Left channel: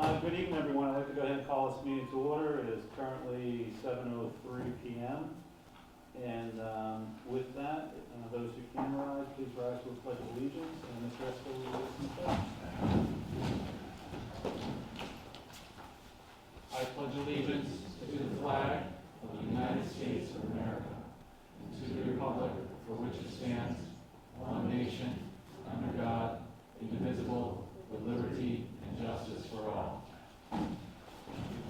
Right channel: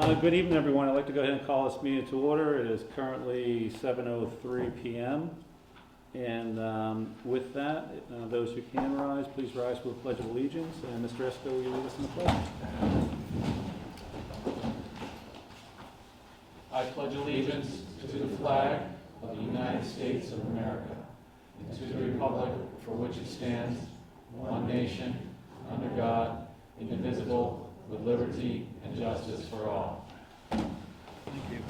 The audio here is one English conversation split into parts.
Good evening, everyone. I'd like to go ahead and call this meeting to order. It is currently 7:03 p.m. And with that, those who can rise, please rise for the Pledge of Allegiance. And Mr. Esco, will you lead us in the pledge? I pledge allegiance to the flag of the United States of America and to the republic for which it stands, one nation, under God, indivisible, with liberty and justice for all. Thank you.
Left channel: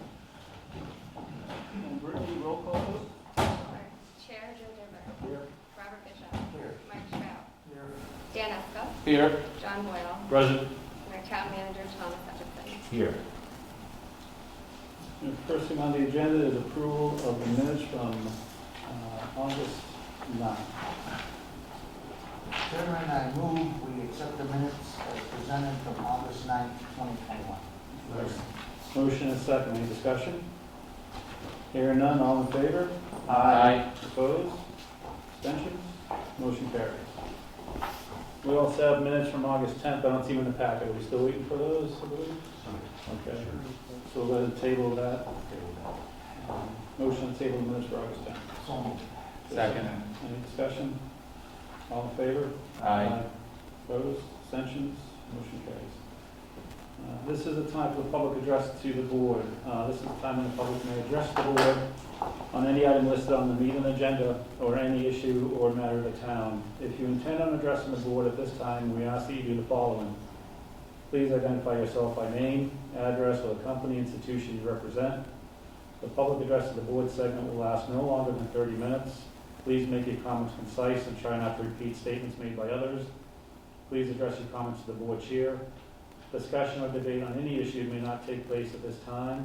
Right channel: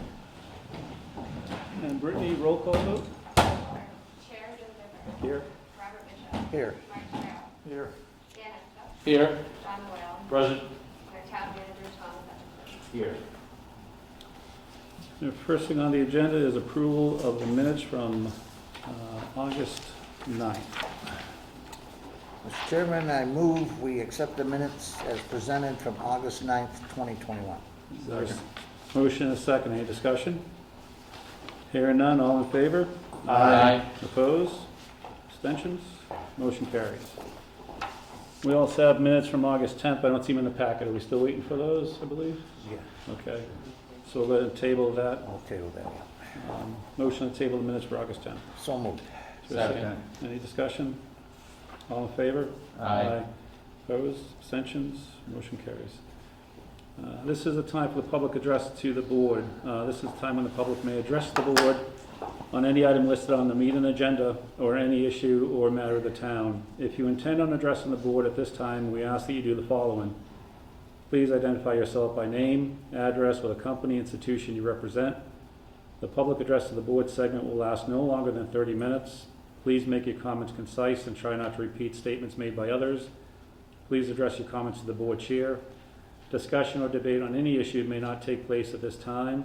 And Brittany, roll call vote. Chair Joe Here. Robert Bishop. Here. Mike Sherrill. Here. Dan Esco. Here. John Boyle. Present. And our town manager, Thomas Hutchinson. Here. The first thing on the agenda is approval of the minutes from August 9th. Mr. Chairman, I move we accept the minutes as presented from August 9th, 2021. Motion is second. Any discussion? Hearing none, all in favor? Aye. Opposed? Abstentions? Motion carries. We also have minutes from August 10th. I don't see them in the packet. Are we still waiting for those, I believe? Okay. So we'll go ahead and table that. Okay with that. Motion to table the minutes for August 10th. So moved. Second. Any discussion? All in favor? Aye. Opposed? Abstentions? Motion carries. This is a time for the public address to the board. This is a time when the public may address the board on any item listed on the meeting agenda or any issue or matter of the town. If you intend on addressing the board at this time, we ask that you do the following. Please identify yourself by name, address, or the company, institution you represent. The public address of the board segment will last no longer than 30 minutes. Please make your comments concise and try not to repeat statements made by others. Please address your comments to the board chair. Discussion or debate on any issue may not take place at this time.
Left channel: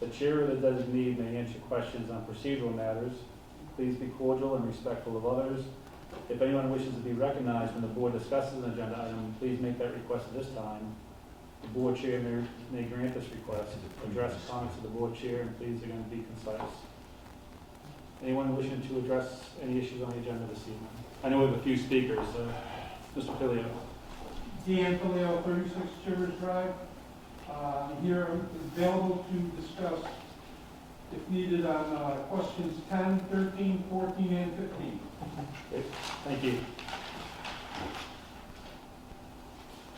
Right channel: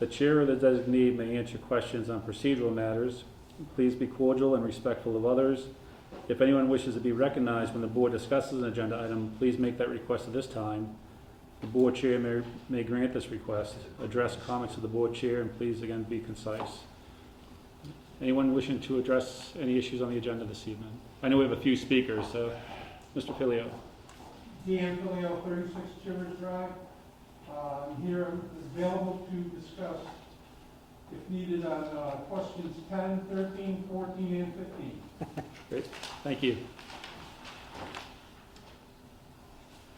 The chair or the designee may answer questions on procedural matters. Please be cordial and respectful of others. If anyone wishes to be recognized when the board discusses an agenda item, please make that request at this time. The board chair may grant this request. Address comments to the board chair, and please again be concise. Anyone wishing to address any issues on the agenda this evening? I know we have a few speakers, so Mr. Filio. Dan Filio, 36 Chivers Drive. Here available to discuss, if needed, on questions 10, 13, 14, and 15. Great, thank you.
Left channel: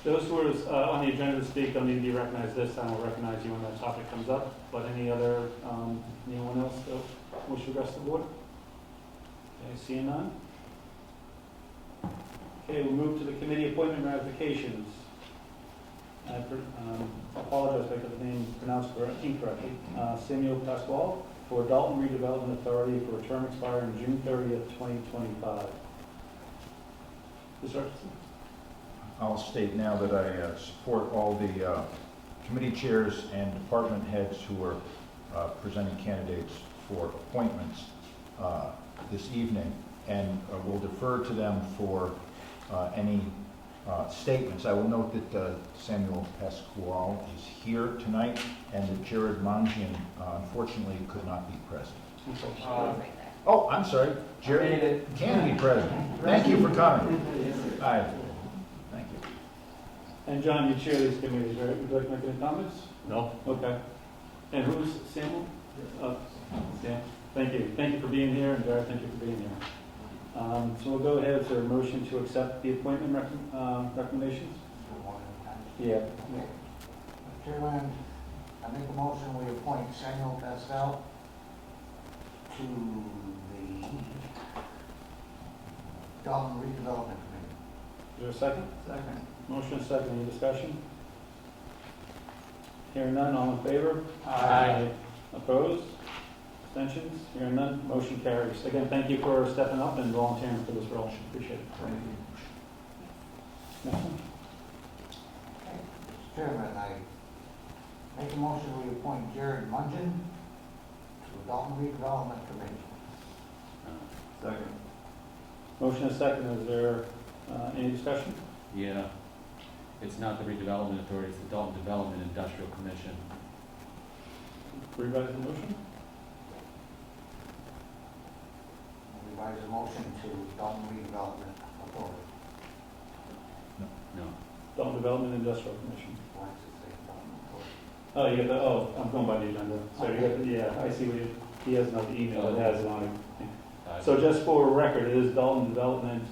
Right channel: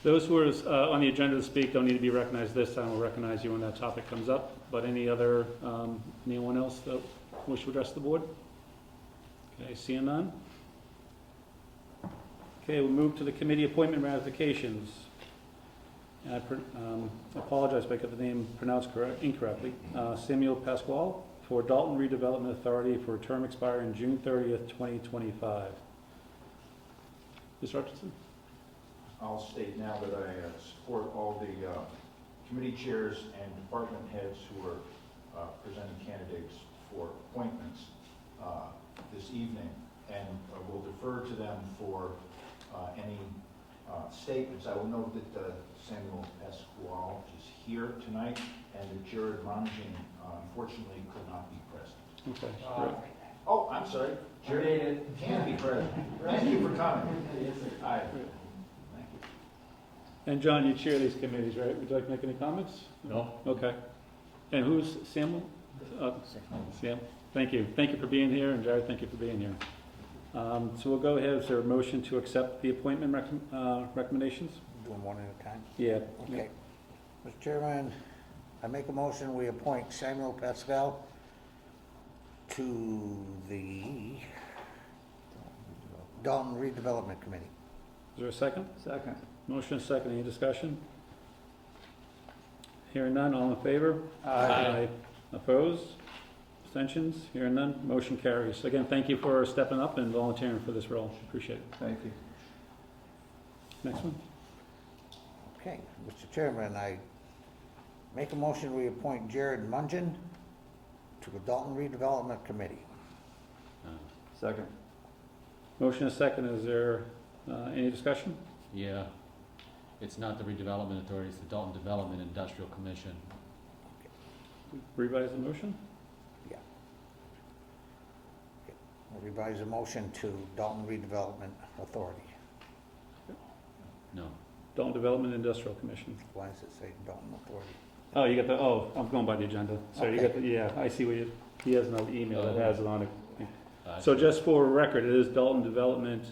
Those who are on the agenda to speak don't need to be recognized this time. We'll recognize you when that topic comes up. But anyone else that wish to address the board? Okay, seeing none. Okay, we'll move to the committee appointment ratifications. I apologize if I got the name pronounced incorrectly. Samuel Pasquale for Dalton Redevelopment Authority for a term expiring June 30th, 2025. Mr. Hutchinson? I'll state now that I support all the committee chairs and department heads who are presenting candidates for appointments this evening, and will defer to them for any statements. I will note that Samuel Pasquale is here tonight, and that Jared Lundgen unfortunately could not be present. Oh, I'm sorry. Jared can be present. Thank you for coming. Aye. Thank you. And John, you chair these committees, right? Would you like to make any comments? No. Okay. And who's Samuel? Yeah. Thank you. Thank you for being here, and Jared, thank you for being here. So we'll go ahead. Is there a motion to accept the appointment recommendations? One at a time. Yeah. Okay. Mr. Chairman, I make a motion we appoint Samuel Pascal to the Dalton Redevelopment Committee. Is there a second? Second. Motion second. Any discussion? Hearing none. All in favor? Aye. Opposed? Abstentions? Hearing none. Motion carries. Again, thank you for stepping up and volunteering for this role. Appreciate it. Thank you. Next one. Okay. Mr. Chairman, I make a motion we appoint Jared Lundgen to the Dalton Redevelopment Committee. Second. Motion is second. Is there any discussion? Yeah, it's not the redevelopment authority, it's the Dalton Development Industrial Commission. Revise the motion? Revise the motion to Dalton Redevelopment Authority. No. Dalton Development Industrial Commission. Why does it say Dalton Authority? Oh, you got the, oh, I'm going by the agenda. Sorry, you got the, yeah, I see what you, he has another email that has it on it. So just for record, it is Dalton Development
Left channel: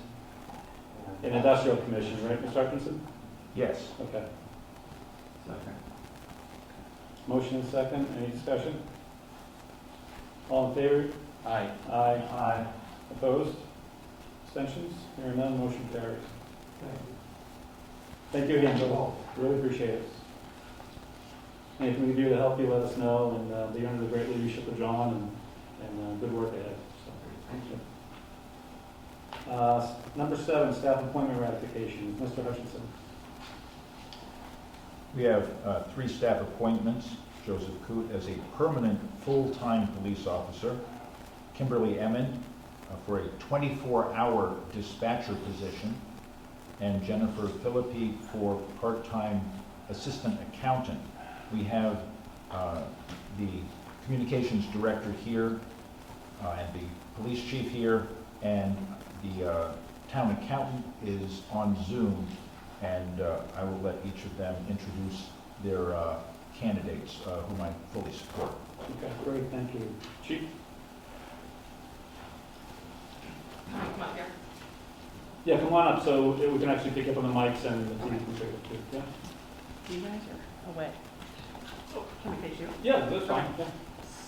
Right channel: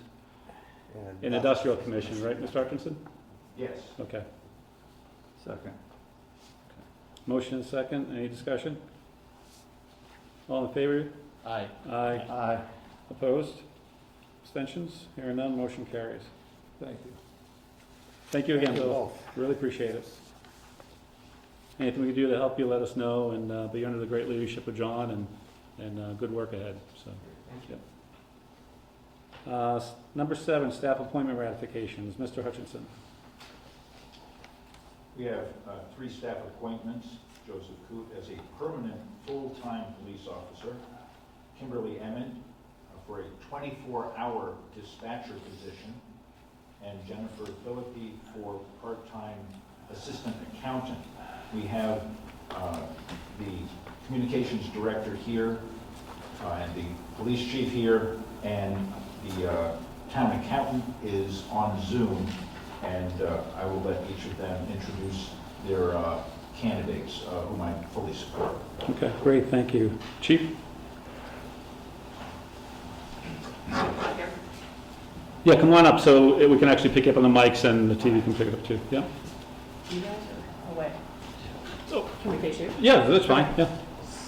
and Industrial Commission, right, Mr. Atkinson? Yes. Okay. Second. Motion and second, any discussion? All in favor? Aye. Aye. Aye. Opposed? Abstentions? Hearing none, motion carries. Thank you. Thank you again, Bill. Really appreciate it. Anything we can do to help you, let us know, and be under the great leadership of John, and good work ahead. So, thank you. Number 7, staff appointment ratifications. Mr. Hutchinson. We have 3 staff appointments. Joseph Coote as a permanent full-time police officer. Kimberly Edmund for a 24-hour dispatcher position. And Jennifer Philippi for part-time assistant accountant. We have the communications director here, and the police chief here, and the town accountant is on Zoom, and I will let each of them introduce their candidates, whom I fully support. Okay, great, thank you. Chief? Yeah, come on up so we can actually pick up on the mics and the TV can pick it up too. Yeah? You guys are away. Oh. Can we face you? Yeah, that's fine, yeah.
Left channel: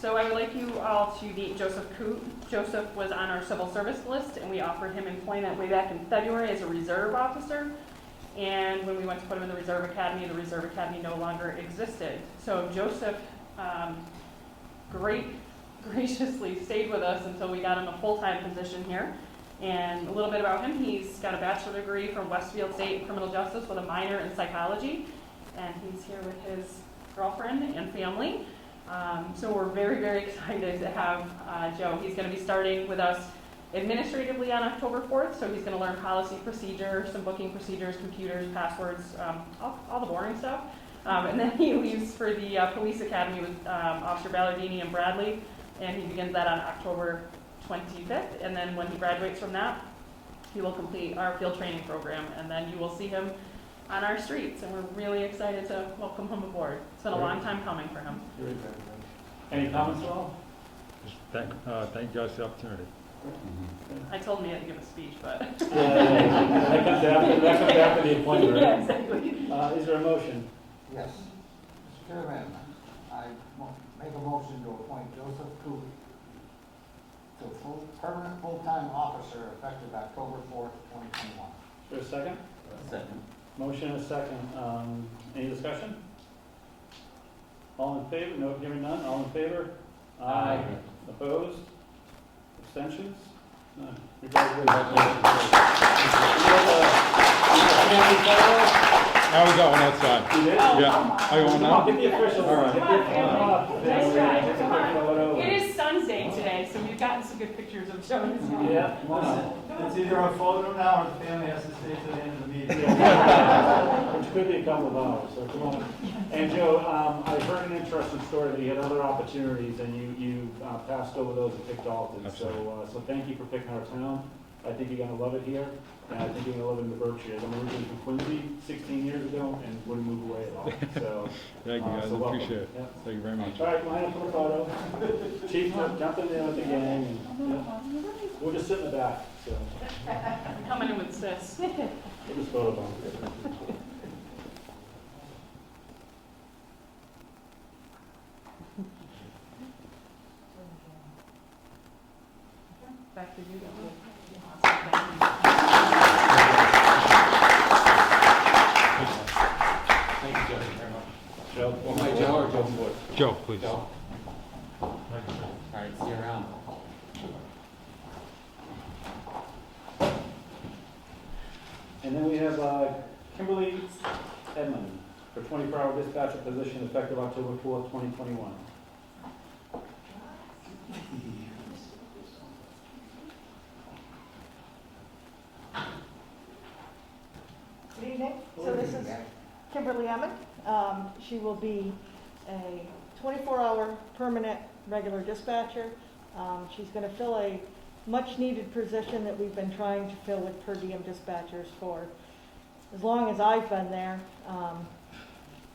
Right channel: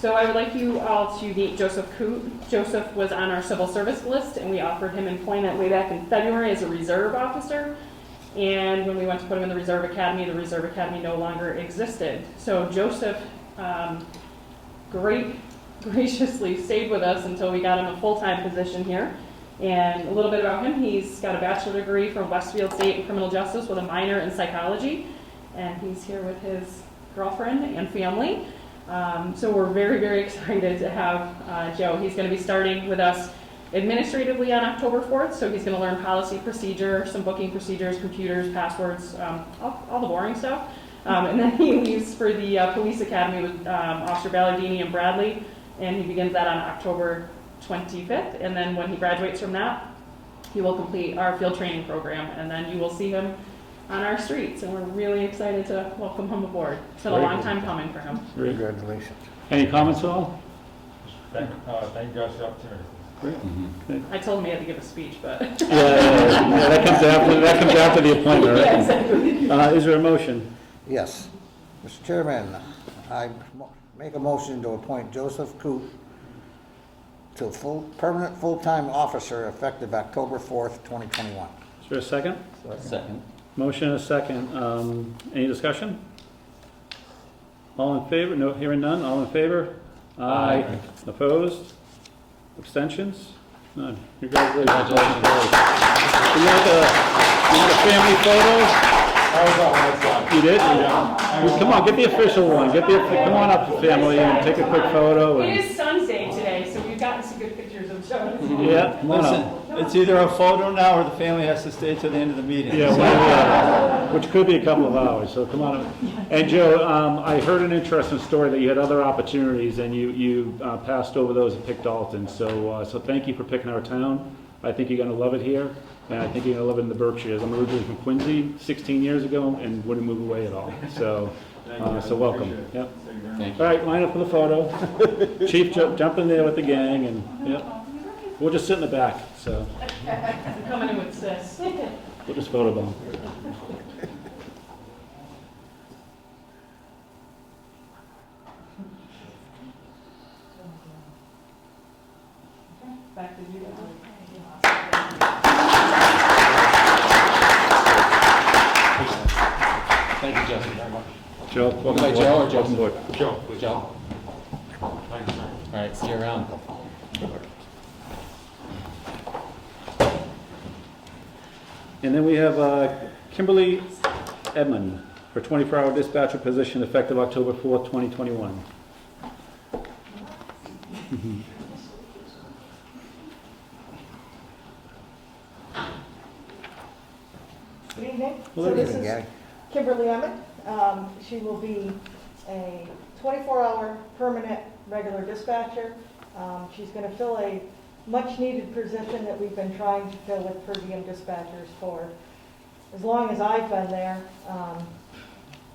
So I would like you all to meet Joseph Coote. Joseph was on our civil service list, and we offered him employment way back in February as a reserve officer. And when we went to put him in the Reserve Academy no longer existed. So Joseph graciously stayed with us until we got him a full-time position here. And a little bit about him, he's got a bachelor's degree from Westfield State in criminal justice with a minor in psychology. And he's here with his girlfriend and family. So we're very, very excited to have Joe. He's going to be starting with us administratively on October 4th. So he's going to learn policy, procedure, some booking procedures, computers, passwords, all the boring stuff. And then he leaves for the police academy with Officer Ballardini and Bradley. And he begins that on October 25th. And then when he graduates from that, he will complete our field training program. And then you will see him on our streets, and we're really excited to welcome him aboard. It's been a long time coming for him. Congratulations. Any comments at all? Thank you guys for the opportunity. I told him he had to give a speech, but. Yeah, that comes after the appointment, right? Yeah, exactly. Is there a motion? Yes. Mr. Chairman, I make a motion to appoint Joseph Coote to permanent full-time officer effective October 4th, 2021. Is there a second? Second. Motion and a second. Any discussion? All in favor? No, hearing none. All in favor? Aye. Opposed? Abstentions? None. Congratulations. Congratulations. You got family photos? I was out next time. You did? Yeah. Come on, get the official one. Come on up, family, and take a quick photo. It is Sun's Day today, so we've gotten some good pictures of Joe. Yeah, come on up. It's either a photo now or the family has to stay till the end of the meeting. Yeah, which could be a couple of hours, so come on up. And Joe, I heard an interesting story that you had other opportunities and you passed over those and picked Dalton. So thank you for picking our town. I think you're gonna love it here, and I think you're gonna love it in the Berkshires. I'm originally from Quincy 16 years ago and wouldn't move away at all. So, Thank you, guys. so welcome. Appreciate it. Yep. Thank you very much. Thank All right, line up for the photo. Chief, jump in there with the gang, and yep. We'll just sit in the back. So I'm coming in with sis. we'll just photo bomb. Back to you. Thank you, Joseph, very much. Joe, Welcome by Joe or welcome aboard. Joe, please. Joe? Thank you, sir. All right, see you around. And then we have Kimberly Edmund for 24-hour dispatcher position effective October 4th, 2021. Good evening. Hello, So this evening, is Kimberly Emmett. She will be a 24-hour permanent regular dispatcher. She's going to fill a much-needed position that we've been trying to fill with per diem dispatchers for as long as I've been there.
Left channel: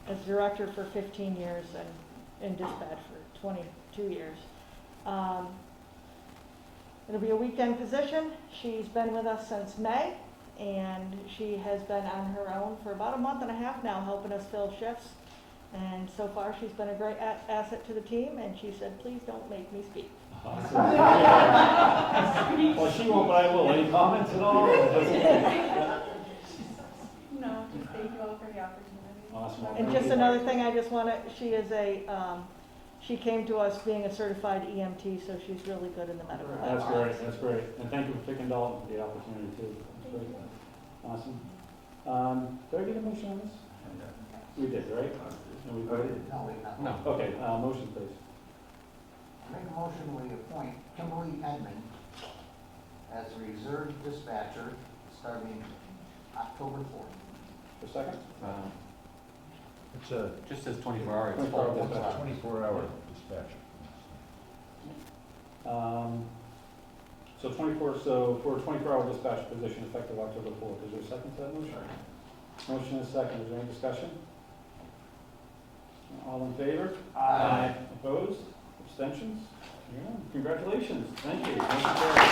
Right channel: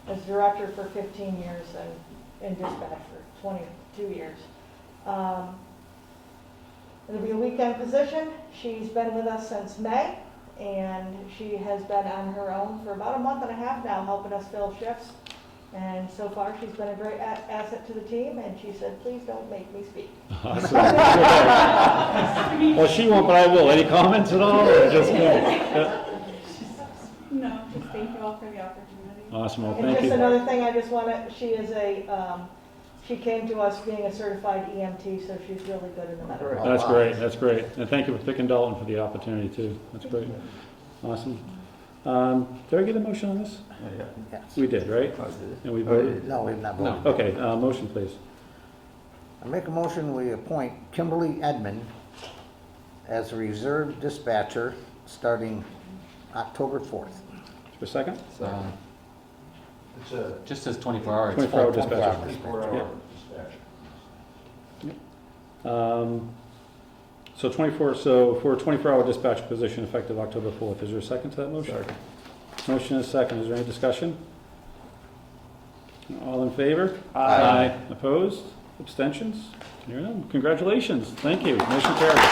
as director for 15 years and in dispatch for 22 years. It'll be a weekend position. She's been with us since May, and she has been on her own for about a month and a half now, helping us fill shifts. And so far, she's been a great asset to the team, and she said, please don't make me speak. Awesome. Well, she won't, but I will. Any comments at all? Or just, yeah. No, just thank you all for the opportunity. Awesome, well, And thank just you. another thing, I just want to, she is she came to us being a certified EMT, so she's really good in the medical. That's great, that's great. And thank you for picking Dalton for the opportunity too. That's great. Awesome. Did I get a motion on this? Yes. We did, right? And we voted? No, we did not No. vote. Okay, motion please. I make a motion, we appoint Kimberly Edmund as a reserve dispatcher starting October 4th. For a second? It's a Just says 24 hour. It's 24-hour full. dispatch. 24-hour Yep. dispatch. So 24, so for a 24-hour dispatch position effective October 4th. Is there a second to that motion? Motion is second. Is there any discussion? All in favor? Aye. Opposed? Abstentions? Hearing none. Congratulations. Thank you. Motion carries.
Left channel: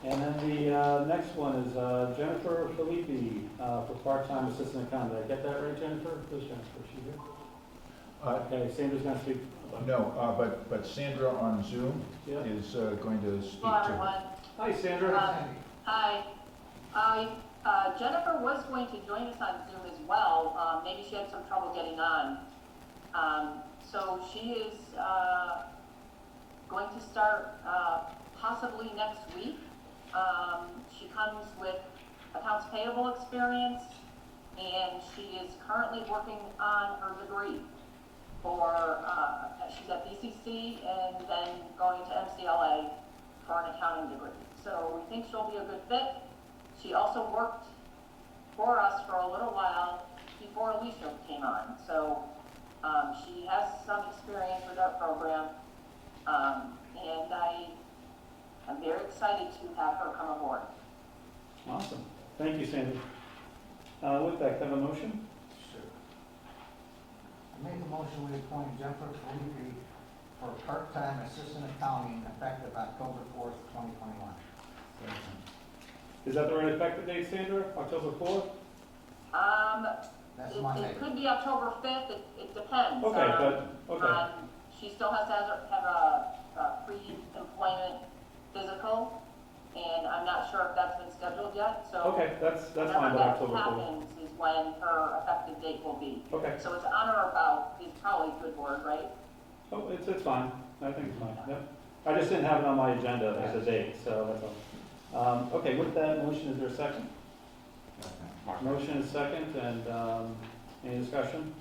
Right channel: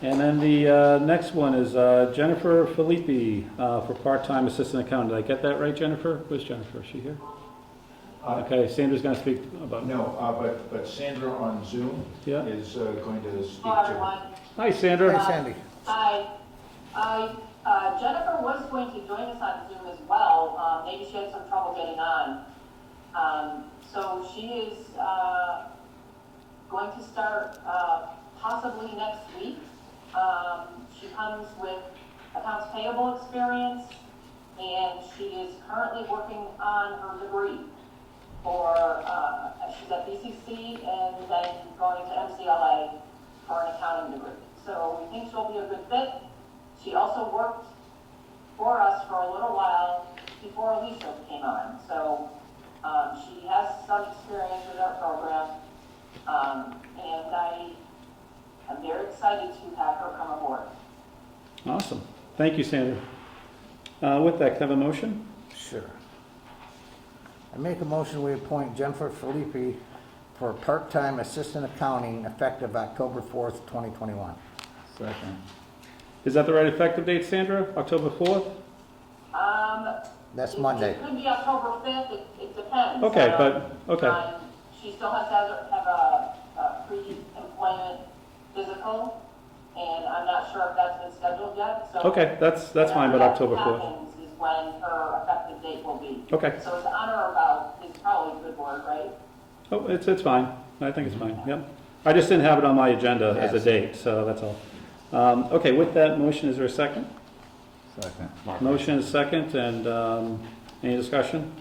And then the next one is Jennifer Filippi for part-time assistant accountant. Did I get that right, Jennifer? Where's Jennifer? Is she here? Okay, Sandra's going to speak about. No, but Sandra on Zoom Yeah. is going to speak Hello, to. everyone. Hi, Sandra. Hey, Sandy. Hi. Jennifer was going to join us on Zoom as well. Maybe she had some trouble getting on. So she is going to start possibly next week. She comes with accounts payable experience, and she is currently working on her degree for, she's at BCC and then going to MCLA for an accounting degree. So we think she'll be a good fit. She also worked for us for a little while before Alicia came on. So she has some experience with our program, and I'm very excited to have her come aboard. Awesome. Thank you, Sandra. With that, can I have a motion? Sure. I make a motion, we appoint Jennifer Filippi for part-time assistant accounting effective October 4th, 2021. Second. Is that the right effective date, Sandra? October 4th? That's Monday. It could be October 5th, it depends. Okay, okay. She still has to have a pre-employment physical, and I'm not sure if that's been scheduled yet, so. Okay, that's fine, but October 4th. Whenever that happens is when her effective date will be. Okay. So it's on or about is probably a good word, right? Oh, it's fine. I think it's fine, yep. I just didn't have it on my agenda as a Yes. date, so that's all. Okay, with that motion, is there a second? Second. Motion is second, and any discussion?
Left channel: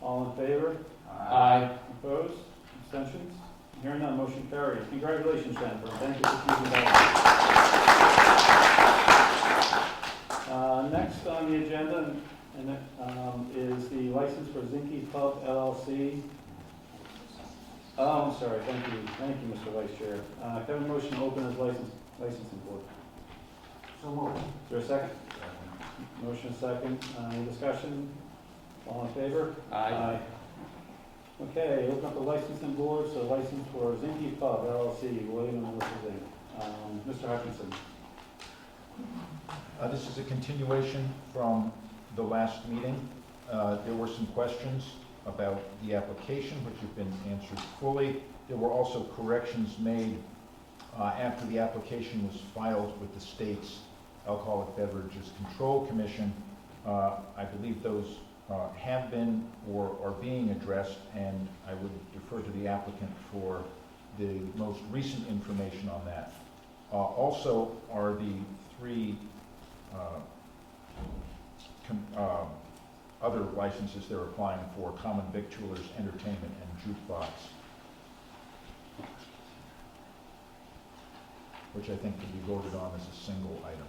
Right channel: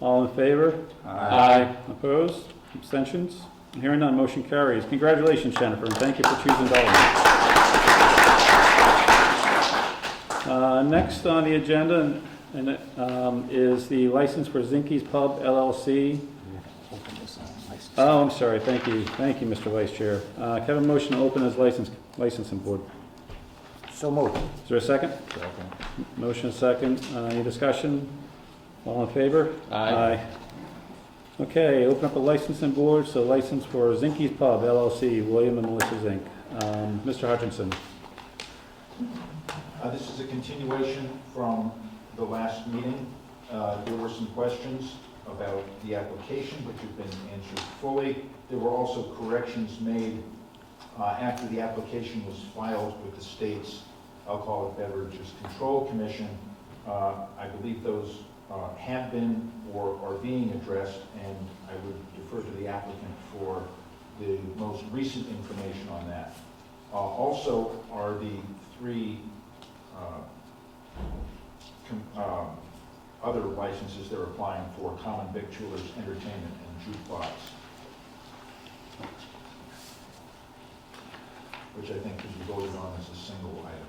All in favor? Aye. Opposed? Abstentions? Hearing none, motion carries. Congratulations, Jennifer, and thank you for choosing Dalton. Next on the agenda is the license for Zinke's Pub LLC. Oh, I'm sorry, thank you, Mr. Vice Chair. Can I have a motion to open as licensing board? So moved. Is there a second? Motion is second. Any discussion? All in favor? Aye. Okay, open up the licensing board. So license for Zinke's Pub LLC, William and Melissa Zink. Mr. Hutchinson. This is a continuation from the last meeting. There were some questions about the application, which have been answered fully. There were also corrections made after the application was filed with the state's Alcoholic Beverages Control Commission. I believe those have been or are being addressed, and I would defer to the applicant for the most recent information on that. Also are the three other licenses they're applying for: common victualers, entertainment, and jukebox, which I think can be voted on as a single item.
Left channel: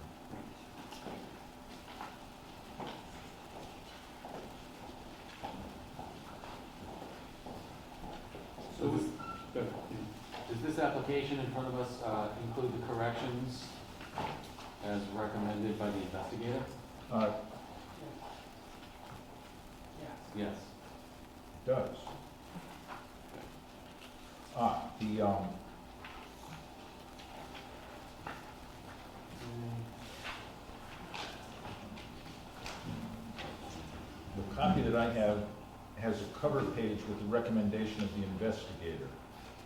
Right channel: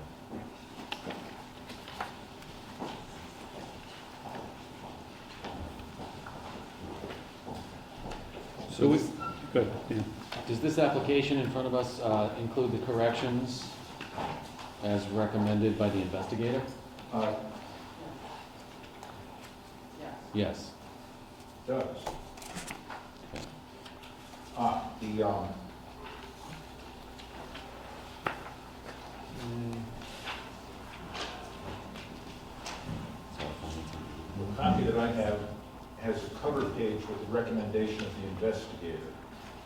So we, good, yeah. Does this application in front of us include the corrections as recommended by the investigator? Uh, Yes. Does. The copy that I have has a cover page with the recommendation of the investigator.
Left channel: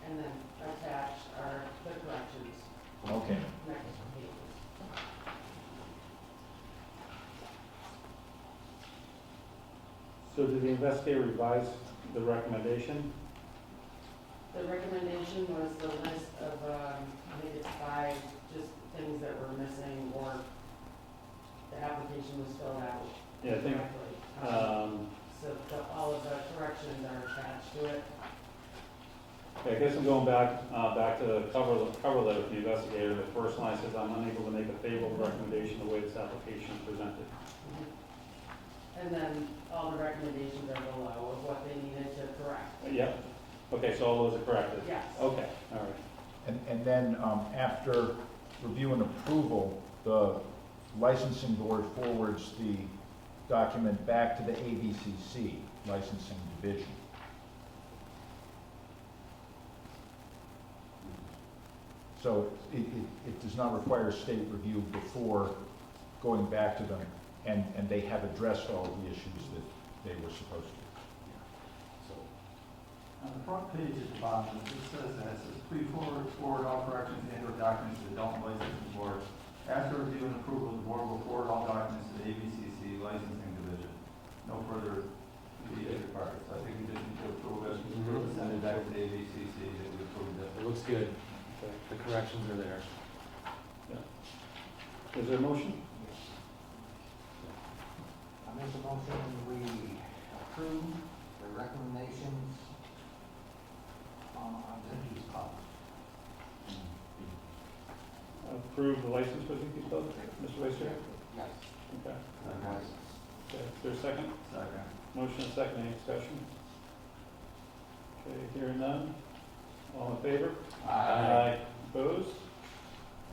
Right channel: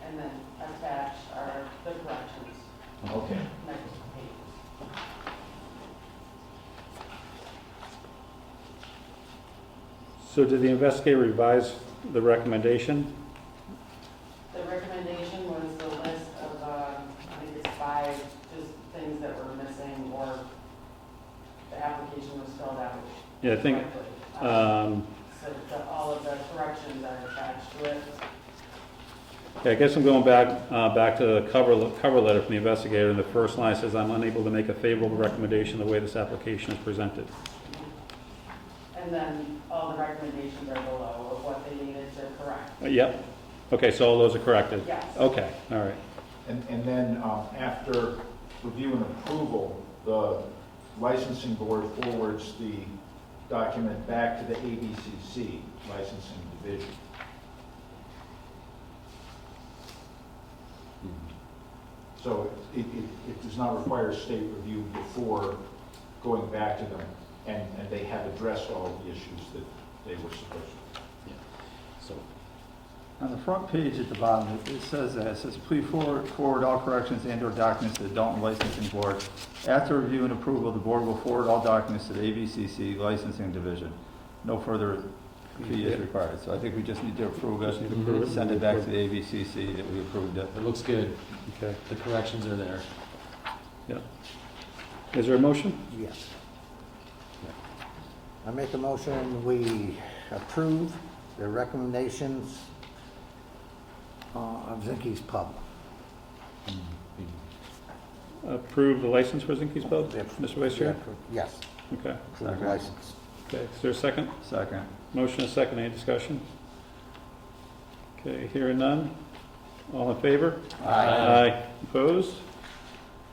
And then attached are the corrections. Okay. Next page. So did the investigator revise the recommendation? The recommendation was the list of, I think it's 5, just things that were missing or the application was filled out Yeah, I think, correctly. So all of the corrections are attached to it. okay, I guess I'm going back to the cover letter from the investigator. The first line says, "I'm unable to make a favorable recommendation the way this application is presented." And then all the recommendations are below of what they needed to correct. Yep. Okay, so all those are corrected? Yes. Okay, all right. And then after review and approval, the licensing board forwards the document back to the ABCC licensing division. So it does not require state review before going back to them, and they have addressed all of the issues that they were supposed to. So, On the front page at the bottom, it says that, it says, please forward all corrections and/or documents to the Dalton Licensing Board. After review and approval, the board will forward all documents to the ABCC Licensing Division. No further fee is required. So I think we just need to approve it, send it back to the ABCC that we approved it. it looks good. Okay. The corrections are there. Is there a motion? Yes. I make a motion, we approve the recommendations of Zinke's Pub. Approve the license for Zinke's Pub, Mr. Vice Chair? Yes, Okay. approve the license. Okay, is there a second? Second. Motion is second, any discussion? Okay, hearing none. All in favor? Aye. Opposed?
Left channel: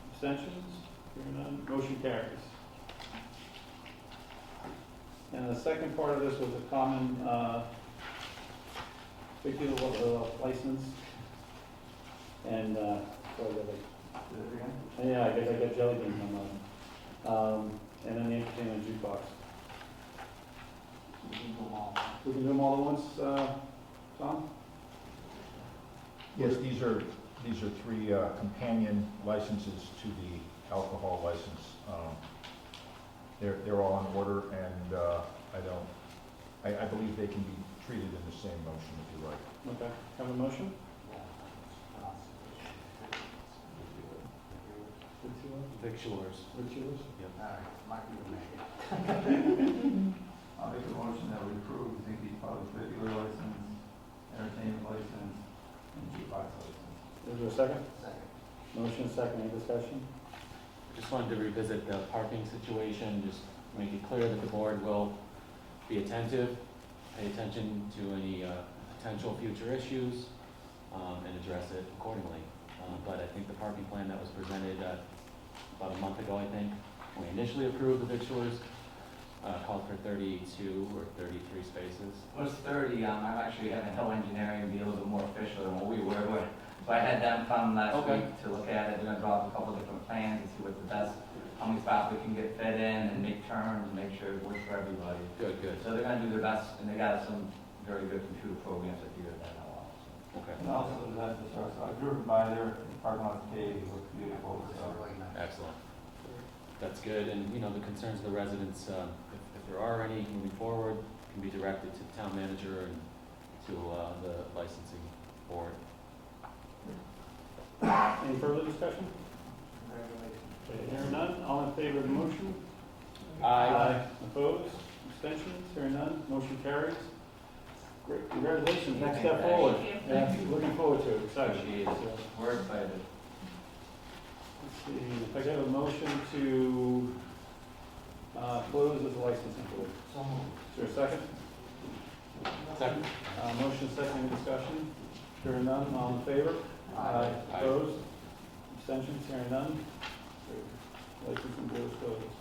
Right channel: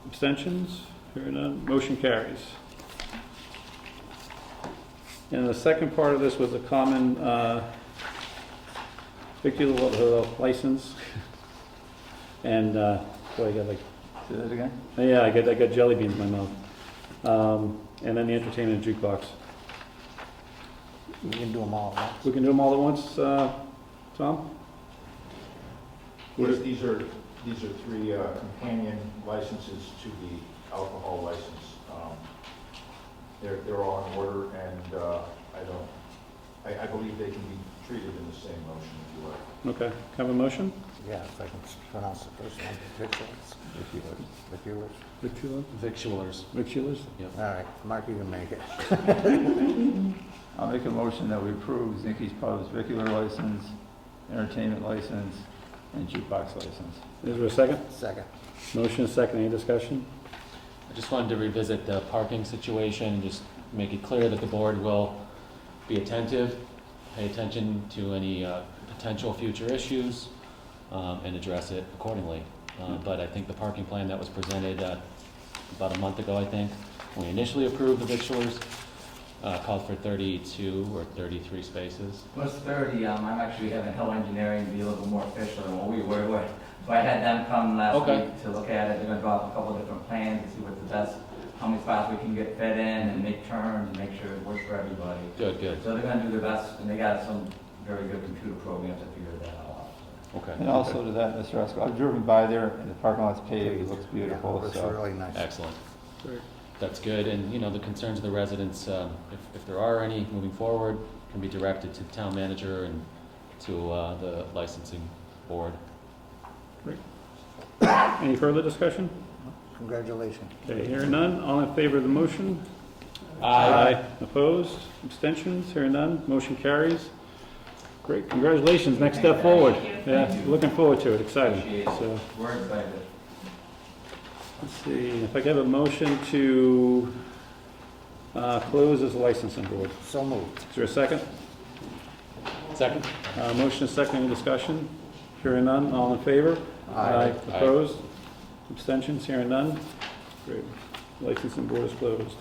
Abstentions? Hearing none, motion carries. And the second part of this was a common victular license. And, boy, I got like, Say that again? yeah, I got jelly beans in my mouth. And then the entertainment jukebox. We can do them all at once. We can do them all at once, Tom? Yes, these are 3 companion licenses to the alcohol license. They're all in order, and I believe they can be treated in the same motion if you like. Okay, have a motion? Yeah, if I can pronounce the first one, victuals. Victular? Victualers. Victualers? Yep. All right, Mark, you can make it. I'll make a motion that we approve Zinke's Pub's regular license, entertainment license, and jukebox license. Is there a second? Second. Motion is second, any discussion? I just wanted to revisit the parking situation and just make it clear that the board will be attentive, pay attention to any potential future issues, and address it accordingly. But I think the parking plan that was presented about a month ago, I think, when we initially approved the victualers, called for 32 or 33 spaces. It was 30. I'm actually having Hill Engineering be a little bit more official than what we were with. So I had them come last Okay. week to look at it. They're gonna draw up a couple of different plans to see what's the best, how many spots we can get fit in and make turns and make sure it works for everybody. Good, good. So they're gonna do their best, and they got some very good computer programs to figure that all out. Okay. And also to that, Mr. Rusko, I've driven by there, and the parking lot's paved, it looks beautiful, Looks so. really nice. Excellent. That's good, and, you know, the concerns of the residents, if there are any moving forward, can be directed to the town manager and to the licensing board. Any further discussion? Congratulations. Okay, hearing none, all in favor of the motion? Opposed? Abstentions? Hearing none, motion carries. Great, congratulations, next step forward. Thank Yeah, looking forward to it, exciting. Appreciate it. So, We're excited. let's see, if I could have a motion to close as a licensing board. So moved. Is there a second? Second? Motion is second, any discussion? Hearing none, all in favor? Aye. Opposed? Abstentions? Hearing none? Great. Licensing board is closed.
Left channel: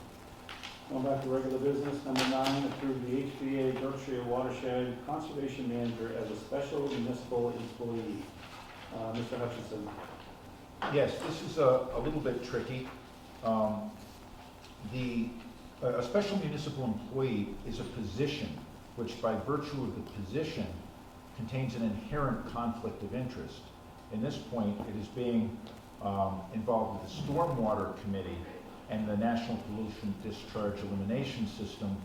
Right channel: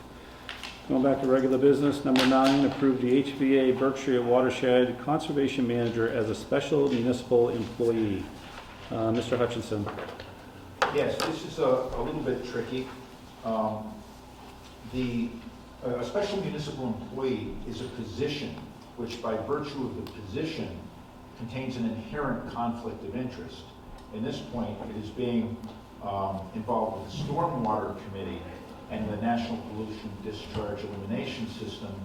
Going back to regular business, number 9, approve the HVA Berkshire Watershed Conservation Manager as a special municipal employee. Mr. Hutchinson. Yes, this is a little bit tricky. A special municipal employee is a position which, by virtue of the position, contains an inherent conflict of interest. In this point, it is being involved with the Stormwater Committee and the National Pollution Discharge Elimination System,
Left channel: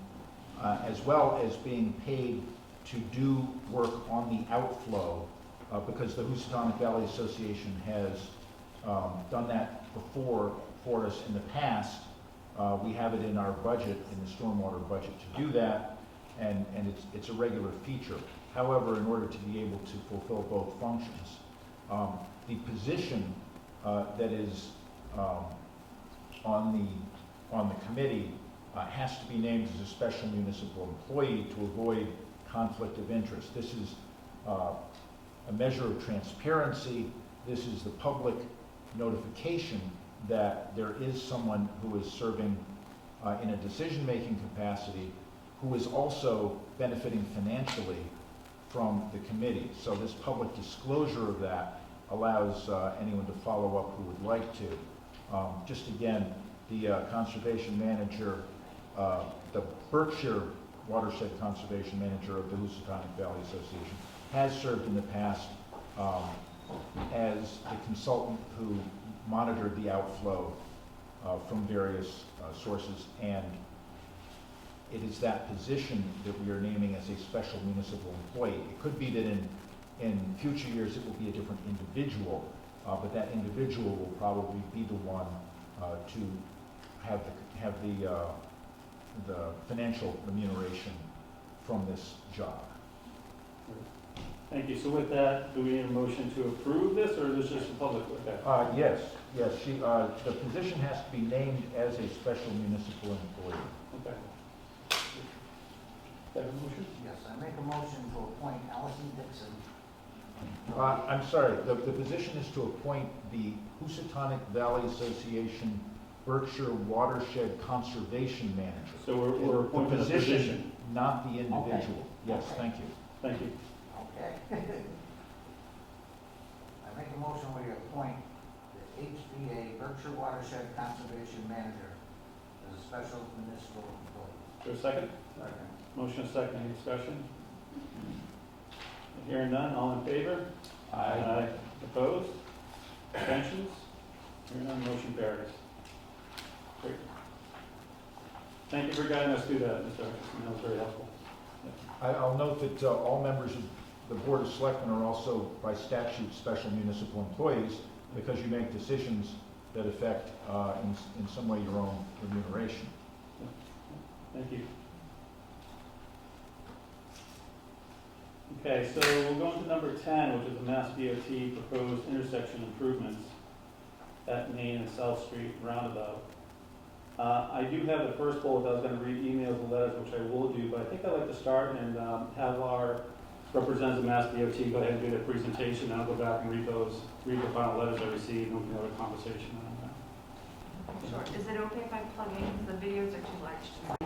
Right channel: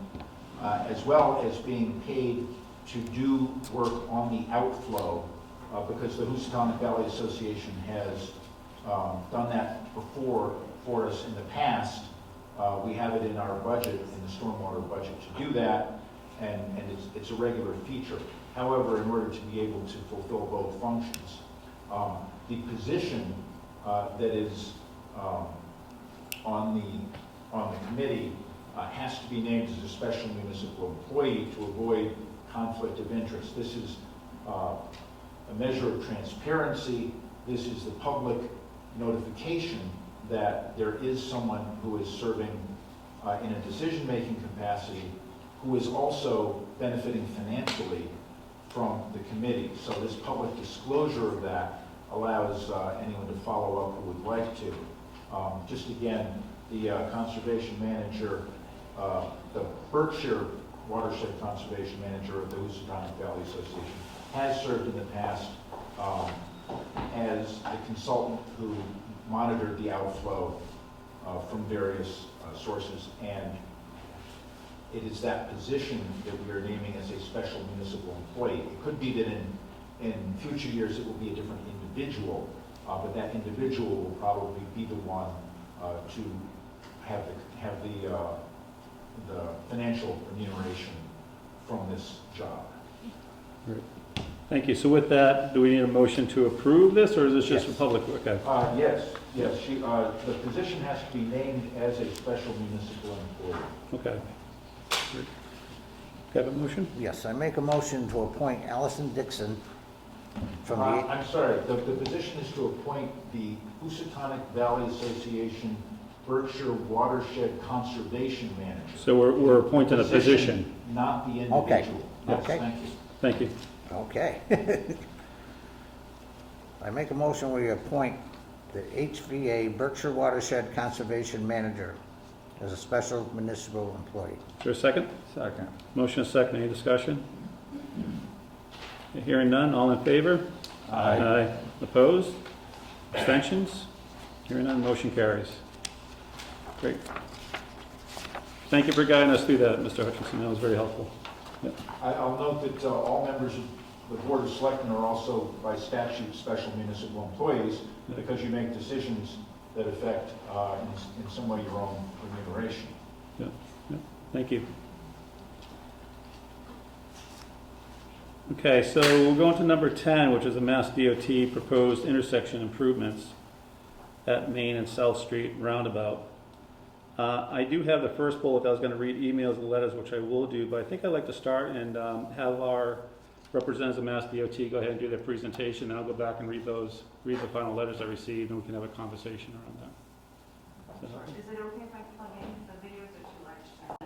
as well as being paid to do work on the outflow, because the Housatonic Valley Association has done that before for us in the past. We have it in our budget, in the stormwater budget, to do that, and it's a regular feature. However, in order to be able to fulfill both functions, the position that is on the committee has to be named as a special municipal employee to avoid conflict of interest. This is a measure of transparency. This is the public notification that there is someone who is serving in a decision-making capacity who is also benefiting financially from the committee. So this public disclosure of that allows anyone to follow up who would like to. Just again, the conservation manager, the Berkshire Watershed Conservation Manager of the Housatonic Valley Association, has served in the past as a consultant who monitored the outflow from various sources, and it is that position that we are naming as a special municipal employee. It could be that in future years it will be a different individual, but that individual will probably be the one to have the financial remuneration from this job. Great. Thank you. So with that, do we need a motion to approve this, or is this just for public? Okay. Yes. The position has to be named as a special municipal employee. Okay. Got a motion? Yes, I make a motion to appoint Allison Dixon from the... I'm sorry, the position is to appoint the Housatonic Valley Association Berkshire Watershed Conservation Manager. So we're appointing a position. Not the individual. Okay. Yes, Okay. thank you. Thank you. Okay. I make a motion we appoint the HVA Berkshire Watershed Conservation Manager as a special municipal employee. Is there a second? Second. Motion is second. Any discussion? Hearing none. All in favor? Aye. Opposed? Abstentions? Hearing none. Motion carries. Great. Thank you for guiding us through that, Mr. Hutchinson. That was very helpful. I'll note that all members of the Board of Selectmen are also, by statute, special municipal employees, because you make decisions that affect, in some way, your own remuneration. Yeah. Thank you. Okay, so we'll go on to number 10, which is the Mass DOT proposed intersection improvements at Main and South Street Roundabout. I do have the first bullet. I was going to read emails and letters, which I will do, but I think I'd like to start and have our representatives of Mass DOT go ahead and do their presentation, and I'll go back and read the final letters I received, and we can have a conversation around that. Is it okay if I plug in? The videos are too large to send.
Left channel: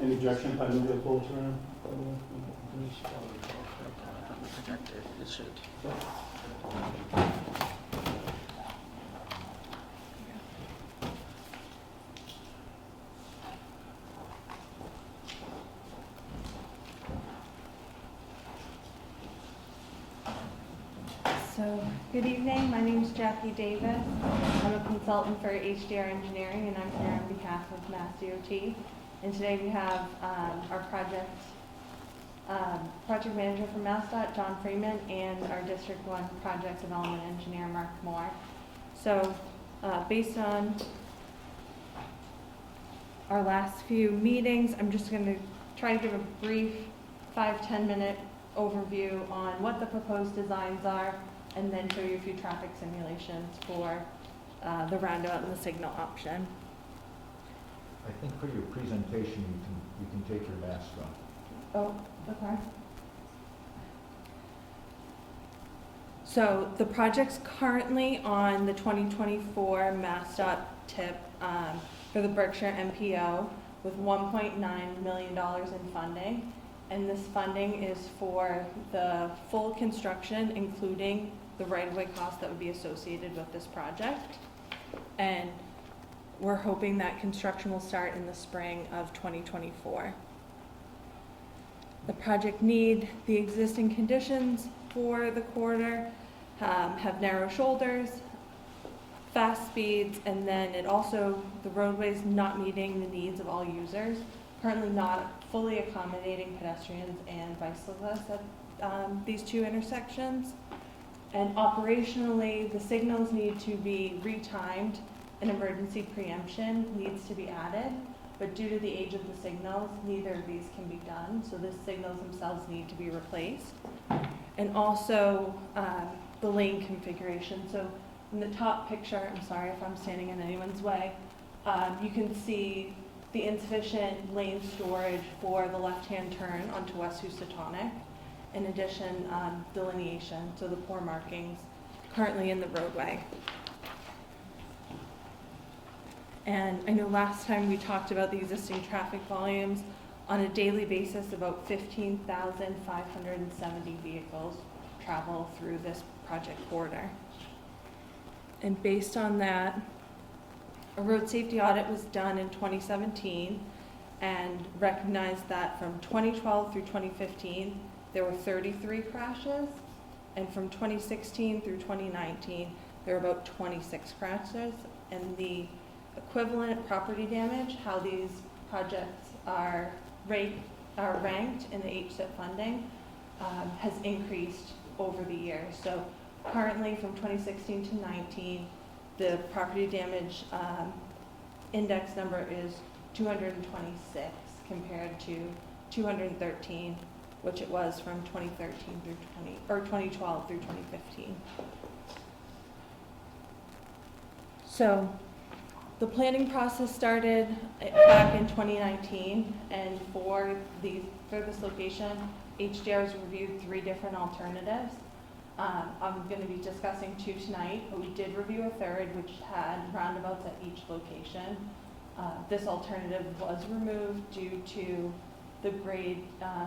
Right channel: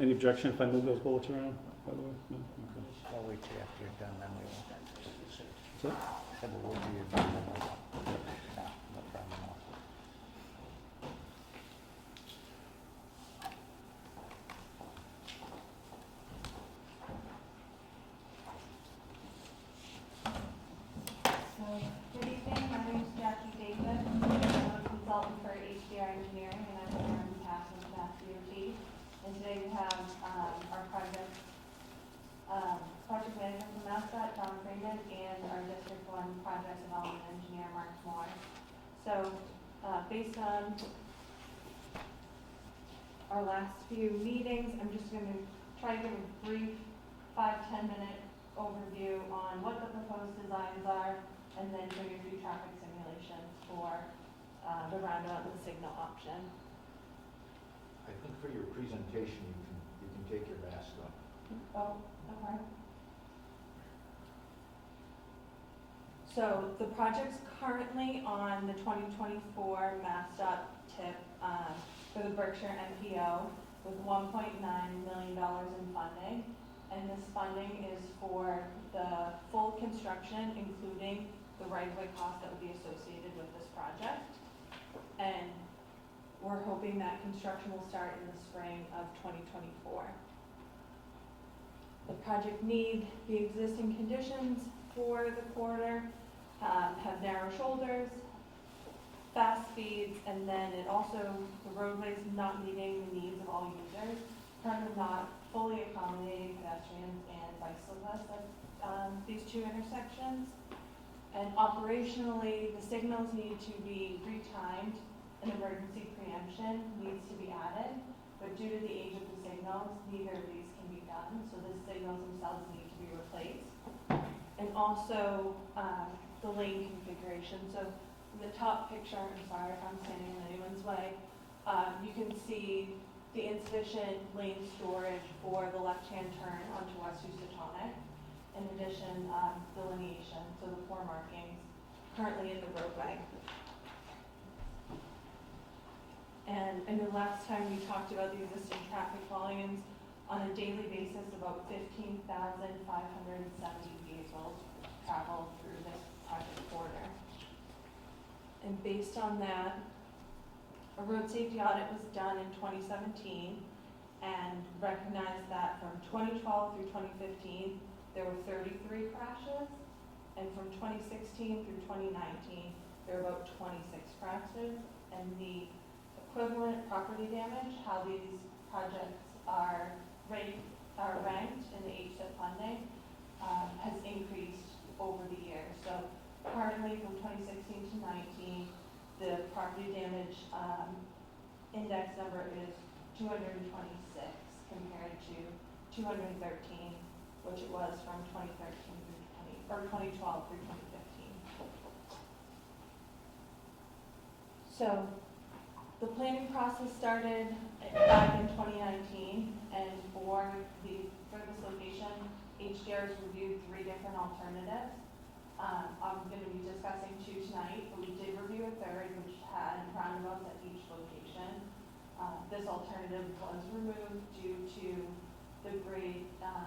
Any objection if I move those bullets around? So, good evening. My name is Jackie Davis. I'm a consultant for HDR Engineering, and I'm here on behalf of Mass DOT. And today we have our project manager from MassDOT, John Freeman, and our District 1 project development engineer, Mark Moore. So, based on our last few meetings, I'm just going to try to give a brief 5-10 minute overview on what the proposed designs are, and then show you a few traffic simulations for the roundabout and the signal option. I think for your presentation, you can take your mask off. Oh, okay. So the project's currently on the 2024 MassDOT tip for the Berkshire MPO with $1.9 million in funding. And this funding is for the full construction, including the right-of-way costs that would be associated with this project. And we're hoping that construction will start in the spring of 2024. The project need the existing conditions for the corridor, have narrow shoulders, fast speeds, and then it also, the roadway's not meeting the needs of all users, currently not fully accommodating pedestrians and bicyclists at these two intersections. And operationally, the signals need to be retimed and emergency preemption needs to be added. But due to the age of the signals, neither of these can be done, so the signals themselves need to be replaced. And also the lane configuration. So in the top picture, I'm sorry if I'm standing in anyone's way, you can see the insufficient lane storage for the left-hand turn onto West Housatonic. In addition, delineation, so the poor markings currently in the roadway. And I know last time we talked about the existing traffic volumes. On a daily basis, about 15,570 vehicles travel through this project corridor. And based on that, a road safety audit was done in 2017 and recognized that from 2012 through 2015, there were 33 crashes. And from 2016 through 2019, there were about 26 crashes. And the equivalent property damage, how these projects are ranked in the HSIP funding, has increased over the years. So currently from 2016 to 19, the property damage index number is 226 compared to 213, which it was from 2013 through 2012 through 2015. So the planning process started back in 2019, and for this location, HDR has reviewed 3 different alternatives. I'm going to be discussing 2 tonight, but we did review a third, which had roundabouts at each location. This alternative was removed due to the grade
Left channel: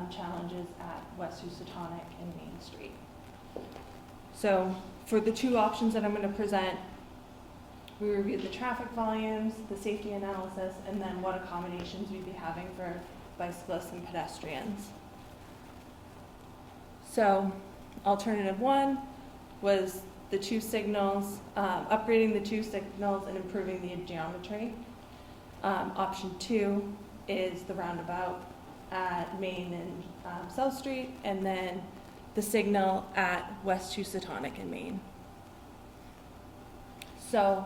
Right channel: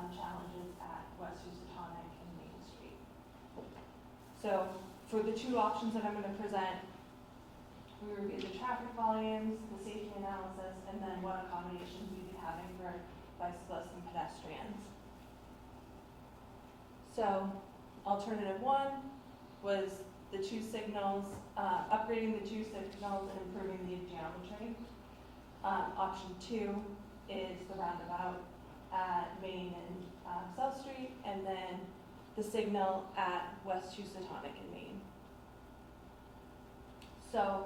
challenges at West Housatonic and Main Street. So for the 2 options that I'm going to present, we reviewed the traffic volumes, the safety analysis, and then what accommodations we'd be having for bicyclists and pedestrians. So alternative 1 was the 2 signals, upgrading the 2 signals and improving the geometry. Option 2 is the roundabout at Main and South Street, and then the signal at West Housatonic and Main. So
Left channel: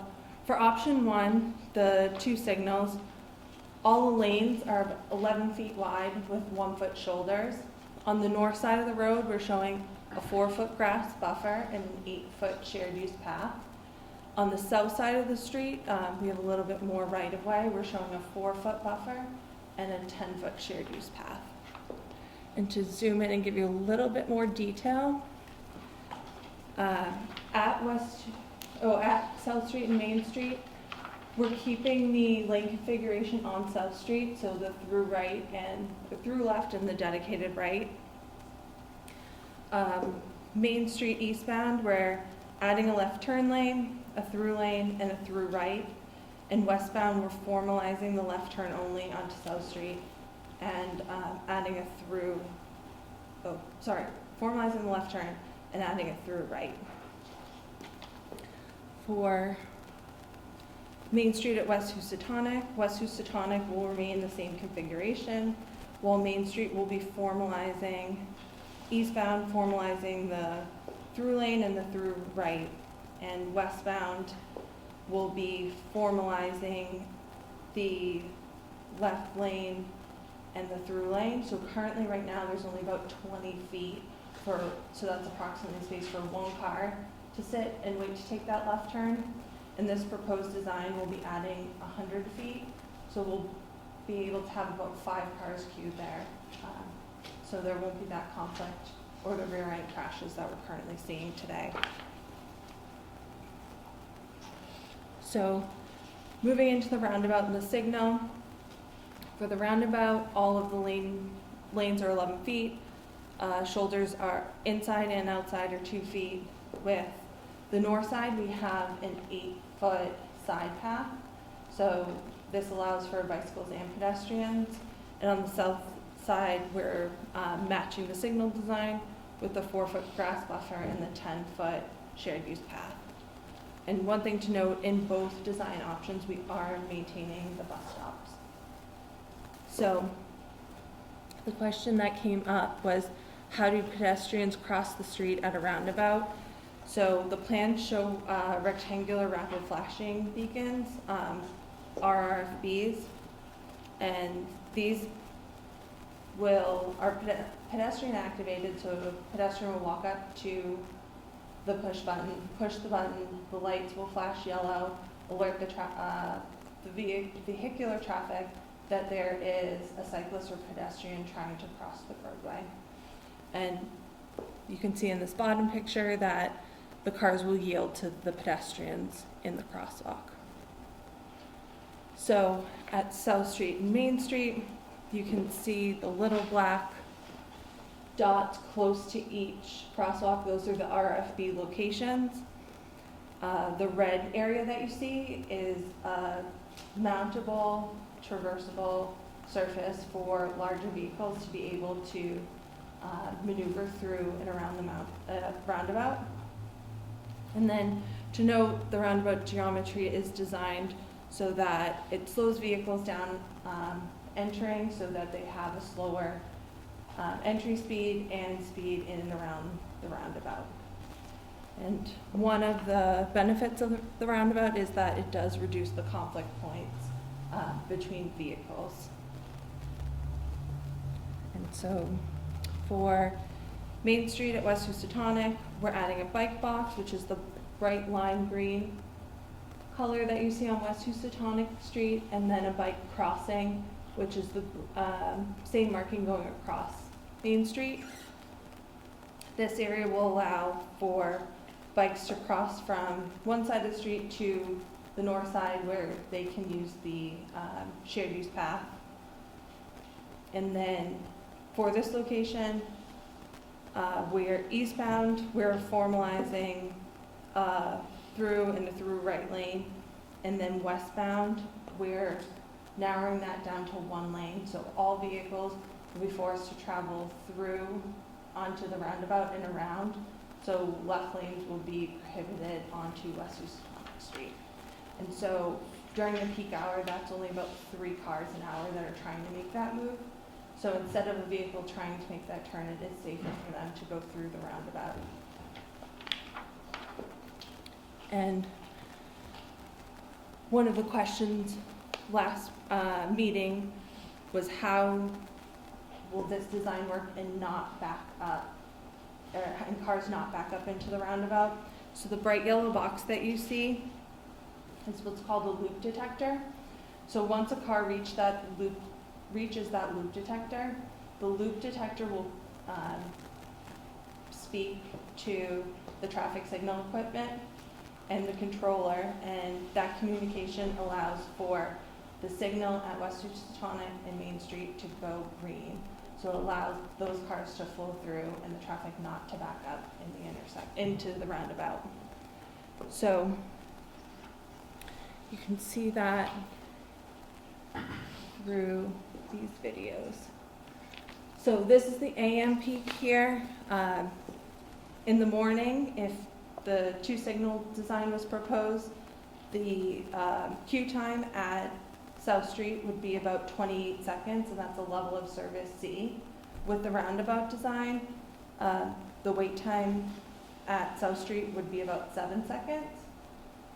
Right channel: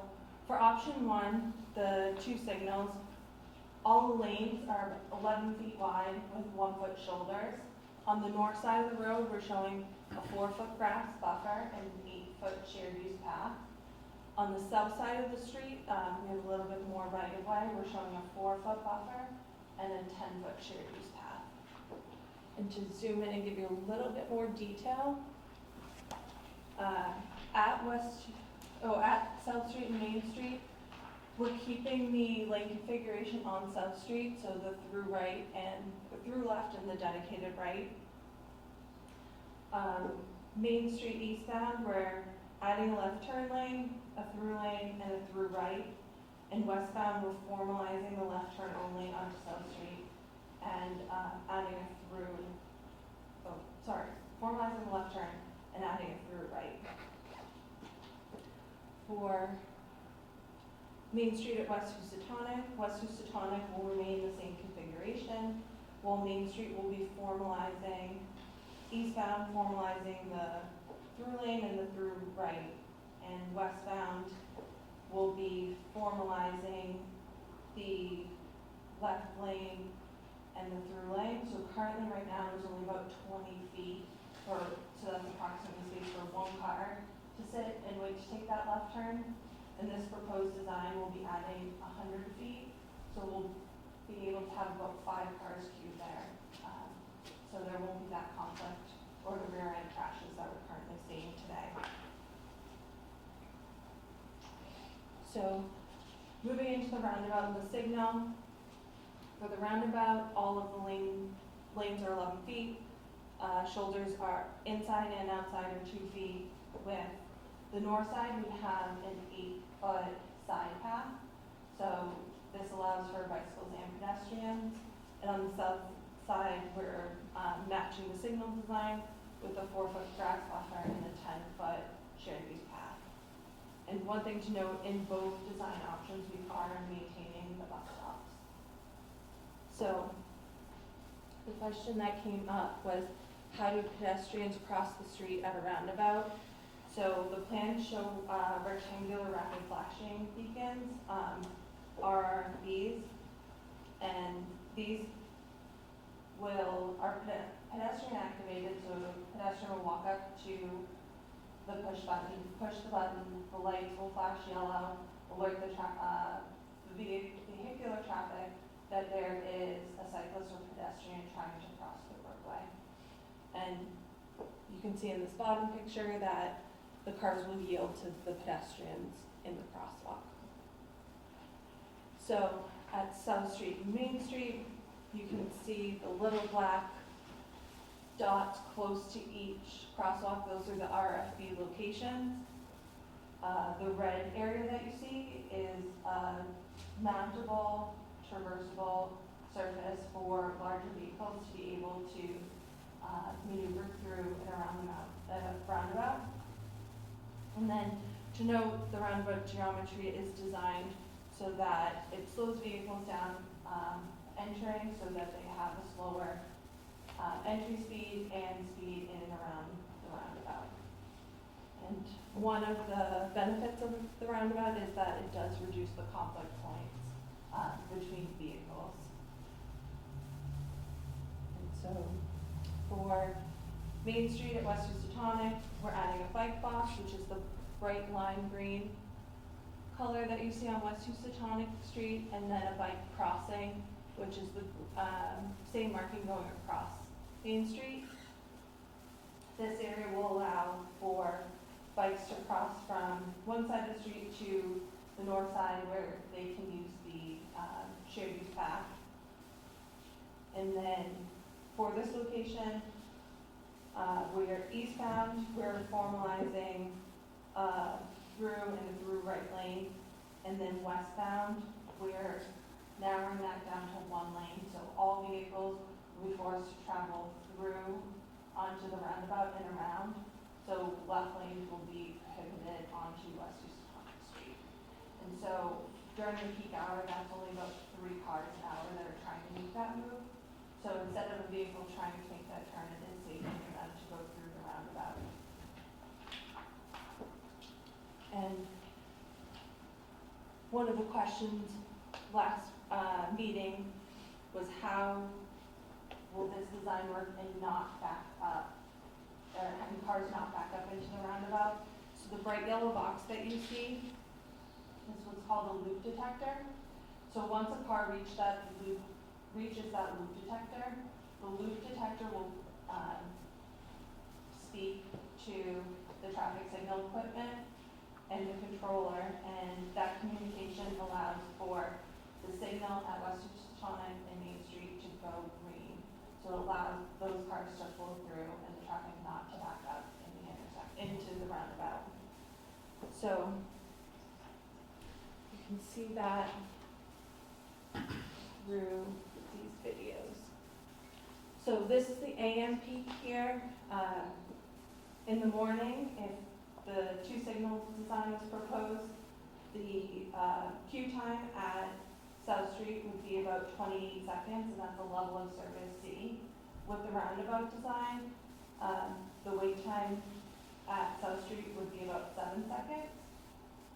for option 1, the 2 signals, all the lanes are 11 feet wide with 1-foot shoulders. On the north side of the road, we're showing a 4-foot grass buffer and an 8-foot shared use path. On the south side of the street, we have a little bit more right-of-way. We're showing a 4-foot buffer and a 10-foot shared use path. And to zoom in and give you a little bit more detail, at South Street and Main Street, we're keeping the lane configuration on South Street, so the through right and the through left and the dedicated right. Main Street eastbound, we're adding a left turn lane, a through lane, and a through right. And westbound, we're formalizing the left turn only onto South Street and adding a formalizing the left turn and adding a through right. For Main Street at West Housatonic will remain the same configuration, while Main Street will be formalizing, eastbound formalizing the through lane and the through right, and westbound will be formalizing the left lane and the through lane. So currently right now there's only about 20 feet so that's approximately space for 1 car to sit and wait to take that left turn. And this proposed design will be adding 100 feet, so we'll be able to have about 5 cars queued there. So there won't be that conflict or the rear end crashes that we're currently seeing today. So, moving into the roundabout and the signal. For the roundabout, all of the lanes are 11 feet. Shoulders are inside and outside are 2 feet. With the north side, we have an 8-foot side path. So this allows for bicycles and pedestrians. And on the south side, we're matching the signal design with the 4-foot grass buffer and the 10-foot shared use path. And one thing to note, in both design options, we are maintaining the bus stops. So the question that came up was, how do pedestrians cross the street at a roundabout? So the plans show rectangular rapid flashing beacons, RRFBs, and these are pedestrian activated, so a pedestrian will walk up to the push the button, the lights will flash yellow, alert the vehicular traffic that there is a cyclist or pedestrian trying to cross the roadway. And you can see in this bottom picture that the cars will yield to the pedestrians in the crosswalk. So at South Street and Main Street, you can see the little black dots close to each crosswalk. Those are the RFB locations. The red area that you see is a mountable, traversable surface for larger vehicles to be able to maneuver through and around the roundabout. And then to note, the roundabout geometry is designed so that it slows vehicles down entering, so that they have a slower entry speed and speed in and around the roundabout. And one of the benefits of the roundabout is that it does reduce the conflict points between vehicles. And so for Main Street at West Tonic, we're adding a bike box, which is the bright lime green color that you see on West Tonic Street, and then a bike crossing, which is the same marking going across Main Street. This area will allow for bikes to cross from one side of the street to the north side where they can use the shared use path. And then for this location, we're eastbound, we're formalizing through and the through right lane, and then westbound, we're narrowing that down to 1 lane, so all vehicles will be forced to travel through onto the roundabout and around, so left lanes will be prohibited onto West Tonic Street. And so during the peak hour, that's only about 3 cars an hour that are trying to make that move. So instead of a vehicle trying to make that turn, it is safer for them to go through the roundabout. And one of the questions last meeting was, how will this design work and not back up, and cars not back up into the roundabout? So the bright yellow box that you see is what's called a loop detector. So once a car reaches that loop detector, the loop detector will speak to the traffic signal equipment and the controller, and that communication allows for the signal at West Tonic and Main Street to go green. So it allows those cars to flow through and the traffic not to back up in the into the roundabout. So you can see that through these videos. So this is the AM peak here. In the morning, if the 2 signal design was proposed, the queue time at South Street would be about 28 seconds, and that's a level of service C. With the roundabout design, the wait time at South Street would be about 7 seconds.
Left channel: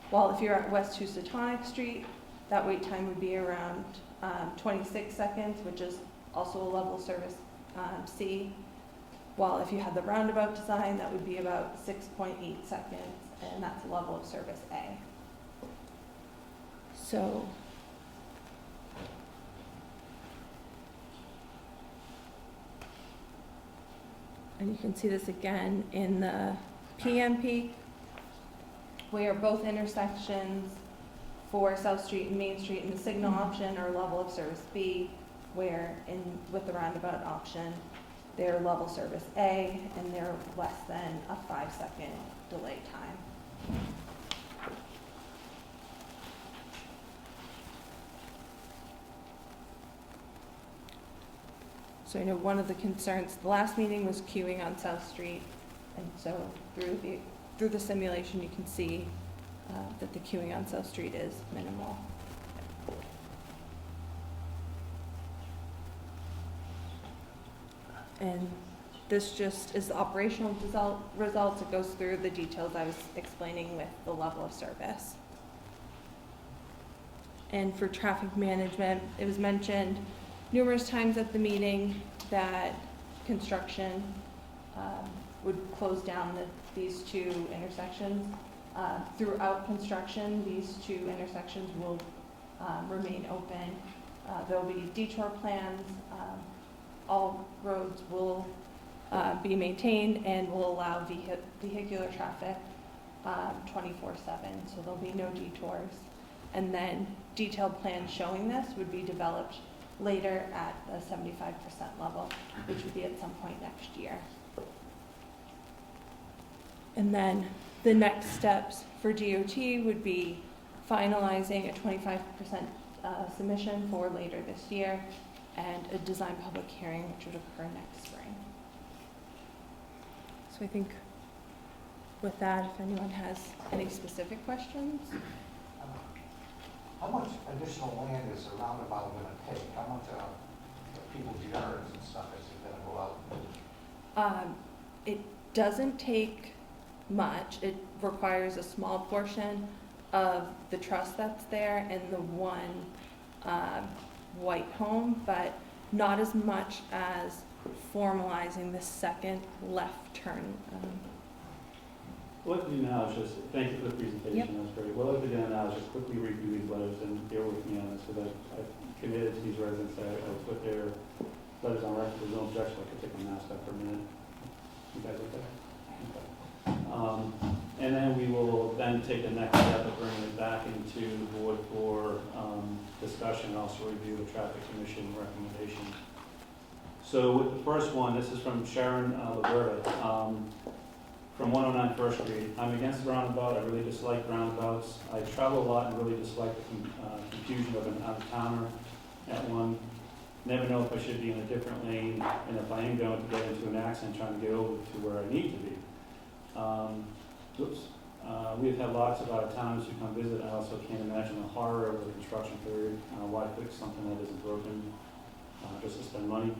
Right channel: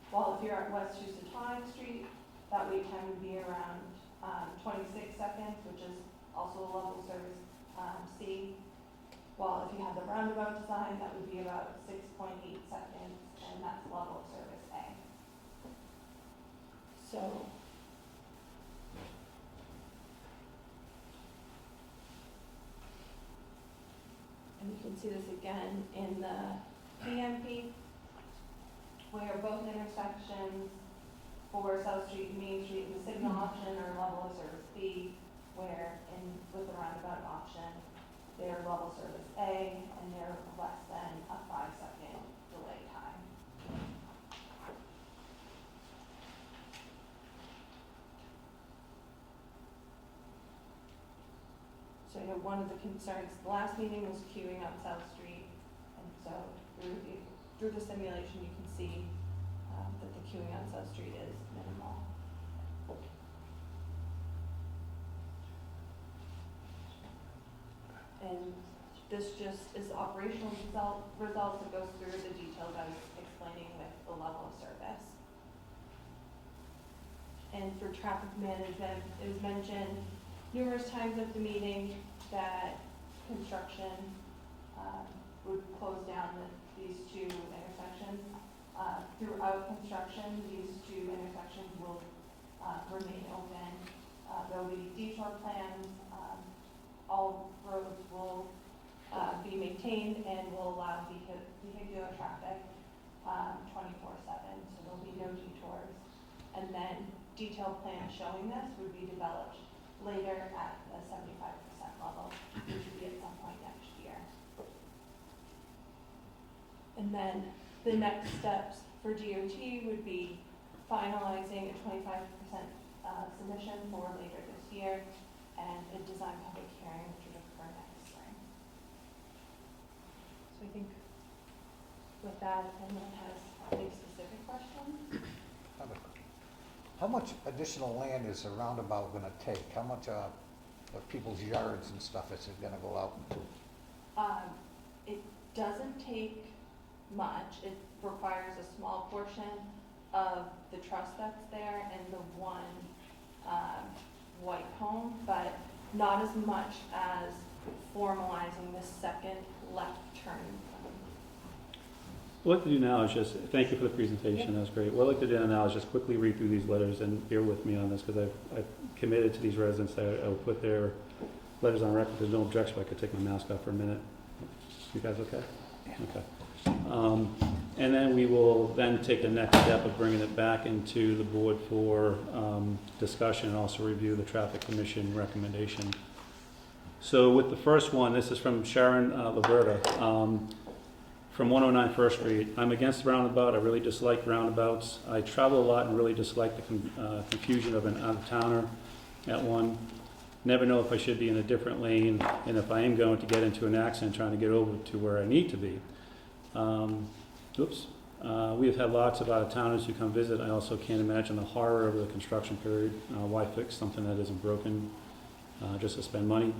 While if you're at West Tonic Street, that wait time would be around 26 seconds, which is also a level of service C. While if you had the roundabout design, that would be about 6.8 seconds, and that's a level of service A. So And you can see this again in the PMP, where both intersections for South Street and Main Street in the signal option are level of service B, where with the roundabout option, they're level service A, and they're less than a 5-second delay time. So I know one of the concerns, the last meeting was queuing on South Street, and so through the simulation, you can see that the queuing on South Street is minimal. And this just is the operational results. It goes through the details I was explaining with the level of service. And for traffic management, it was mentioned numerous times at the meeting that construction would close down these two intersections. Throughout construction, these two intersections will remain open. There will be detour plans. All roads will be maintained and will allow vehicular traffic 24/7, so there'll be no detours. And then detailed plans showing this would be developed later at the 75% level, which would be at some point next year. And then the next steps for DOT would be finalizing a 25% submission for later this year and a design public hearing, which would occur next spring. So I think with that, if anyone has any specific questions. How much additional land is the roundabout gonna take? How much of people's yards and stuff is it gonna go out? It doesn't take much. It requires a small portion of the truss that's there and the one white home, but not as much as formalizing the second left turn. What I'd like to do now is just, thank you for the presentation, that was great. What I'd like to do now is just quickly read through these letters and bear with me on this, because I've committed to these residents that I will put their letters on record. There's no objection, I could take my mask off for a minute. You guys okay? Okay. And then we will then take the next step of bringing it back into the board for discussion, and also review the traffic commission recommendation. So with the first one, this is from Sharon Laverta. From 109 First Street. I'm against the roundabout. I really dislike roundabouts. I travel a lot and really dislike the confusion of an out-of-towner at one. Never know if I should be in a different lane, and if I am going to get into an accident trying to get over to where I need to be. We have had lots of out-of-towners who come visit. I also can't imagine the horror of the construction period. Why fix something that isn't broken just to spend money?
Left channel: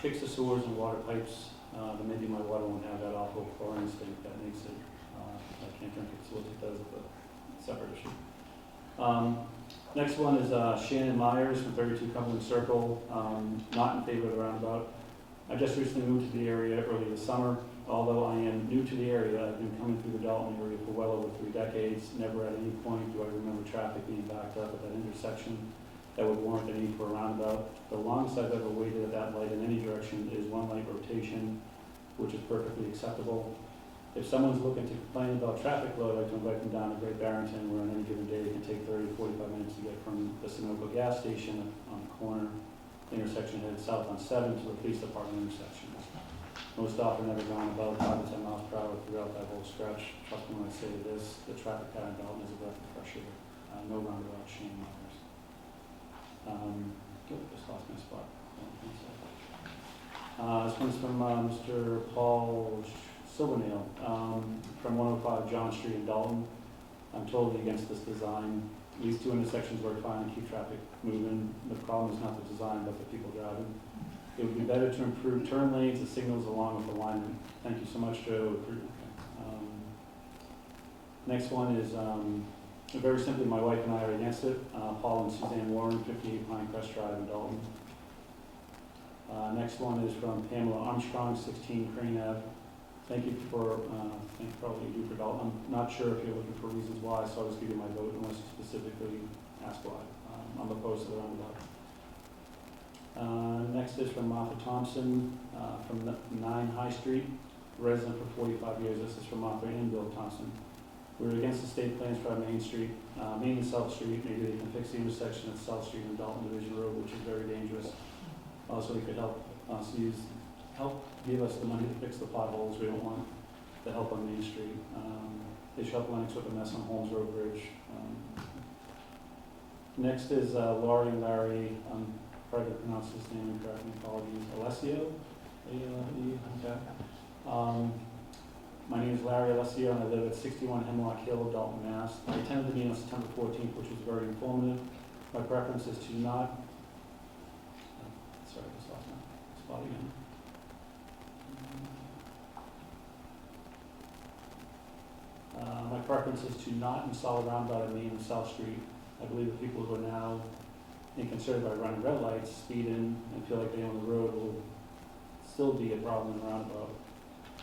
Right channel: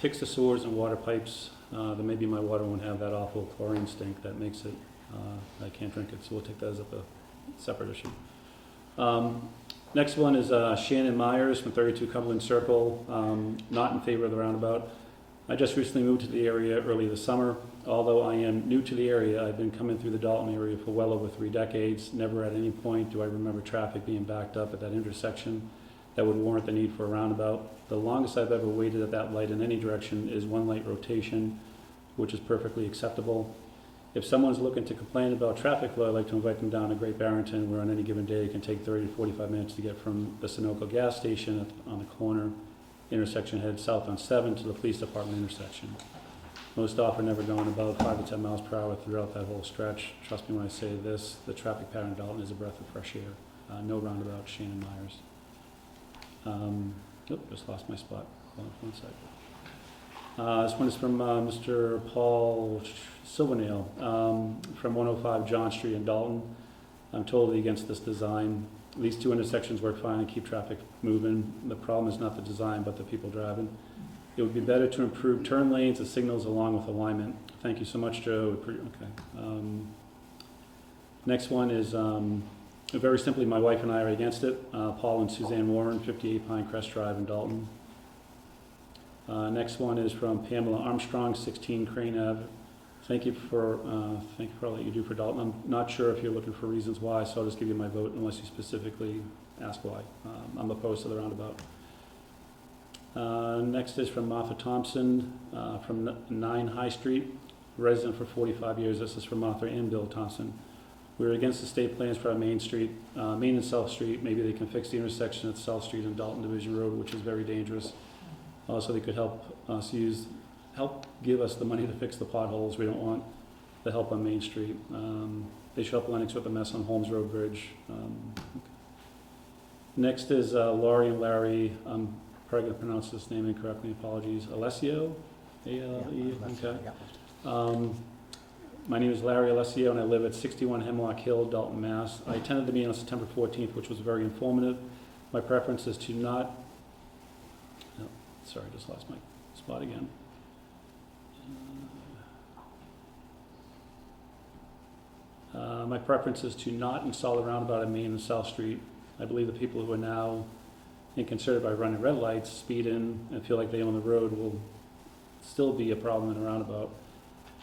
Fix the sewers and water pipes. Then maybe my water won't have that awful chlorine stink that makes it, I can't drink it, so we'll take that as a separate issue. Next one is Shannon Myers from 32 Cumberland Circle, not in favor of the roundabout. I just recently moved to the area early this summer. Although I am new to the area, I've been coming through the Dalton area for well over 3 decades. Never at any point do I remember traffic being backed up at that intersection that would warrant the need for a roundabout. The longest I've ever waited at that light in any direction is 1 light rotation, which is perfectly acceptable. If someone's looking to complain about traffic flow, I'd like to invite them down to Great Barrington, where on any given day it can take 30 to 45 minutes to get from the Sunoco gas station on the corner intersection head south on 7 to the police department intersection. Most often never going above 5 to 10 miles per hour throughout that whole stretch. Trust me when I say this, the traffic pattern in Dalton is a breath of fresh air. No roundabout, Shane Myers. Just lost my spot. One sec. This one is from Mr. Paul Silvernail from 105 John Street in Dalton. I'm totally against this design. These 2 intersections work fine and keep traffic moving. The problem is not the design, but the people driving. It would be better to improve turn lanes and signals along with alignment. Thank you so much, Joe. Next one is very simply, my wife and I are against it. Paul and Suzanne Warren, 58 Pinecrest Drive in Dalton. Next one is from Pamela Armstrong, 16 Crane Ave. Thank you for all that you do for Dalton. I'm not sure if you're looking for reasons why, so I'll just give you my vote unless you specifically ask why. I'm opposed to the roundabout. Next is from Martha Thompson, from 9 High Street, resident for 45 years. This is from Martha and Bill Thompson. We're against the state plans for our Main Street, Main and South Street. Maybe they can fix the intersection at South Street and Dalton Division Road, which is very dangerous. Also, they could help us help give us the money to fix the potholes. We don't want the help on Main Street. They should help Lennox with the mess on Holmes Road Bridge. Next is Laurie and Larry. I'm probably going to pronounce this name incorrectly. Apologies. Alessio? Okay. My name is Larry Alessio, and I live at 61 Hemlock Hill, Dalton, Mass. I attended the meeting on September 14th, which was very informative. My preference is to not... Oh, sorry, I just lost my spot again. My preference is to not install a roundabout in Main and South Street. I believe the people who are now inconsiderate by running red lights, speed in, and feel like they own the road will still be a problem in a roundabout.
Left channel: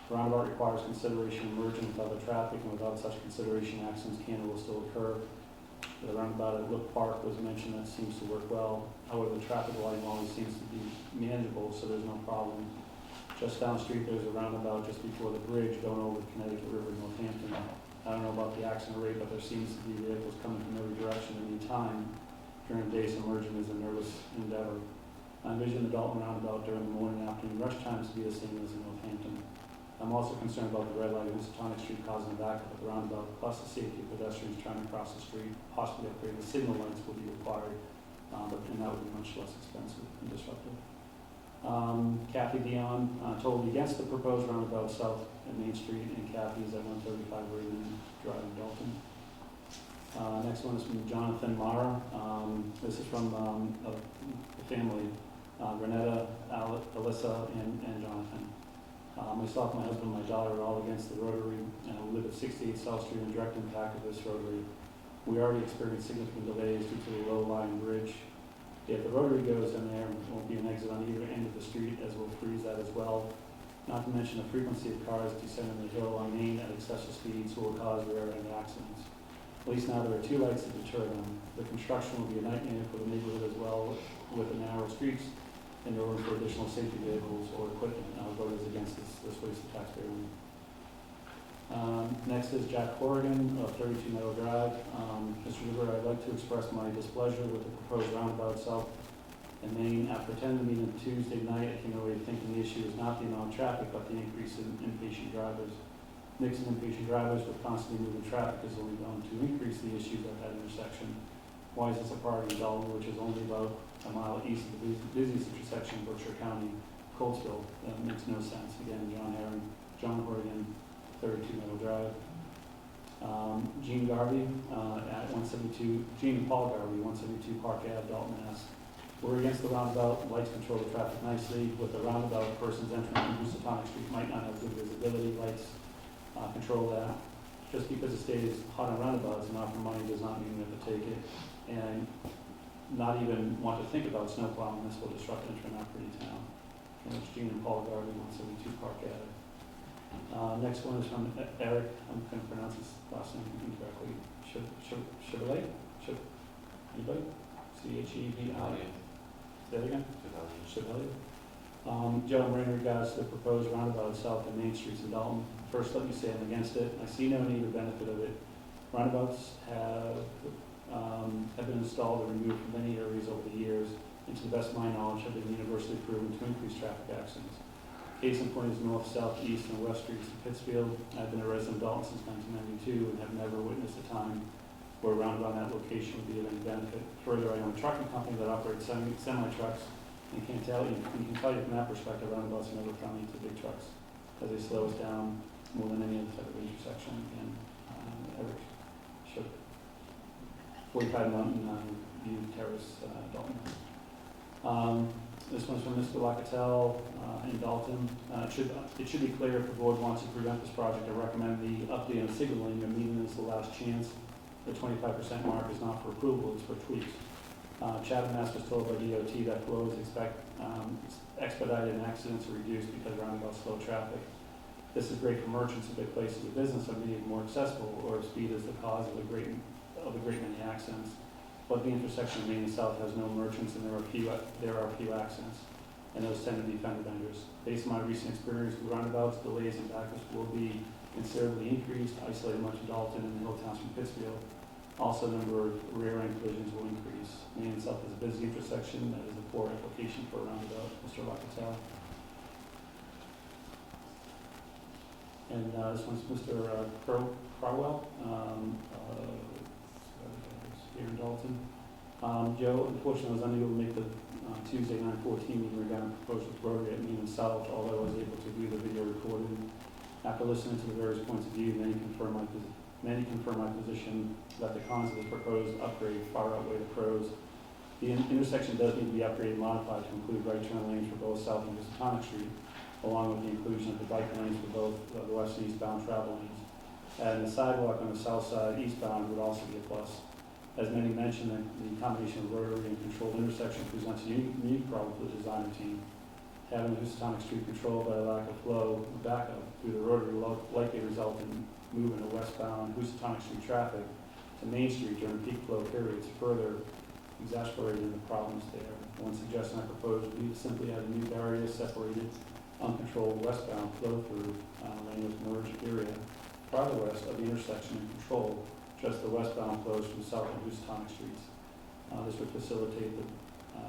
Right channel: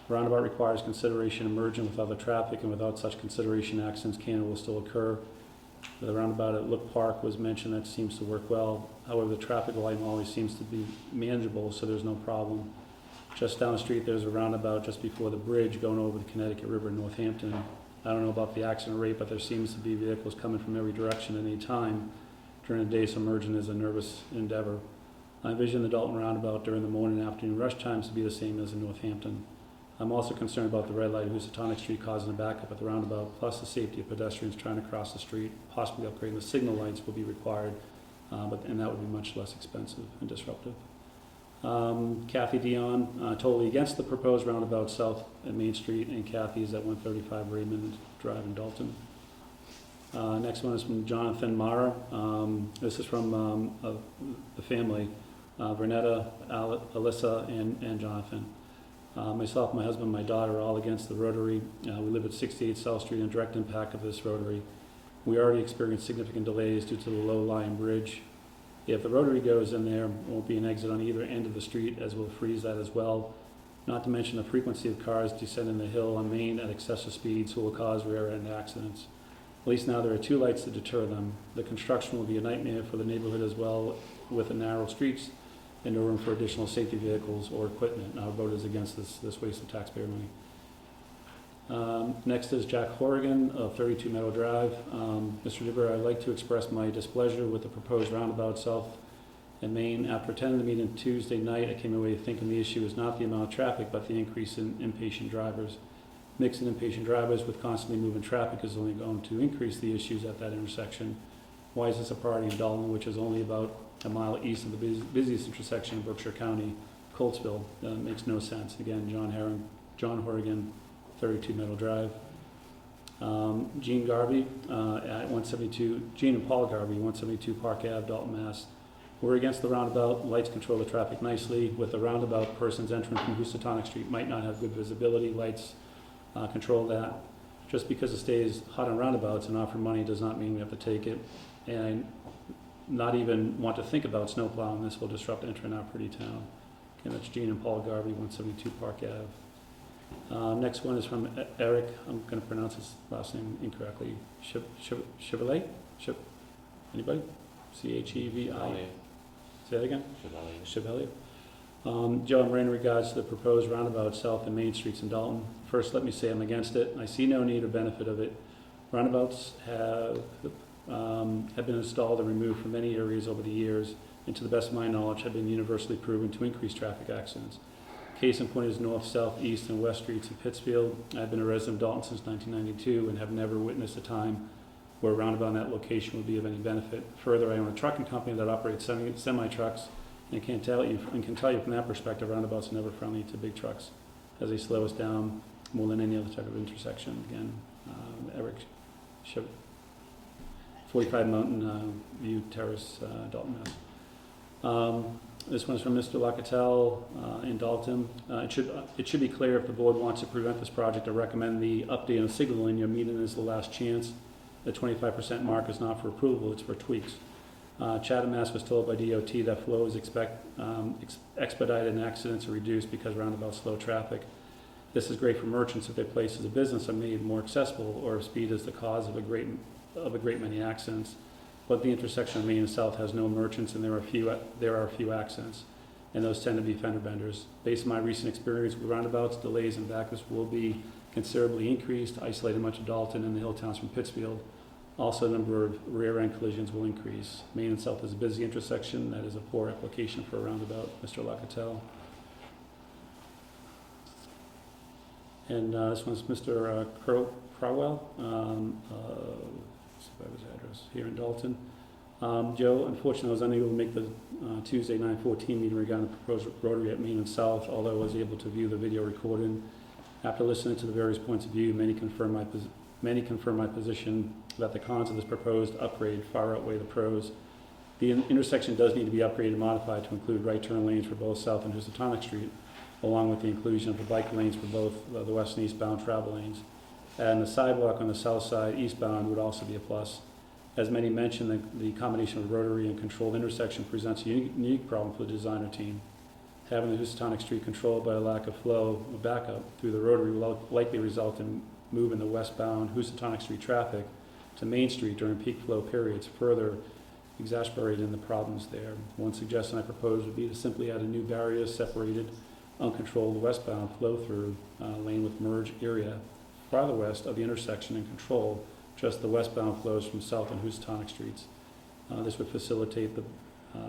A roundabout requires consideration of merging with other traffic, and without such consideration, accidents can and will still occur. The roundabout at Look Park was mentioned. That seems to work well. However, the traffic volume always seems to be manageable, so there's no problem. Just down the street, there's a roundabout just before the bridge going over the Connecticut River in Northampton. I don't know about the accident rate, but there seems to be vehicles coming from every direction at any time. During the day, so merging is a nervous endeavor. I envision the Dalton roundabout during the morning and afternoon rush times to be the same as in Northampton. I'm also concerned about the red light at Tonic Street causing a backup at the roundabout, plus the safety of pedestrians trying to cross the street. Possibly upgrading the signal lights will be required, and that would be much less expensive and disruptive. Kathy Dion, totally against the proposed roundabout south at Main Street, and Kathy's at 135 Raymond Drive in Dalton. Next one is from Jonathan Mara. This is from the family, Renetta, Alyssa, and Jonathan. Myself, my husband, and my daughter are all against the rotary. We live at 68 South Street, and direct impact of this rotary. We already experienced significant delays due to the low-lying bridge. If the rotary goes in there, there won't be an exit on either end of the street, as we'll freeze that as well. Not to mention the frequency of cars descending the hill on Main at excessive speeds will cause rear-end accidents. At least now there are 2 lights to deter them. The construction will be a nightmare for the neighborhood as well, with the narrow streets and no room for additional safety vehicles or equipment. Voters against this waste of taxpayer money. Next is Jack Horrigan of 32 Meadow Drive. Mr. Dibber, I'd like to express my displeasure with the proposed roundabout south in Main. After attending the meeting Tuesday night, I came away thinking the issue is not the amount of traffic, but the increase in impatient drivers. Mixing impatient drivers with constantly moving traffic is only going to increase the issues at that intersection. Why is this a priority in Dalton, which is only about a mile east of the busiest intersection in Berkshire County, Coltsville? Makes no sense. Again, John Horrigan, 32 Meadow Drive. Gene Garvey at 172, Gene and Paul Garvey, 172 Park Ave, Dalton, Mass. We're against the roundabout. Lights control the traffic nicely. With the roundabout, persons entering from Tonic Street might not have good visibility. Lights control that. Just because the state is hot on roundabouts and offering money does not mean we have to take it. And not even want to think about snow plowing. This will disrupt entering our pretty town. And that's Gene and Paul Garvey, 172 Park Ave. Next one is from Eric. I'm going to pronounce his last name incorrectly. Chevrolet? Anybody? C-H-E-V-I. Say that again? Chevrolet. Joe and Ray, in regards to the proposed roundabout south and Main Streets in Dalton. First, let me say I'm against it. I see no need or benefit of it. Roundabouts have been installed and removed from many areas over the years, and to the best of my knowledge have been universally proven to increase traffic accidents. Case in point is north, south, east, and west streets of Pittsfield. I've been a resident of Dalton since 1992 and have never witnessed a time where a roundabout in that location would be of any benefit. Further, I own a trucking company that operates semi-trucks, and can tell you from that perspective, roundabouts are never friendly to big trucks, as they slow us down more than any other type of intersection. Again, Eric, 45 Mountain View Terrace, Dalton, Mass. This one's from Mr. Locatell in Dalton. It should be clear if the board wants to prevent this project or recommend the update on signaling. Your meeting is the last chance. The 25% mark is not for approval, it's for tweaks. Chatham, Mass. Was told by DOT that flow is expedited and accidents are reduced because roundabouts slow traffic. This is great for merchants if their places of business are made more accessible, or if speed is the cause of a great many accidents. but the intersection of Main and South has no merchants, and there are a few accidents, and those tend to be fender benders. Based on my recent experience with roundabouts, delays and backups will be considerably increased, isolating much of Dalton and the hill towns from Pittsfield. Also, the number of rear-end collisions will increase. Main and South is a busy intersection that is a poor application for a roundabout, Mr. Locatell. And this one's Mr. Crowell, here in Dalton. Joe, unfortunately, was unable to make the Tuesday 9/14 meeting regarding the proposed rotary at Main and South, although I was able to view the video recording. After listening to the various points of view, many confirm my position that the cons of this proposed upgrade far outweigh the pros. The intersection does need to be upgraded and modified to include right turn lanes for both South and Tonic Street, along with the inclusion of the bike lanes for both the west and eastbound travel lanes. And the sidewalk on the south side eastbound would also be a plus. As many mentioned, the combination of rotary and controlled intersection presents a unique problem for the designer team. Having the Tonic Street controlled by a lack of flow or backup through the rotary will likely result in moving the westbound Tonic Street traffic to Main Street during peak flow periods, further exacerbating the problems there. One suggestion I propose would be to simply add a new barrier separated uncontrolled westbound flow-through lane with merged area farther west of the intersection and control just the westbound flows from South and Tonic Streets. This would facilitate the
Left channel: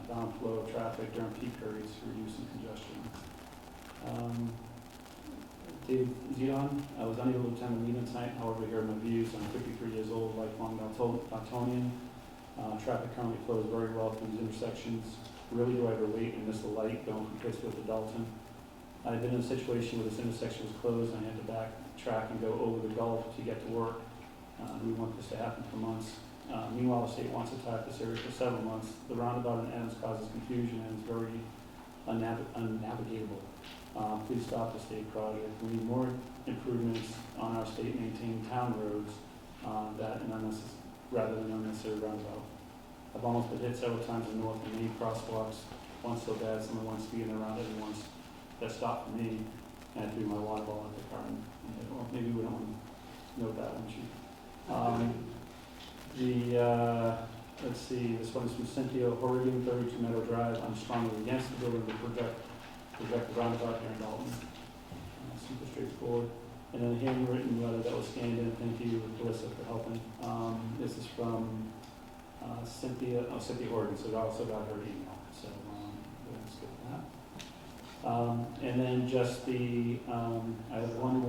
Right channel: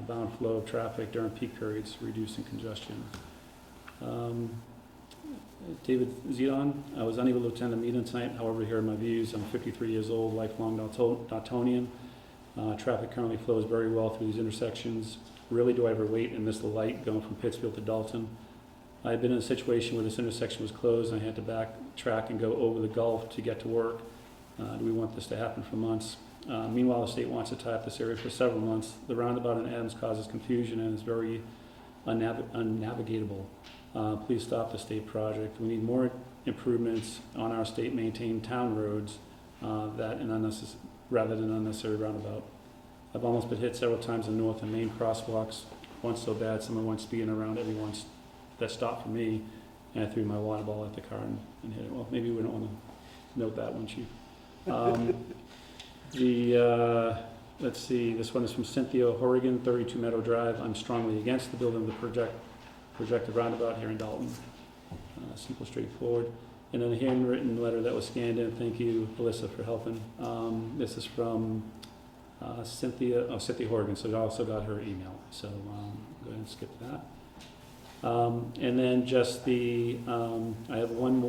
bound flow of traffic during peak periods, reducing congestion. David Zidon, I was unable to attend the meeting tonight, however, here are my views. I'm 53 years old, lifelong Daltonian. Traffic currently flows very well through these intersections. Rarely do I ever wait and miss the light going from Pittsfield to Dalton. I've been in a situation where this intersection was closed and I had to backtrack and go over the Gulf to get to work. We want this to happen for months. Meanwhile, the state wants to tie up this area for several months. The roundabout in Adams causes confusion and is very unnavigatable. Please stop the state project. We need more improvements on our state-maintained town roads rather than unnecessary roundabout. I've almost been hit several times in North and Main crosswalks. Once so bad, someone went speeding around everyone's that stopped for me, and I threw my water bottle at the car and hit it. Well, maybe we don't want to note that one, Chief. Let's see, this one is from Cynthia Horrigan, 32 Meadow Drive. I'm strongly against the building of the projected roundabout here in Dalton. Simple, straightforward. And then a handwritten letter that was scanned in. Thank you, Melissa, for helping. This is from Cynthia Horrigan, so I also got her email. So go ahead and skip that. And then just I have one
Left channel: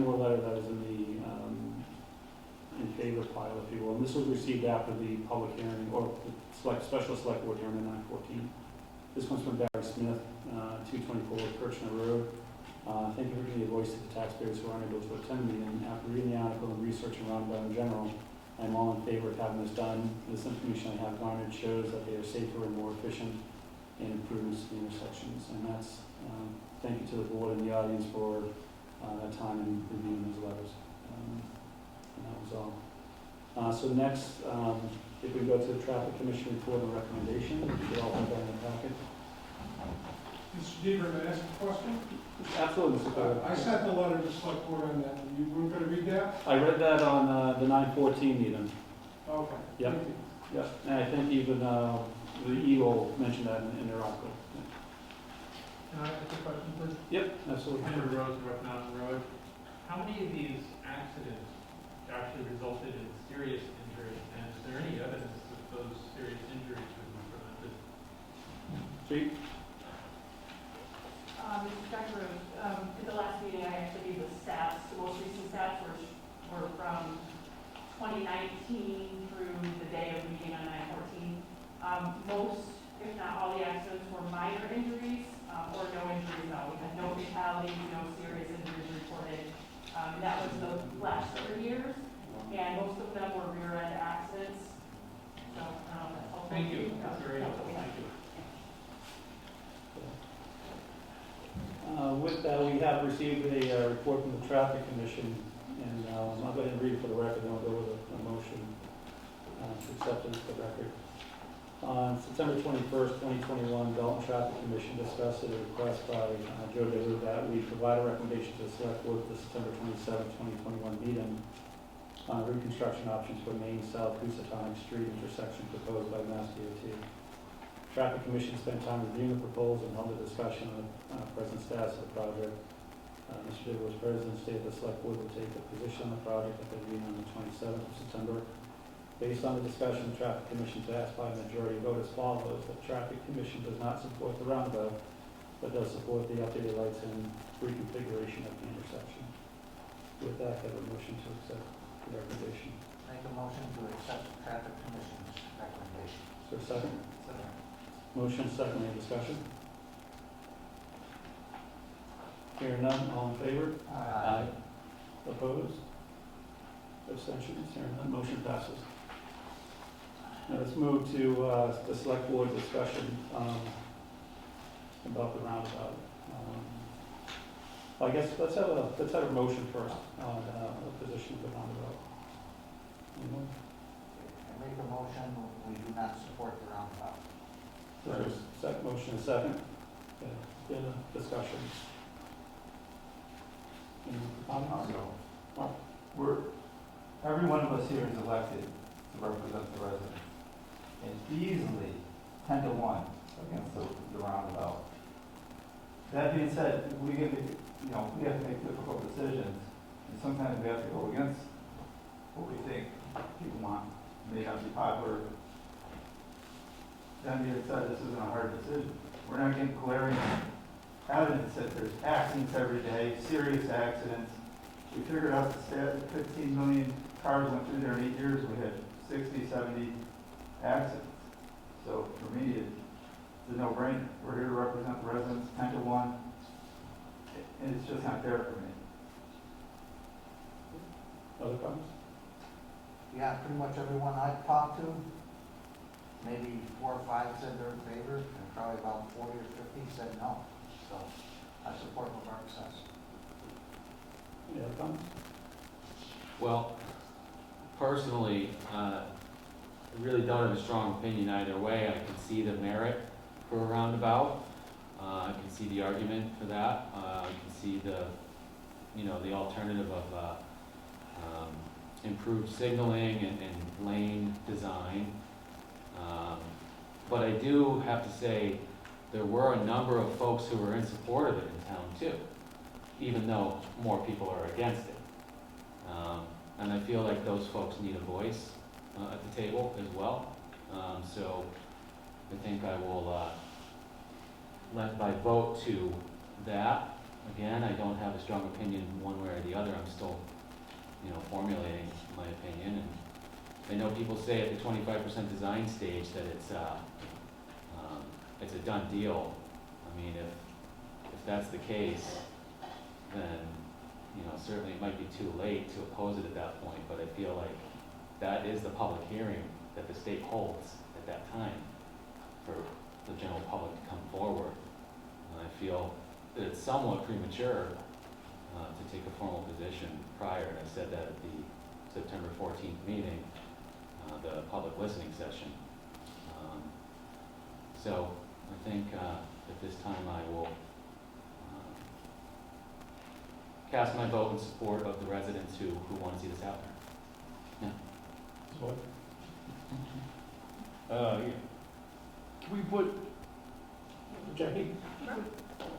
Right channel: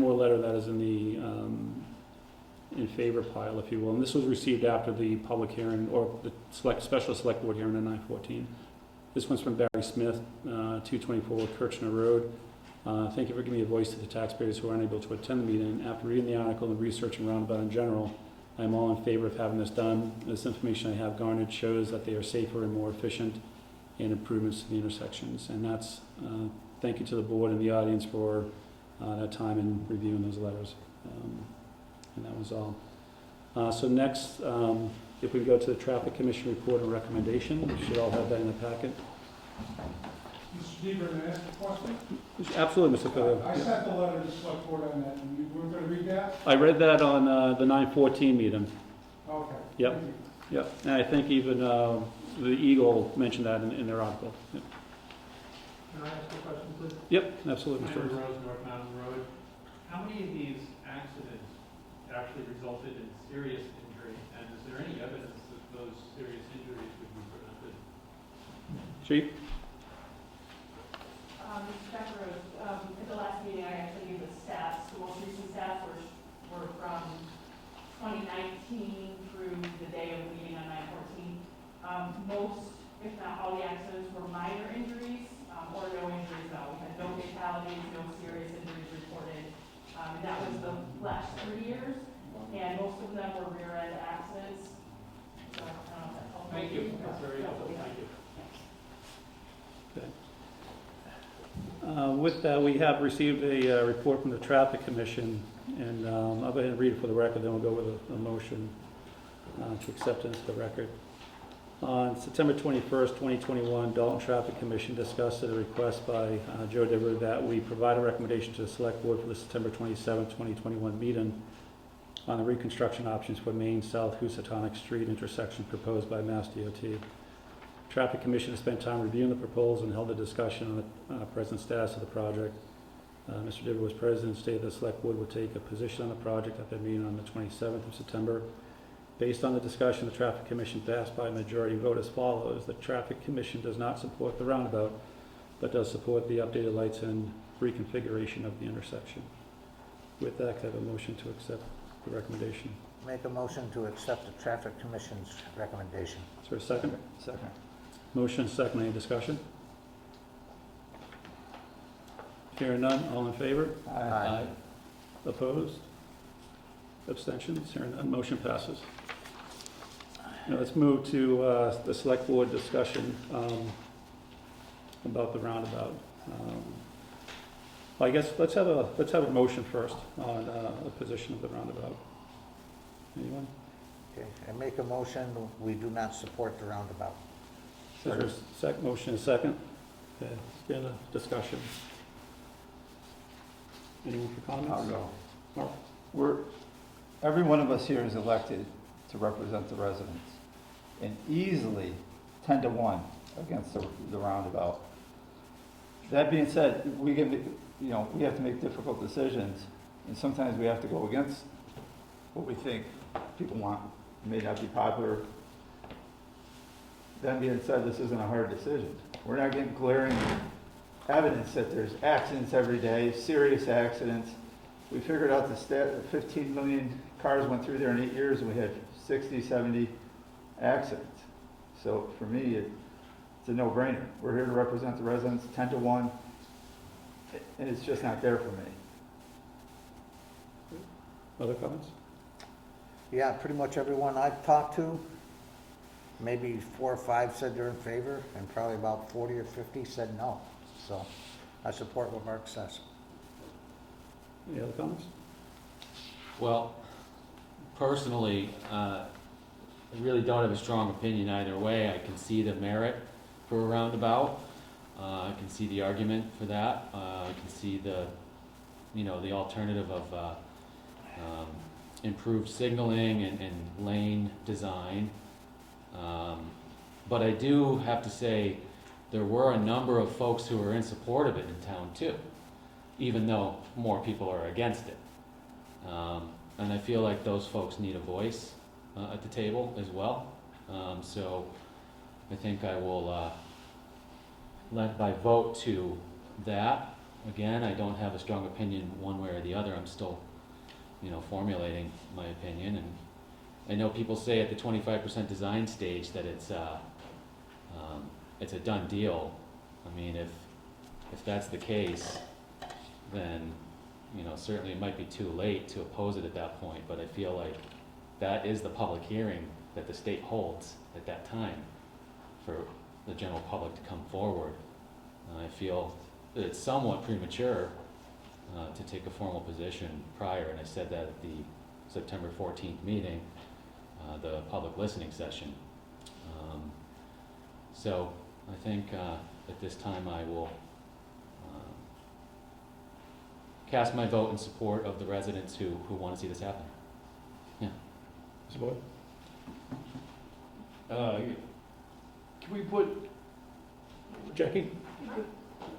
more letter that is in the in favor pile, if you will. And this was received after the public hearing or the special select board hearing on 9/14. This one's from Barry Smith, 224 Kirchner Road. Thank you for giving me a voice to the taxpayers who are unable to attend the meeting. After reading the article and researching roundabout in general, I'm all in favor of having this done. This information I have garnered shows that they are safer and more efficient in improvements to the intersections. And that's, thank you to the board and the audience for that time in reviewing these letters. And that was all. So next, if we go to the Traffic Commission report and recommendation, we should all have that in the packet. Mr. Deaver, may I ask a question? Absolutely, Mr. Cotto. I sent the letter to select board on that. You were going to read that? I read that on the 9/14 meeting. Okay. Yep. Thank you. Yep. And I think even the Eagle mentioned that in their article. Yeah. Can I ask a question, please? Yep, absolutely. Henry Rose, North Mountain Road. How many of these accidents actually resulted in serious injury? And is there any evidence that those serious injuries would be prevented? Chief? Dr. Rose, at the last meeting, I actually gave the stats. The most recent stats were from 2019 through the day of meeting on 9/14. Most, if not all, the accidents were minor injuries or no injuries at all. We had no fatalities, no serious injuries reported. And that was the last 3 years. And most of them were rear-end accidents. So, Thank you. That's very helpful. Thank you. With that, we have received a report from the Traffic Commission, and I'll go ahead and read it for the record, then we'll go with a motion to accept it for the record. On September 21st, 2021, Dalton Traffic Commission discussed at a request by Joe Dever that we provide a recommendation to the Select Board for the September 27th, 2021 meeting on the reconstruction options for Main South Housatonic Street intersection proposed by Mass DOT. Traffic Commission has spent time reviewing the proposal and held a discussion on the present status of the project. Mr. Dibble was president, stated the Select Board would take a position on the project at the meeting on the 27th of September. Based on the discussion, the Traffic Commission passed by a majority vote as follows. The Traffic Commission does not support the roundabout, but does support the updated lights and reconfiguration of the intersection. With that, I have a motion to accept the recommendation. Make a motion to accept the Traffic Commission's recommendation. Is there a second? Second. Motion second, any discussion? Hearing none, all in favor? Aye. Opposed? Abstentions? Hearing none, motion passes. Now let's move to the Select Board discussion about the roundabout. Well, I guess let's have a motion first on the position of the roundabout. Anyone? Okay, I make a motion, we do not support the roundabout. Is there a motion and a second? Okay, it's been a discussion. Anyone for comments? No. Every one of us here is elected to represent the residents, and easily 10-1 against the roundabout. That being said, we have to make difficult decisions, and sometimes we have to go against what we think people want. It may not be popular. That being said, this isn't a hard decision. We're not getting glaring evidence that there's accidents every day, serious accidents. We figured out the stat that 15 million cars went through there in 8 years, and we had 60, 70 accidents. So for me, it's a no-brainer. We're here to represent the residents, 10-1, and it's just not there for me. Other comments? Yeah, pretty much everyone I've talked to, maybe 4 or 5 said they're in favor, and probably about 40 or 50 said no. So I support what Mark says. Any other comments? Well, personally, I really don't have a strong opinion either way. I can see the merit for a roundabout. I can see the argument for that. I can see the alternative of improved signaling and lane design. But I do have to say there were a number of folks who were in support of it in town too, even though more people are against it. And I feel like those folks need a voice at the table as well. So I think I will lend my vote to that. Again, I don't have a strong opinion one way or the other. I'm still, formulating my opinion. And I know people say at the 25% design stage that it's a done deal. I mean, if that's the case, then certainly it might be too late to oppose it at that point. But I feel like that is the public hearing that the state holds at that time for the general public to come forward. I feel that it's somewhat premature to take a formal position prior, and I said that at the September 14th meeting, the public listening session. So I think at this time I will cast my vote in support of the residents who want to see this happen. Yeah. Support? Can we put Jackie?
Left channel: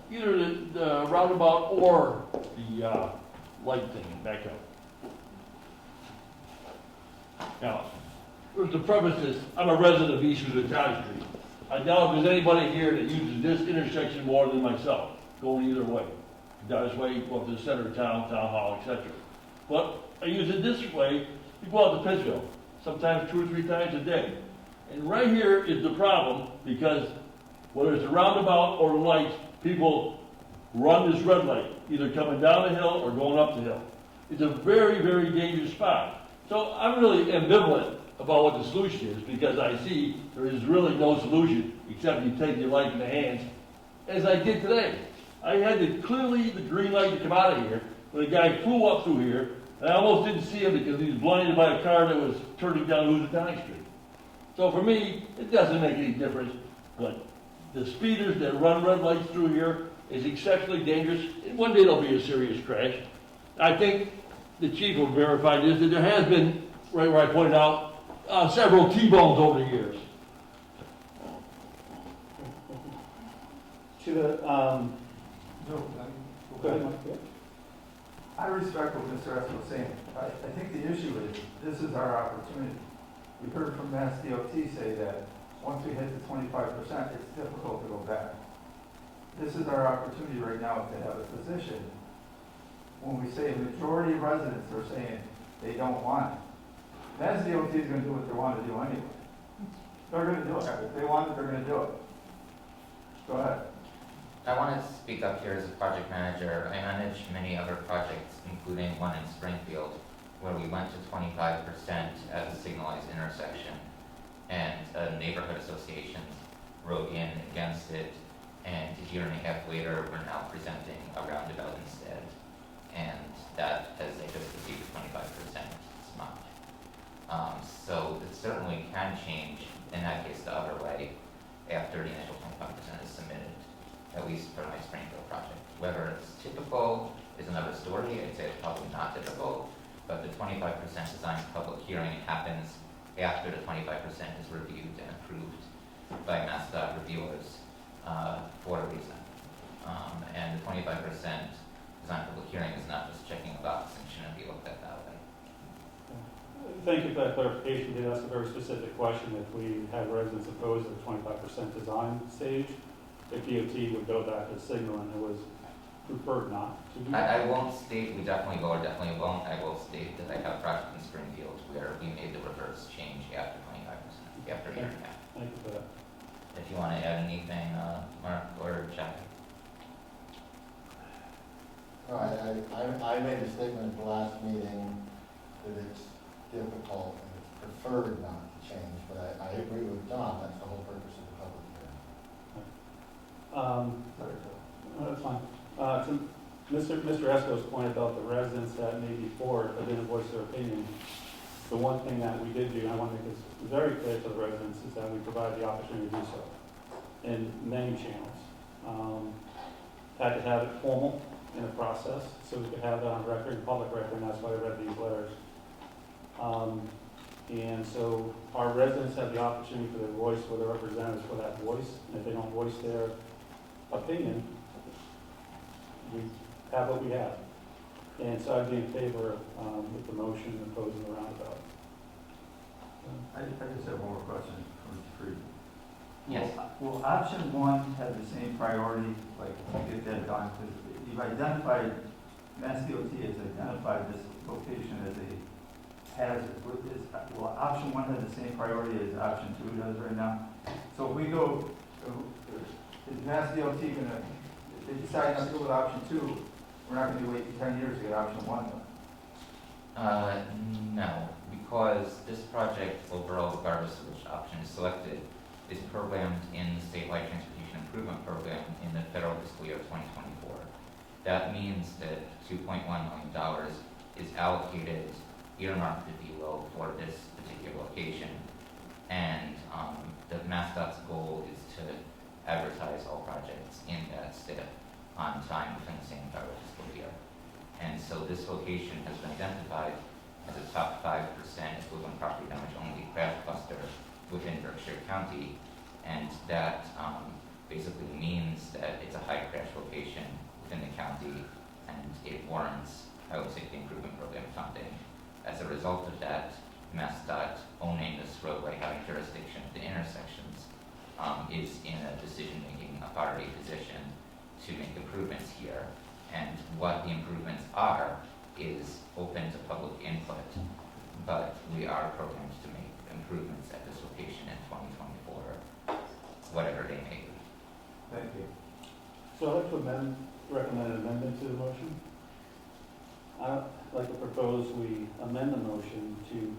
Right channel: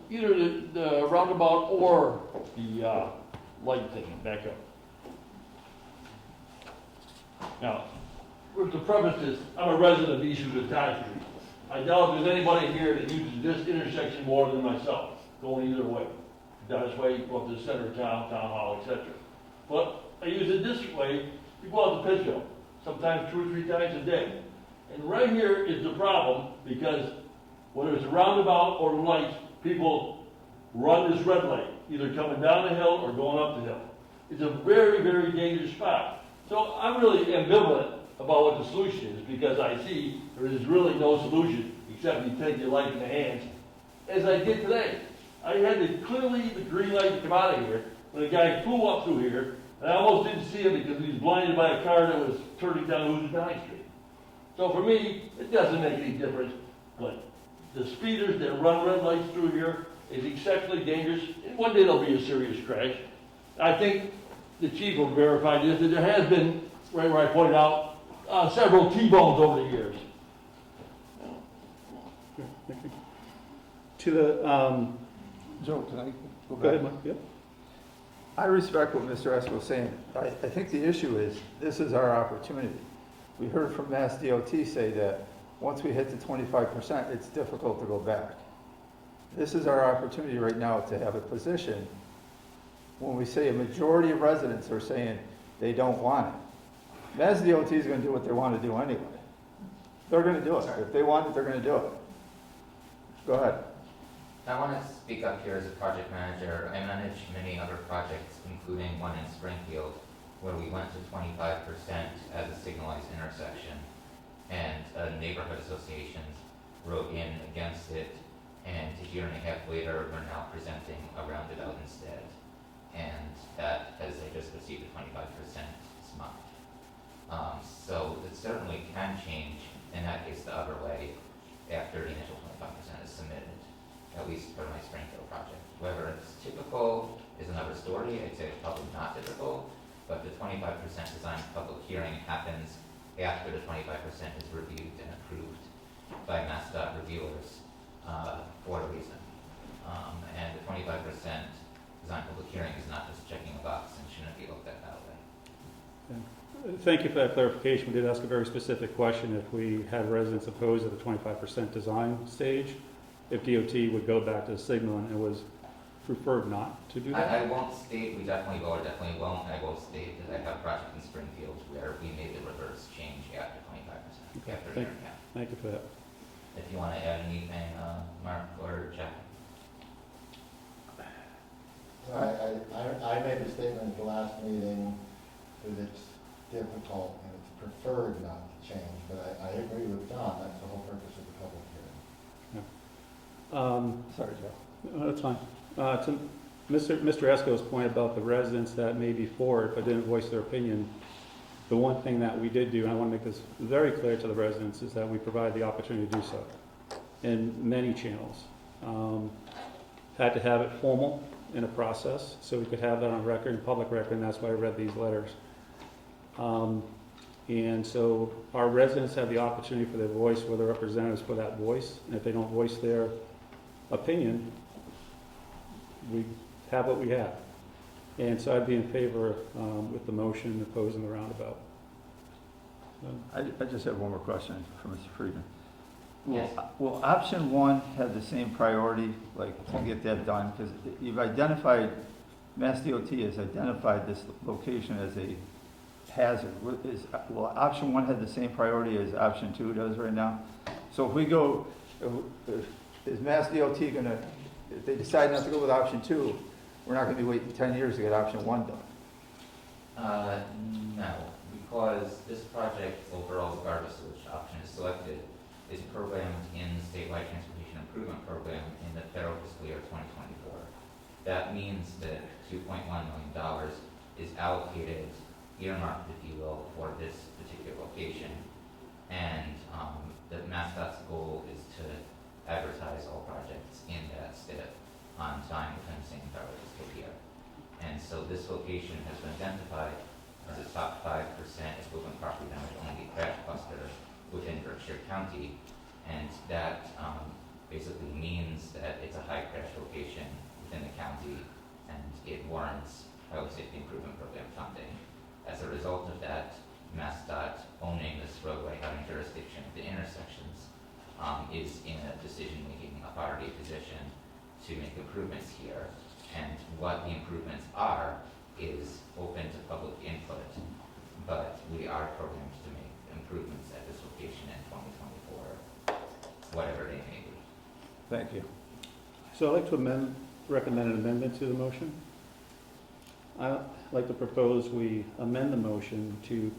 either the roundabout or the light thing and back up? Now, first the premise is, I'm a resident of East Tonic Street. I doubt if there's anybody here that uses this intersection more than myself, going either way. Down this way, go up to the center of town, town hall, etc. But I use it this way, you go out to Pittsfield, sometimes 2 or 3 times a day. And right here is the problem, because whether it's the roundabout or the lights, people run this red light, either coming down the hill or going up the hill. It's a very, very dangerous spot. So I'm really ambivalent about what the solution is, because I see there is really no solution except you take your life in the hands, as I did today. I had clearly the green light to come out of here, when a guy flew up through here, and I almost didn't see him because he was blinded by a car that was turning down Tonic Street. So for me, it doesn't make any difference, but the speeders that run red lights through here is exceptionally dangerous, and one day there'll be a serious crash. I think the chief will verify this, that there has been, right where I pointed out, several T-bones over the years. To the, Joe, can I go go ahead, back? Mike. Yeah. I respect what Mr. Esco was saying. I think the issue is, this is our opportunity. We heard from Mass DOT say that once we hit the 25%, it's difficult to go back. This is our opportunity right now to have a position. When we say a majority of residents are saying they don't want it, Mass DOT is gonna do what they wanna do anyway. They're gonna do it. If they want it, they're gonna do it. Go ahead. I want to speak up here as a project manager. I manage many other projects, including one in Springfield, where we went to 25% as a signalized intersection. And neighborhood associations wrote in against it, and a year and a half later, we're now presenting a roundabout instead. And that has just received a 25% smudge. So it certainly can change, in that case, the other way, after the initial 25% is submitted, at least for my Springfield project. Whether it's typical is another story. I'd say it's probably not typical, but the 25% design public hearing happens after the 25% is reviewed and approved by MassDOT reviewers for a reason. And the 25% design public hearing is not just checking a box and shouldn't be looked at that way. Thank you for that clarification. We did ask a very specific question. If we had residents opposed at the 25% design stage, if DOT would go back to the signal, and it was preferred not to do that? I won't state we definitely will or definitely won't. I will state that I have a project in Springfield where we made the reverse change after 25%, after a year and a half. Thank you for that. If you want to add anything, Mark or Jack. I made a statement at the last meeting that it's difficult and it's preferred not to change, but I agree with Don, that's the whole purpose of the public hearing. Sorry, Joe. That's fine. To Mr. Esco's point about the residents that may be for it but didn't voice their opinion, the one thing that we did do, and I want to make this very clear to the residents, is that we provide the opportunity to do so in many channels. Had to have it formal in a process, so we could have that on record, in public record, and that's why I read these letters. And so our residents have the opportunity for their voice, for their representatives for that voice, and if they don't voice their opinion, we have what we have. And so I'd be in favor with the motion opposing the roundabout. I just have one more question for Mr. Friedman. Yes. Will option one have the same priority, like, to get that done? Because you've identified, Mass DOT has identified this location as a hazard. Will option one have the same priority as option two does right now? So if we go, is Mass DOT gonna, if they decide not to go with option two, we're not gonna be waiting 10 years to get option one done? No, because this project overall, regardless of which option is selected, is programmed in the statewide transportation improvement program in the federal fiscal year 2024. That means that $2.1 million is allocated, earmarked, if you will, for this particular location. And the MassDOT's goal is to advertise all projects in that STIP on time within the same federal fiscal year. And so this location has been identified as a top 5% equivalent property damage only crash cluster within Berkshire County, and that basically means that it's a high crash location within the county, and it warrants, I would say, the improvement program funding. As a result of that, MassDOT owning this roadway, having jurisdiction at the intersections, is in a decision-making authority position to make improvements here. And what the improvements are is open to public input, but we are programmed to make improvements at this location in 2024, whatever they may be. Thank you. So I'd like to recommend an amendment to the motion. I'd like to propose we amend the motion to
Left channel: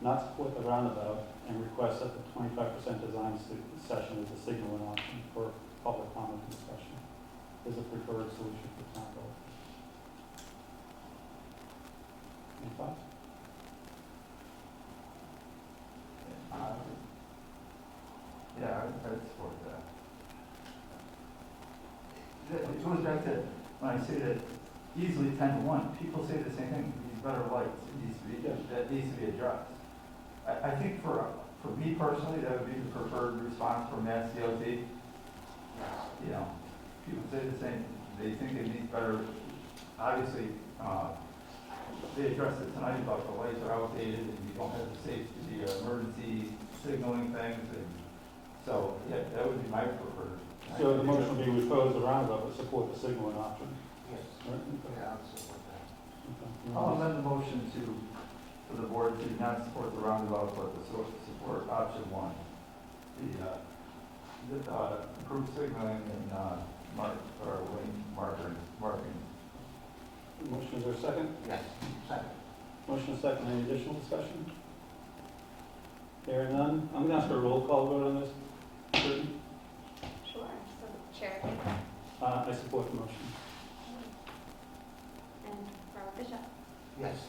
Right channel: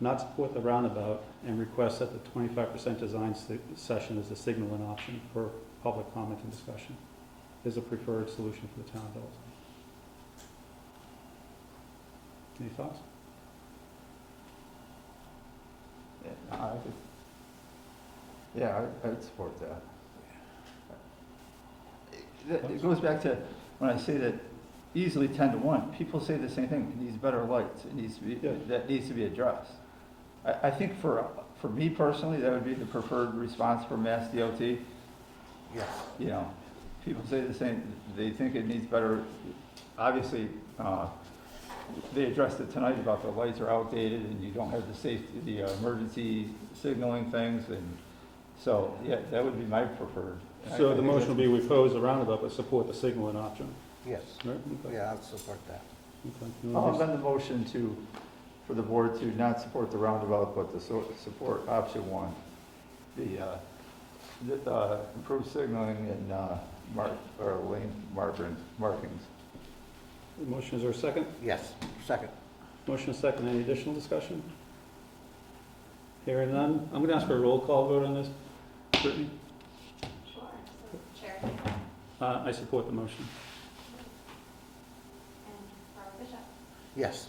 not support the roundabout and request that the 25% design session as a signaling option for public comment and discussion is a preferred solution for the town of Dalton. Any thoughts? Yeah, I would support that. It goes back to when I say that easily 10 to 1. People say the same thing, it needs better lights, it needs to be, that needs to be addressed. I think for me personally, that would be the preferred response from Mass DOT. Yes. You know, people say the same, they think it needs better, obviously, they addressed it tonight about the lights are outdated and you don't have the emergency signaling things, and so, yeah, that would be my preferred. So the motion will be we oppose the roundabout, but support the signaling option. Yes. Right? Okay. Yeah, I'll support that. Okay. I'll amend the motion for the board to not support the roundabout, but to support option 1. The improved signaling and lane markings. Motion, is there a second? Yes, second. Motion is second. Any additional discussion? Hearing none. I'm gonna ask for a roll call vote on this. Brittany? Sure. So, Chair. I support the motion. And Robert Bishop. Yes.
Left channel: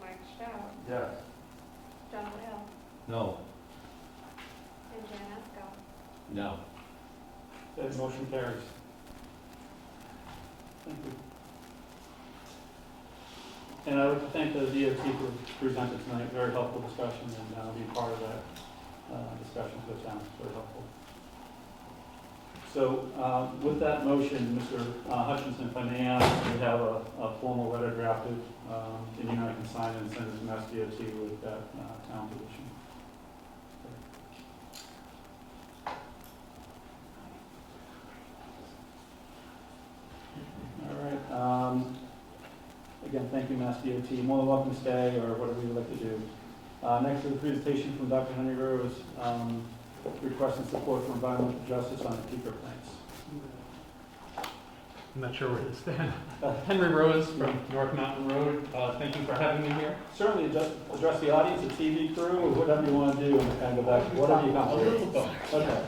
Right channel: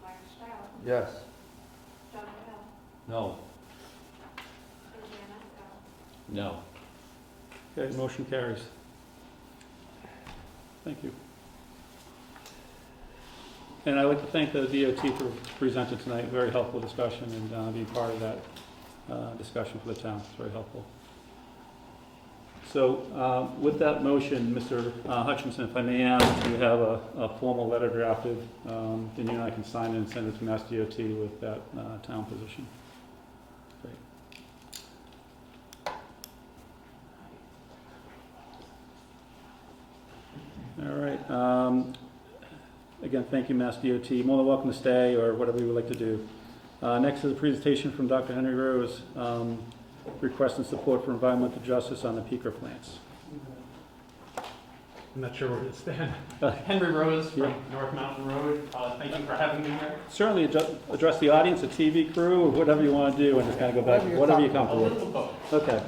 Mark Stroud. Yes. John Will. No. And Jan Esco. No. Okay, motion carries. Thank you. And I'd like to thank the DOT for presenting tonight. Very helpful discussion and being part of that discussion for the town. It's very helpful. So with that motion, Mr. Hutchinson, if I may ask, we have a formal letter drafted. And you and I can sign it and send it to Mass DOT with that town position. All right. Again, thank you, Mass DOT. More than welcome to stay or whatever you would like to do. Next is a presentation from Dr. Henry Rose, requesting support for environmental justice on the peaker plants. I'm not sure where to stand. Henry Rose from North Mountain Road. Thank you for having me here. Certainly address the audience, the TV crew, or whatever you want to do, and just kind of go back, whatever you come with. Okay.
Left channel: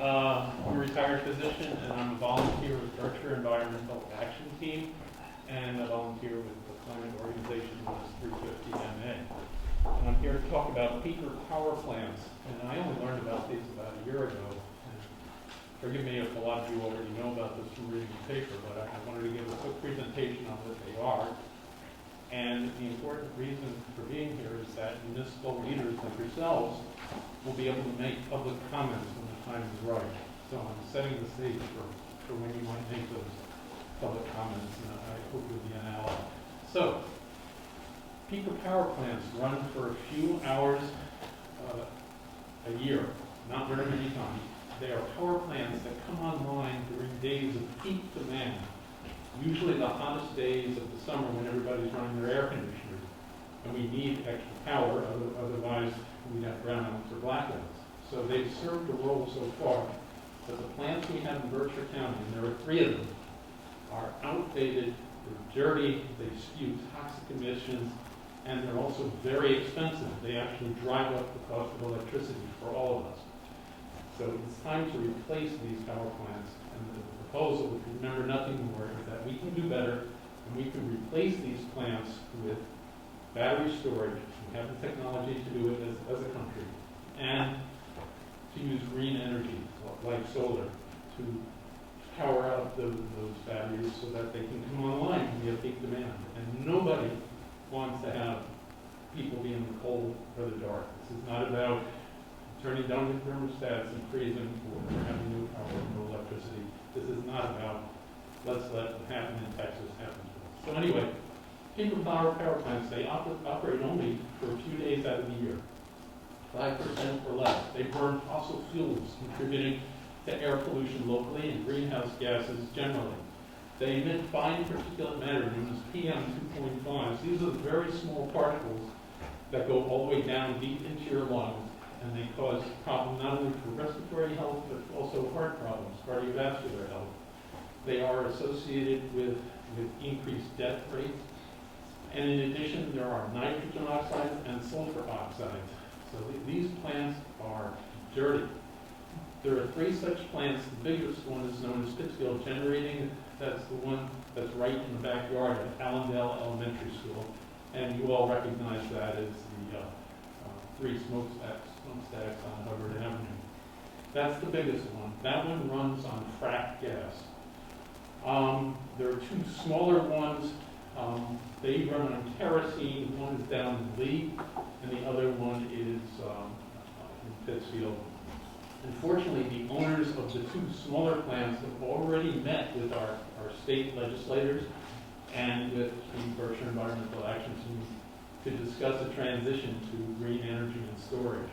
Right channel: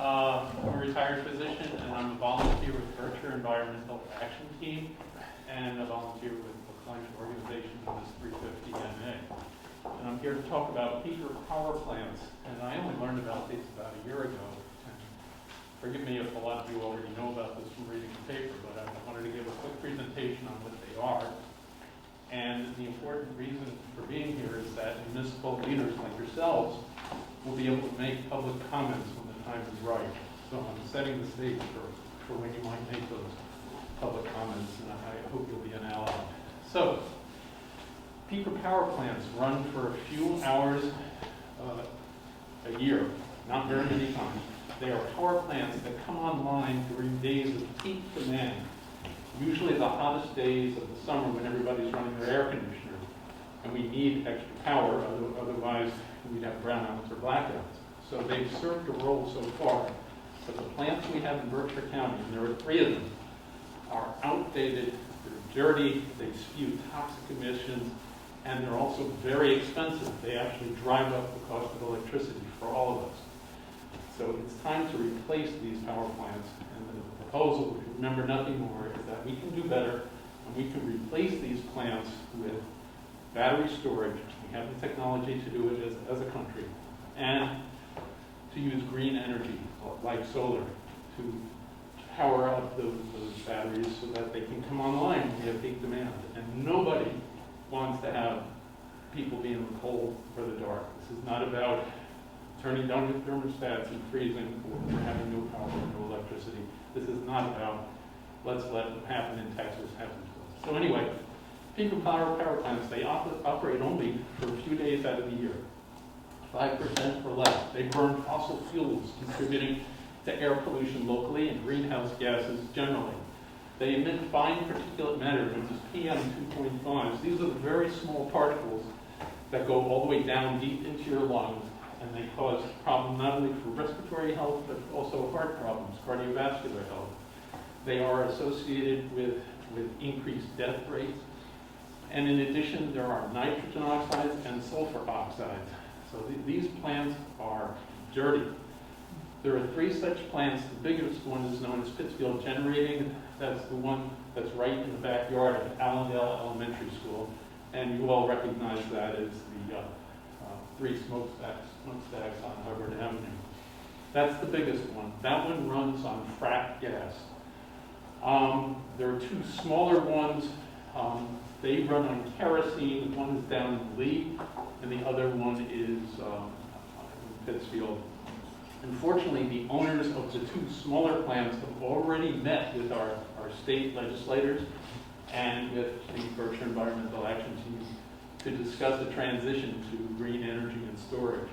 I'm a retired physician, and I'm a volunteer with Berkshire Environmental Action Team, and a volunteer with the climate organization known as 350 NA. And I'm here to talk about peaker power plants, and I only learned about these about a year ago. And forgive me if a lot of you already know about this from reading the paper, but I wanted to give a quick presentation on what they are. And the important reason for being here is that municipal leaders like yourselves will be able to make public comments when the time is right. So I'm setting the stage for when you might make those public comments, and I hope you'll be an ally. So, peaker power plants run for a few hours a year, not very many times. They are power plants that come online during days of peak demand, usually the hottest days of the summer when everybody's running their air conditioners, and we need extra power, otherwise we'd have brownouts or blackouts. So they've served a role so far, but the plants we have in Berkshire County, and there are 3 of them, are outdated, they're dirty, they spew toxic emissions, and they're also very expensive. They actually drive up the cost of electricity for all of us. So it's time to replace these power plants, and the proposal, if you remember nothing more, is that we can do better, and we can replace these plants with battery storage. We have the technology to do it as a country, and to use green energy, like solar, to power up those batteries so that they can come online when we have big demand. And nobody wants to have people be in the cold or the dark. This is not about turning down the thermostats and freezing or having no power and no electricity. This is not about let's let what happened in Texas happen to us. So anyway, peaker power plants, they operate only for a few days out of the year, 5% or less. They burn fossil fuels, contributing to air pollution locally and greenhouse gases generally. They emit fine particulate matter known as PM2.5s. These are the very small particles that go all the way down deep into your lungs, and they cause problems not only for respiratory health, but also heart problems, cardiovascular health. They are associated with increased death rates. And in addition, there are nitrogen oxides and sulfur oxides. So these plants are dirty. There are 3 such plants. The biggest one is known as Pittsfield Generating. That's the one that's right in the backyard of Allendale Elementary School. And you all recognize that as the 3 smokestacks on Hubbard Avenue. That's the biggest one. That one runs on fracked gas. There are two smaller ones. They run on kerosene. One is down in Lee, and the other one is in Pittsfield. Unfortunately, the owners of the two smaller plants have already met with our state legislators and with the Berkshire Environmental Action Team to discuss a transition to green energy and storage.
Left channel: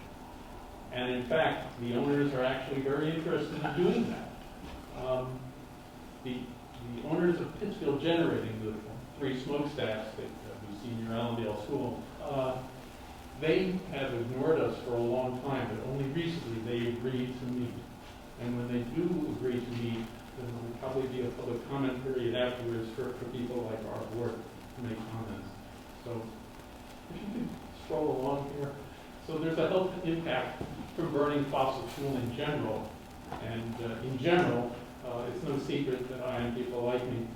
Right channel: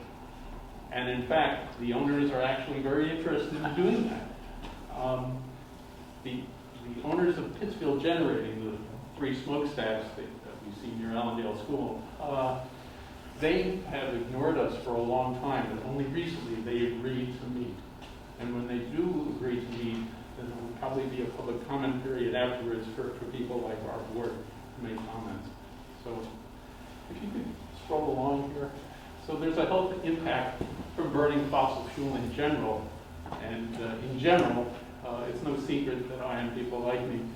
And in fact, the owners are actually very interested in doing that. The owners of Pittsfield Generating, the 3 smokestacks that we see near Allendale School, they have ignored us for a long time, but only recently they agreed to meet. And when they do agree to meet, then there will probably be a public comment period afterwards for people like our board to make comments. So if you could scroll along here. So there's a health impact from burning fossil fuel in general. And in general, it's no secret that I and people like me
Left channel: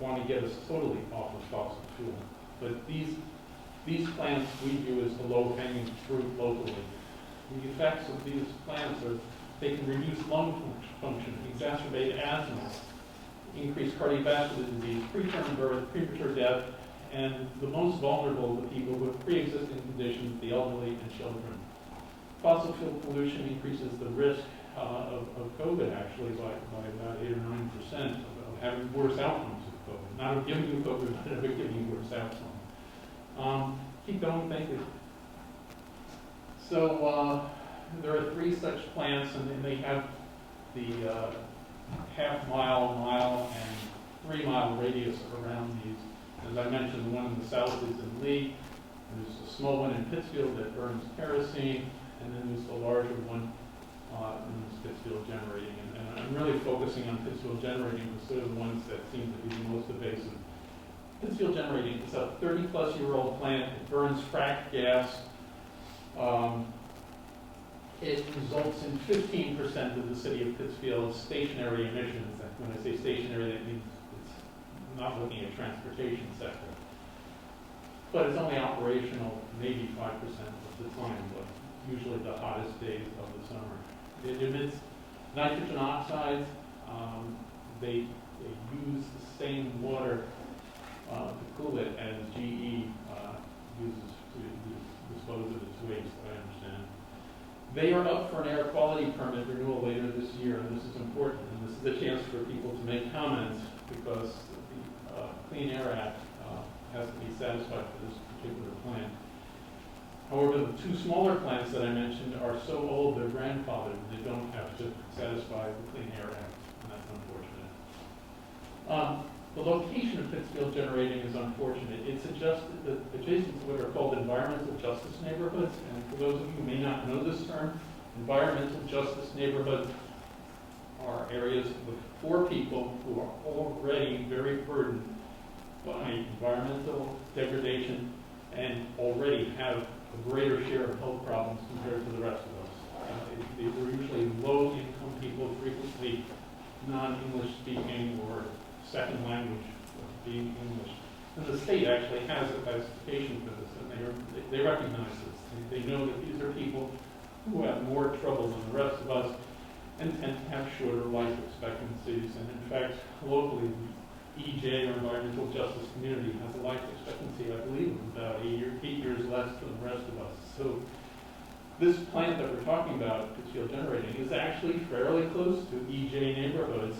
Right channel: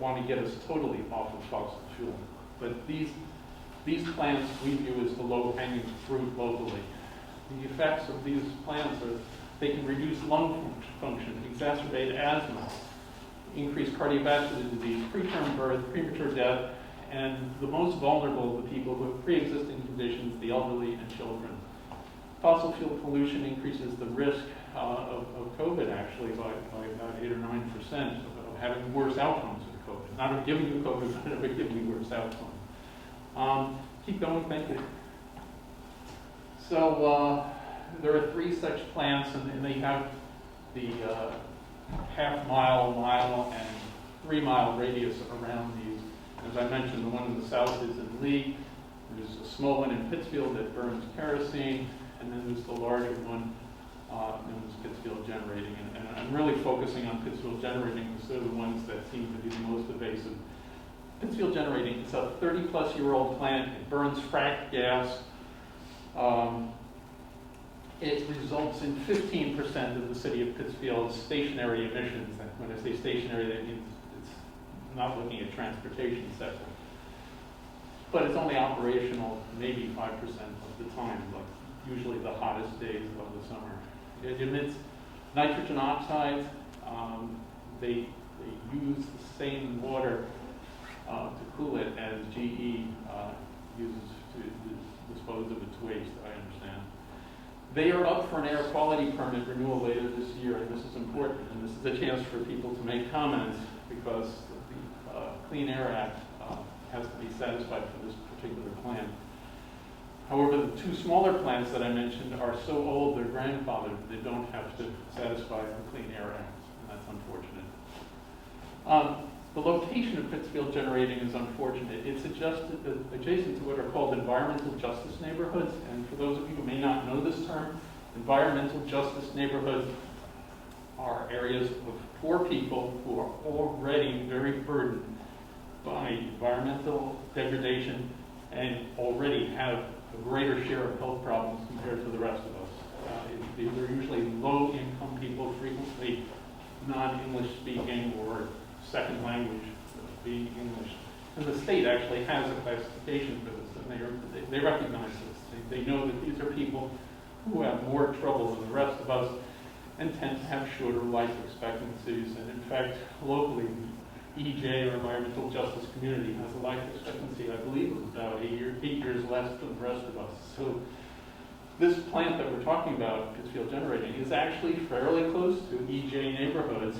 want to get us totally off of fossil fuel. But these plants we view as the low-hanging fruit locally. The effects of these plants are they can reduce lung function, exacerbate asthma, increase cardiovascular disease, preterm birth, premature death, and the most vulnerable of the people who have pre-existing conditions, the elderly and children. Fossil fuel pollution increases the risk of COVID actually by about 8 or 9% of having worse outcomes of COVID. Not of giving you COVID, but of giving you worse outcomes. Keep going, thank you. So there are 3 such plants, and they have the half-mile, mile, and 3-mile radius around these. As I mentioned, the one in the south is in Lee. There's a small one in Pittsfield that burns kerosene, and then there's the larger one known as Pittsfield Generating. And I'm really focusing on Pittsfield Generating because they're the ones that seem to be the most evasive. Pittsfield Generating, it's a 30-plus-year-old plant. It burns fracked gas. It results in 15% of the city of Pittsfield's stationary emissions. And when I say stationary, that means it's not looking at transportation sector. But it's only operational maybe 5% of the time, like usually the hottest days of the summer. It emits nitrogen oxides. They use the same water to cool it as GE uses to dispose of its waste, I understand. They are up for an air quality permit renewal later this year, and this is important, and this is a chance for people to make comments because the Clean Air Act has to be satisfied for this particular plant. However, the 2 smaller plants that I mentioned are so old they're grandfathered, they don't have to satisfy the Clean Air Act, and that's unfortunate. The location of Pittsfield Generating is unfortunate. It's adjacent to what are called environmental justice neighborhoods, and for those of you who may not know this term, environmental justice neighborhoods are areas of poor people who are already very burdened by environmental degradation and already have a greater share of health problems compared to the rest of us. These are usually low-income people, frequently non-English speaking or second language being English. And the state actually has a classification for this, and they recognize this. They know that these are people who have more trouble than the rest of us and tend to have shorter life expectancies. And in fact, locally, the EJ, or Environmental Justice Community, has a life expectancy, I believe, of about 8 years less than the rest of us. So this plant that we're talking about, Pittsfield Generating, is actually fairly close to EJ neighborhoods.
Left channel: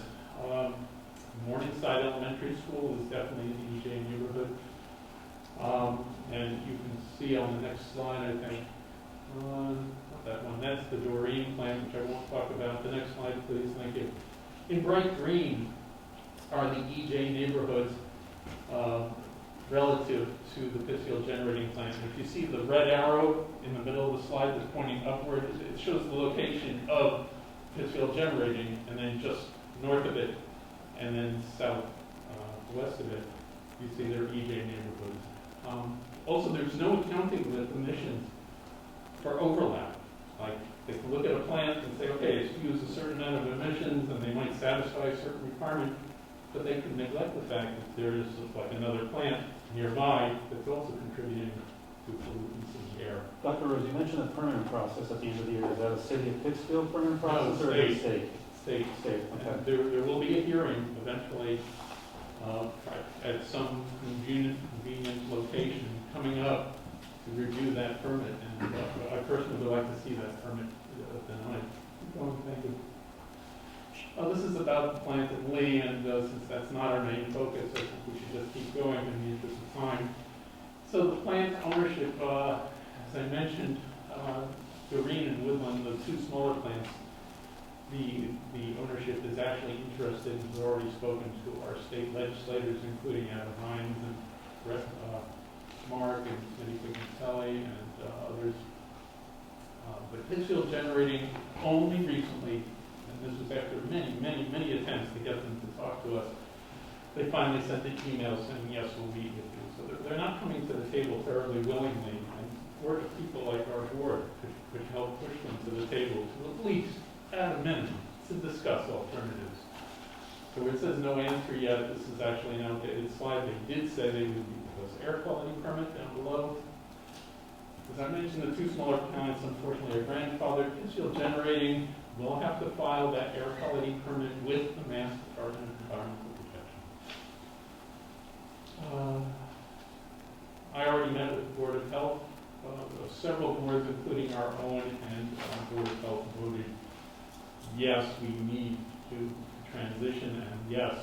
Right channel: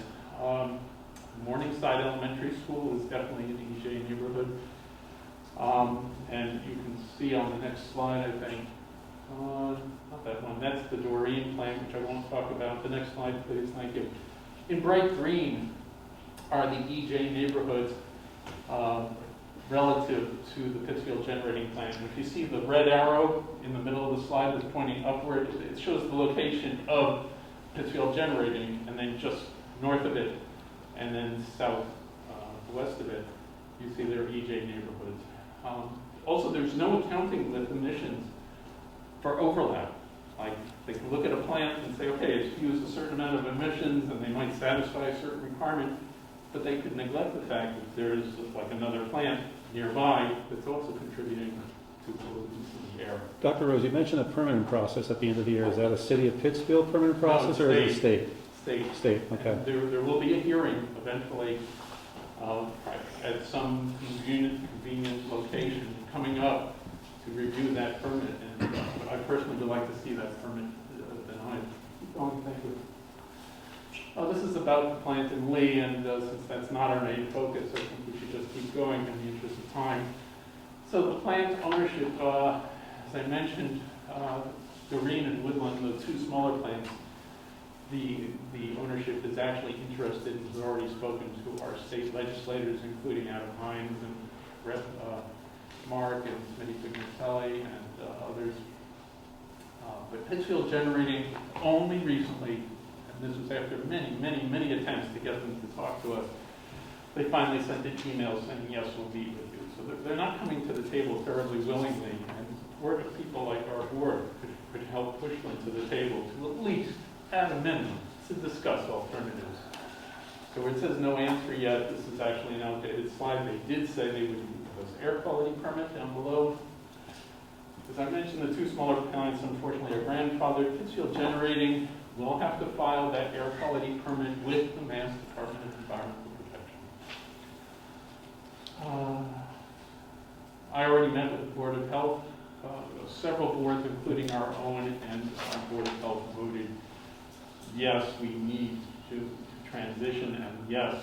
Morningside Elementary School is definitely an EJ neighborhood. And you can see on the next slide, I think, not that one, that's the Doreen plant, which I won't talk about. The next slide, please, thank you. In bright green are the EJ neighborhoods relative to the Pittsfield Generating plant. And if you see the red arrow in the middle of the slide that's pointing upward, it shows the location of Pittsfield Generating, and then just north of it, and then southwest of it, you see their EJ neighborhoods. Also, there's no accounting with emissions for overlap. Like, they can look at a plant and say, okay, it's used a certain amount of emissions, and they might satisfy a certain requirement, but they could neglect the fact that there's like another plant nearby that's also contributing to pollutants in the air. Dr. Rose, you mentioned a permitting process at the end of the year. Is that a city of Pittsfield permitting process or is it state? State. State, okay. There will be a hearing eventually focus. I think we should just keep going in the interest of time. So the plant ownership, as I mentioned, Green and Woodland, the two smaller plants, the ownership is actually interested. We've already spoken to our state legislators, including Adam Hines and Mark and Smitty Pignatelli and others. But Pittsfield Generating only recently, and this was after many attempts to get them to talk to us, they finally sent an email saying, yes, we'll meet with you. So they're not coming to the table terribly willingly, and work with people like our board could help push them to the table to at least, at a minimum, to discuss alternatives. So where it says no answer yet, this is actually an outdated slide. They did say they would give us air quality permit down below. As I mentioned, the two smaller plants, unfortunately, are grandfathered. Pittsfield Generating will have to file that air quality permit with the Mass Department of Environmental Protection. I already met with the Board of Health. Several boards, including our own, and our Board of Health voted yes, we need to transition, and yes,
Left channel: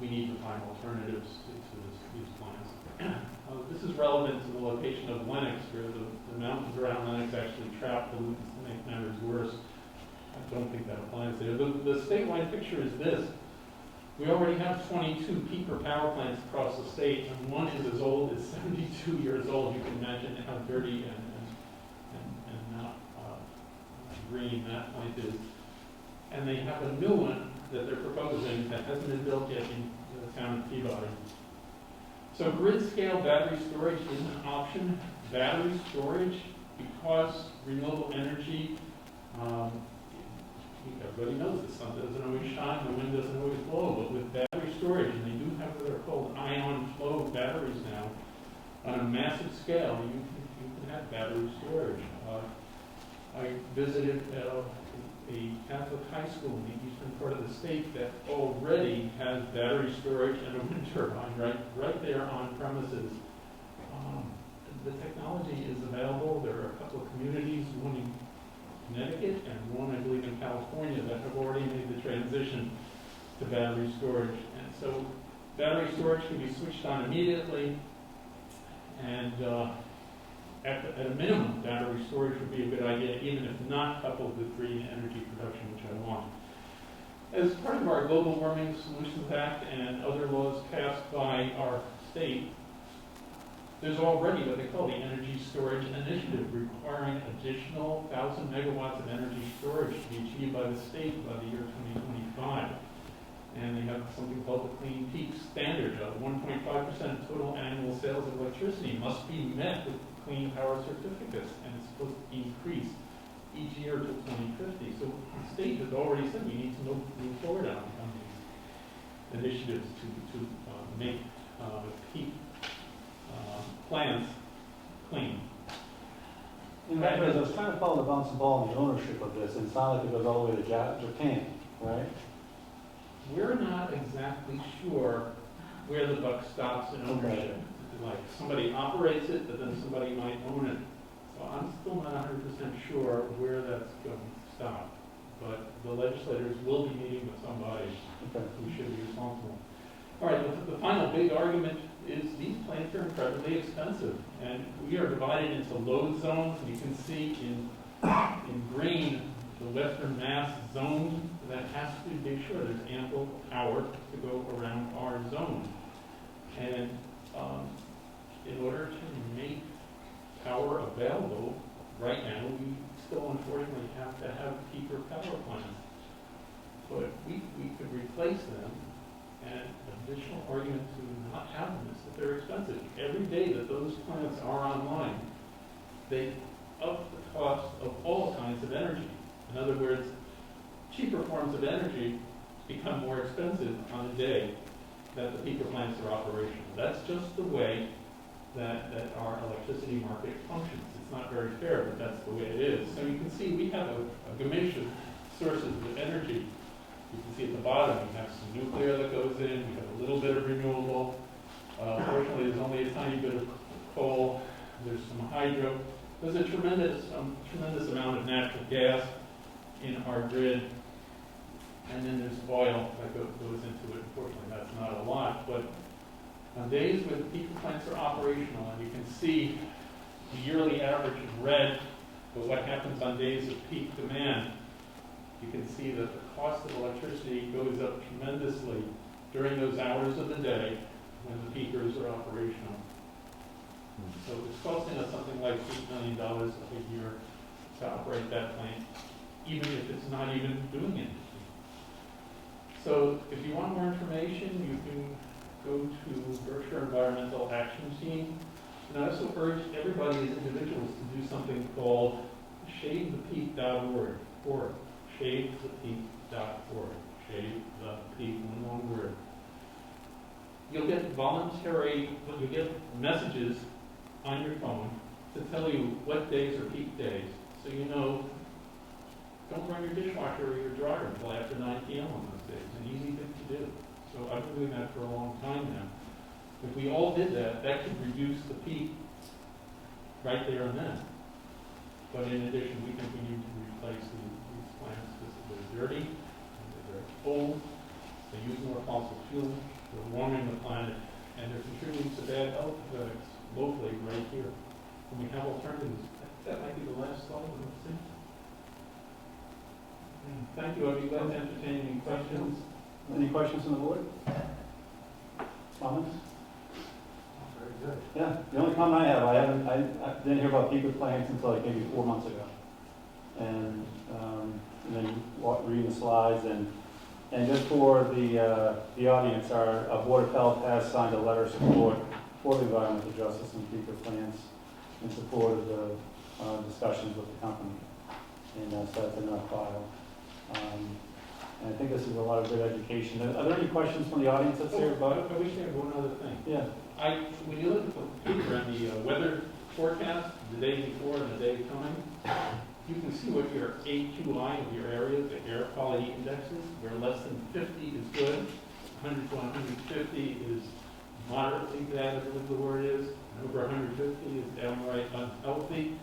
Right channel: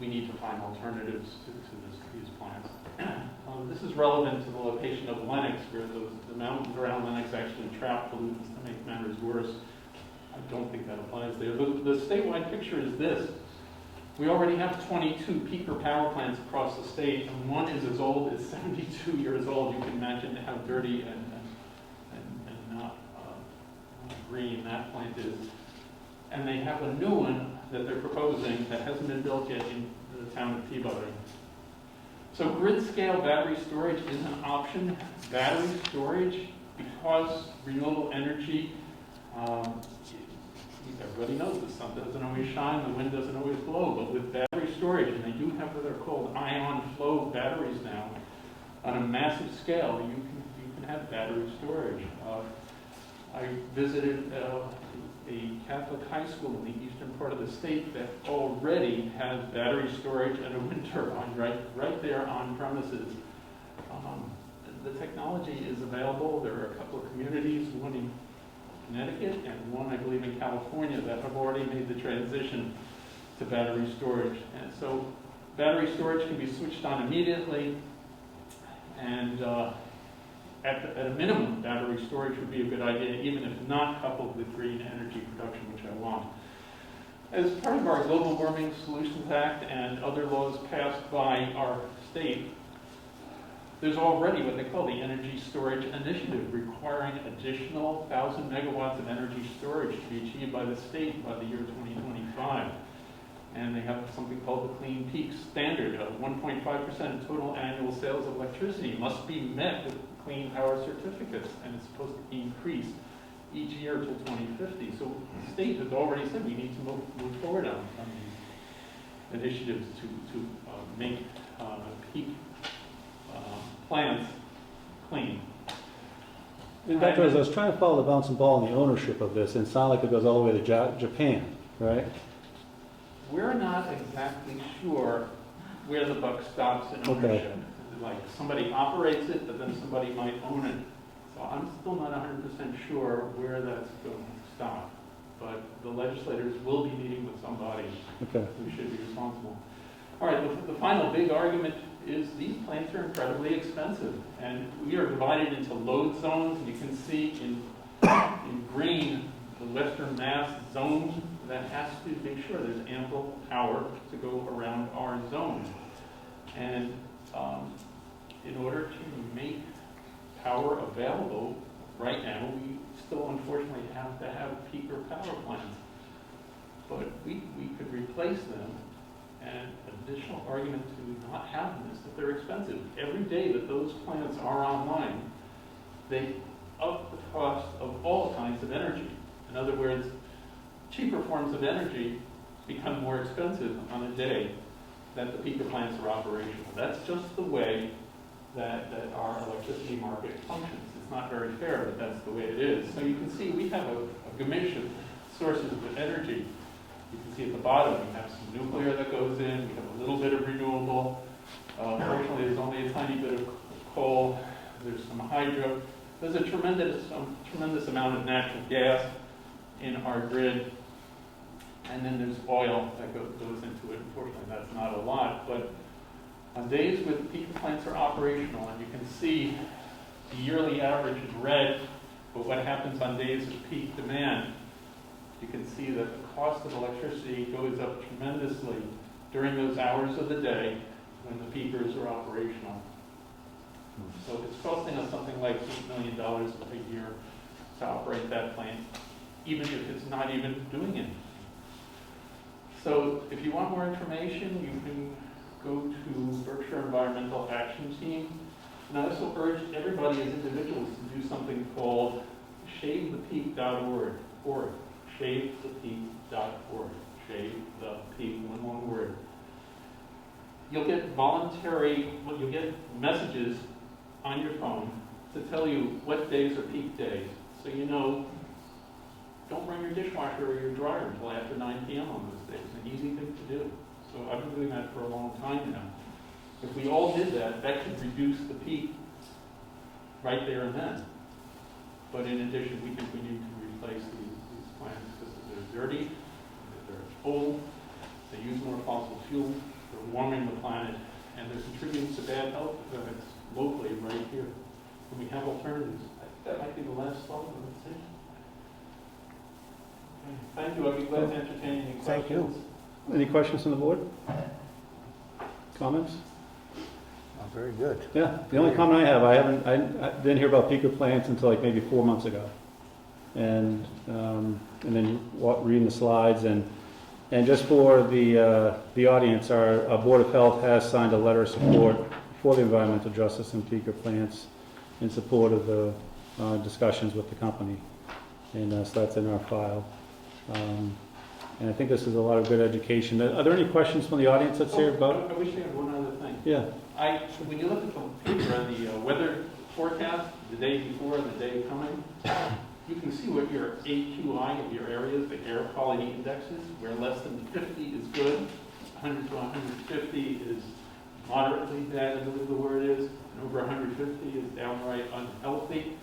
we need to find alternatives to these plants. This is relevant to the location of Lennox, where the mountains around Lennox actually trap pollutants to make matters worse. I don't think that applies there. The statewide picture is this. We already have 22 peaker power plants across the state, and one is as old as 72 years old. You can imagine how dirty and not green that plant is. And they have a new one that they're proposing that hasn't been built yet in the town of Peabody. So grid-scale battery storage is an option. Battery storage, because renewable energy, everybody knows the sun doesn't always shine, the wind doesn't always blow, but with battery storage, and they do have what are called ion flow batteries now, on a massive scale, you can have battery storage. I visited a Catholic high school in the eastern part of the state that already has battery storage and a wind turbine right there on premises. The technology is available. There are a couple of communities, one in Connecticut and one, I believe, in California, that have already made the transition to battery storage. And so battery storage can be switched on immediately, and at a minimum, battery storage would be a good idea, even if not coupled with green energy production, which I want. As part of our Global Warming Solutions Act and other laws passed by our state, there's already what they call the Energy Storage Initiative, requiring additional 1,000 megawatts of energy storage to be achieved by the state by the year 2025. And they have something called the Clean Peak Standard. 1.5% of total annual sales of electricity must be met with clean power certificates, and it's supposed to increase each year till 2050. So the state has already said we need to move forward on these initiatives to make peak plants clean. Dr. I was trying to follow the bouncing ball in the ownership of this, and it sounded like it goes all the way to Japan, right? We're not exactly sure where the buck stops in ownership. Like somebody operates it, but then somebody might own it. So I'm still not 100% sure where that's going to stop. But the legislators will be meeting with somebody who should be responsible. All right, the final big argument is these plants are incredibly expensive, and we are divided into load zones. And you can see in green the Western Mass zone that has to make sure there's ample power to go around our zone. And in order to make power available right now, we still unfortunately have to have peaker power plants. But we could replace them, and additional argument to not have them is that they're expensive. Every day that those plants are online, they up the cost of all kinds of energy. In other words, cheaper forms of energy become more expensive on the day that the peaker plants are operational. That's just the way that our electricity market functions. It's not very fair, but that's the way it is. So you can see we have a gamish of sources of energy. You can see at the bottom we have some nuclear that goes in, we have a little bit of renewable. Fortunately, there's only a tiny bit of coal. There's some hydro. There's a tremendous amount of natural gas in our grid. and then there's oil that goes into it. Unfortunately, that's not a lot, but on days when peak plants are operational, and you can see the yearly average in red, but what happens on days of peak demand, you can see that the cost of electricity goes up tremendously during those hours of the day when the peakers are operational. So it's costing us something like $8 million a year to operate that plant, even if it's not even doing anything. So if you want more information, you can go to Berkshire Environmental Action Team. And I also urge everybody as individuals to do something called shavethepeak.org. Shavethepeak.org. Shave the peak, one word. You'll get you'll get messages on your phone to tell you what days are peak days. So you know, don't run your dishwasher or your dryer until after 9 p.m. on those days. It's an easy thing to do. So I've been doing that for a long time now. If we all did that, that could reduce the peak right there and then. But in addition, we think we need to replace these plants because they're dirty, they're old, they use more fossil fuel, they're warming the planet, and they're contributing to bad health effects locally right here. And we have alternatives. That might be the last slide. Let's see. Thank you. I'll be glad to entertain any questions. Thank you. Any questions from the board? Comments? Very good. Yeah, the only comment I have, I didn't hear about peaker plants until like maybe 4 months ago. And then reading the slides and just for the audience, our Board of Health has signed a letter of support for the environmental justice and peaker plants in support of the discussions with the company. And so that's in our file. And I think this is a lot of good education. Are there any questions from the audience that's here about it? I wish I had one other thing. Yeah. When you look at the paper on the weather forecast, the day before, the day coming, you can see what your AQI of your area, the air quality index is, where less than 50 is good, 100 to 150 is moderately bad, I believe the word is, and over 150 is downright unhealthy.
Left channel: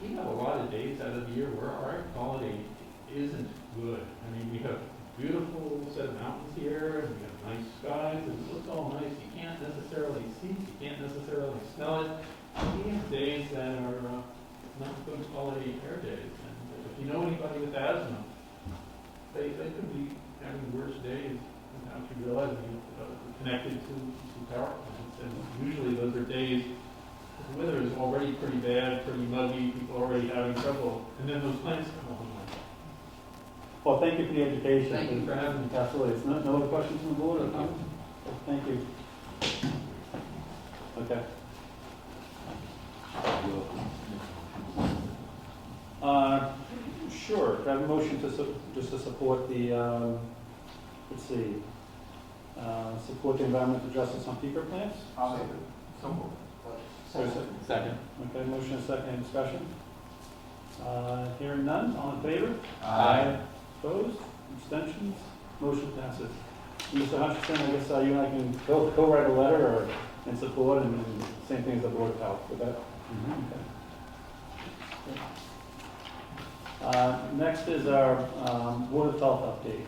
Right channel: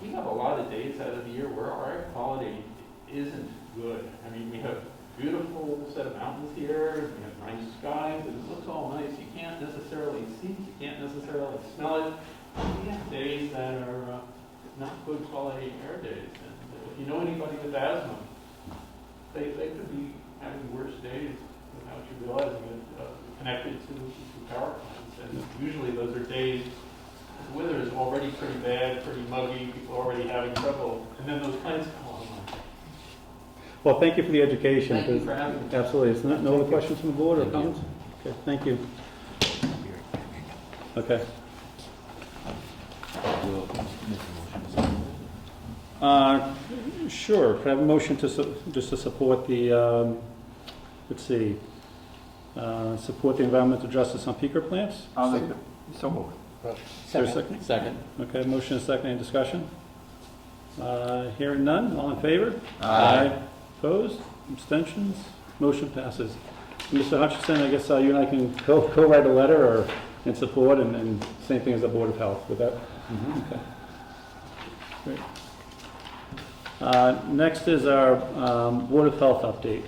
We have a lot of days out of the year where our air quality isn't good. I mean, we have beautiful set of mountains here, and we have nice skies, and it looks all nice. You can't necessarily see it, you can't necessarily smell it. We have days that are not good quality air days. And if you know anybody with asthma, they could be having worse days without you realizing it, connected to power plants. And usually those are days the weather is already pretty bad, pretty muggy, people are already having trouble, and then those plants come along. Well, thank you for the education. Thank you for having me. Absolutely. Is no other questions from the board or comments? Okay, thank you. Okay. Sure. Could I have a motion just to support the, let's see, support the environmental justice on peaker plants? I'll make it. So moved. Is there a second? Second. Okay, motion is second. Any discussion? Hearing none. All in favor? Aye. Opposed? Abstentions? Motion passes. Mr. Hutchinson, I guess you and I can co-write a letter or in support and same thing as the Board of Health. With that? Okay. Great. Next is our Board of Health update.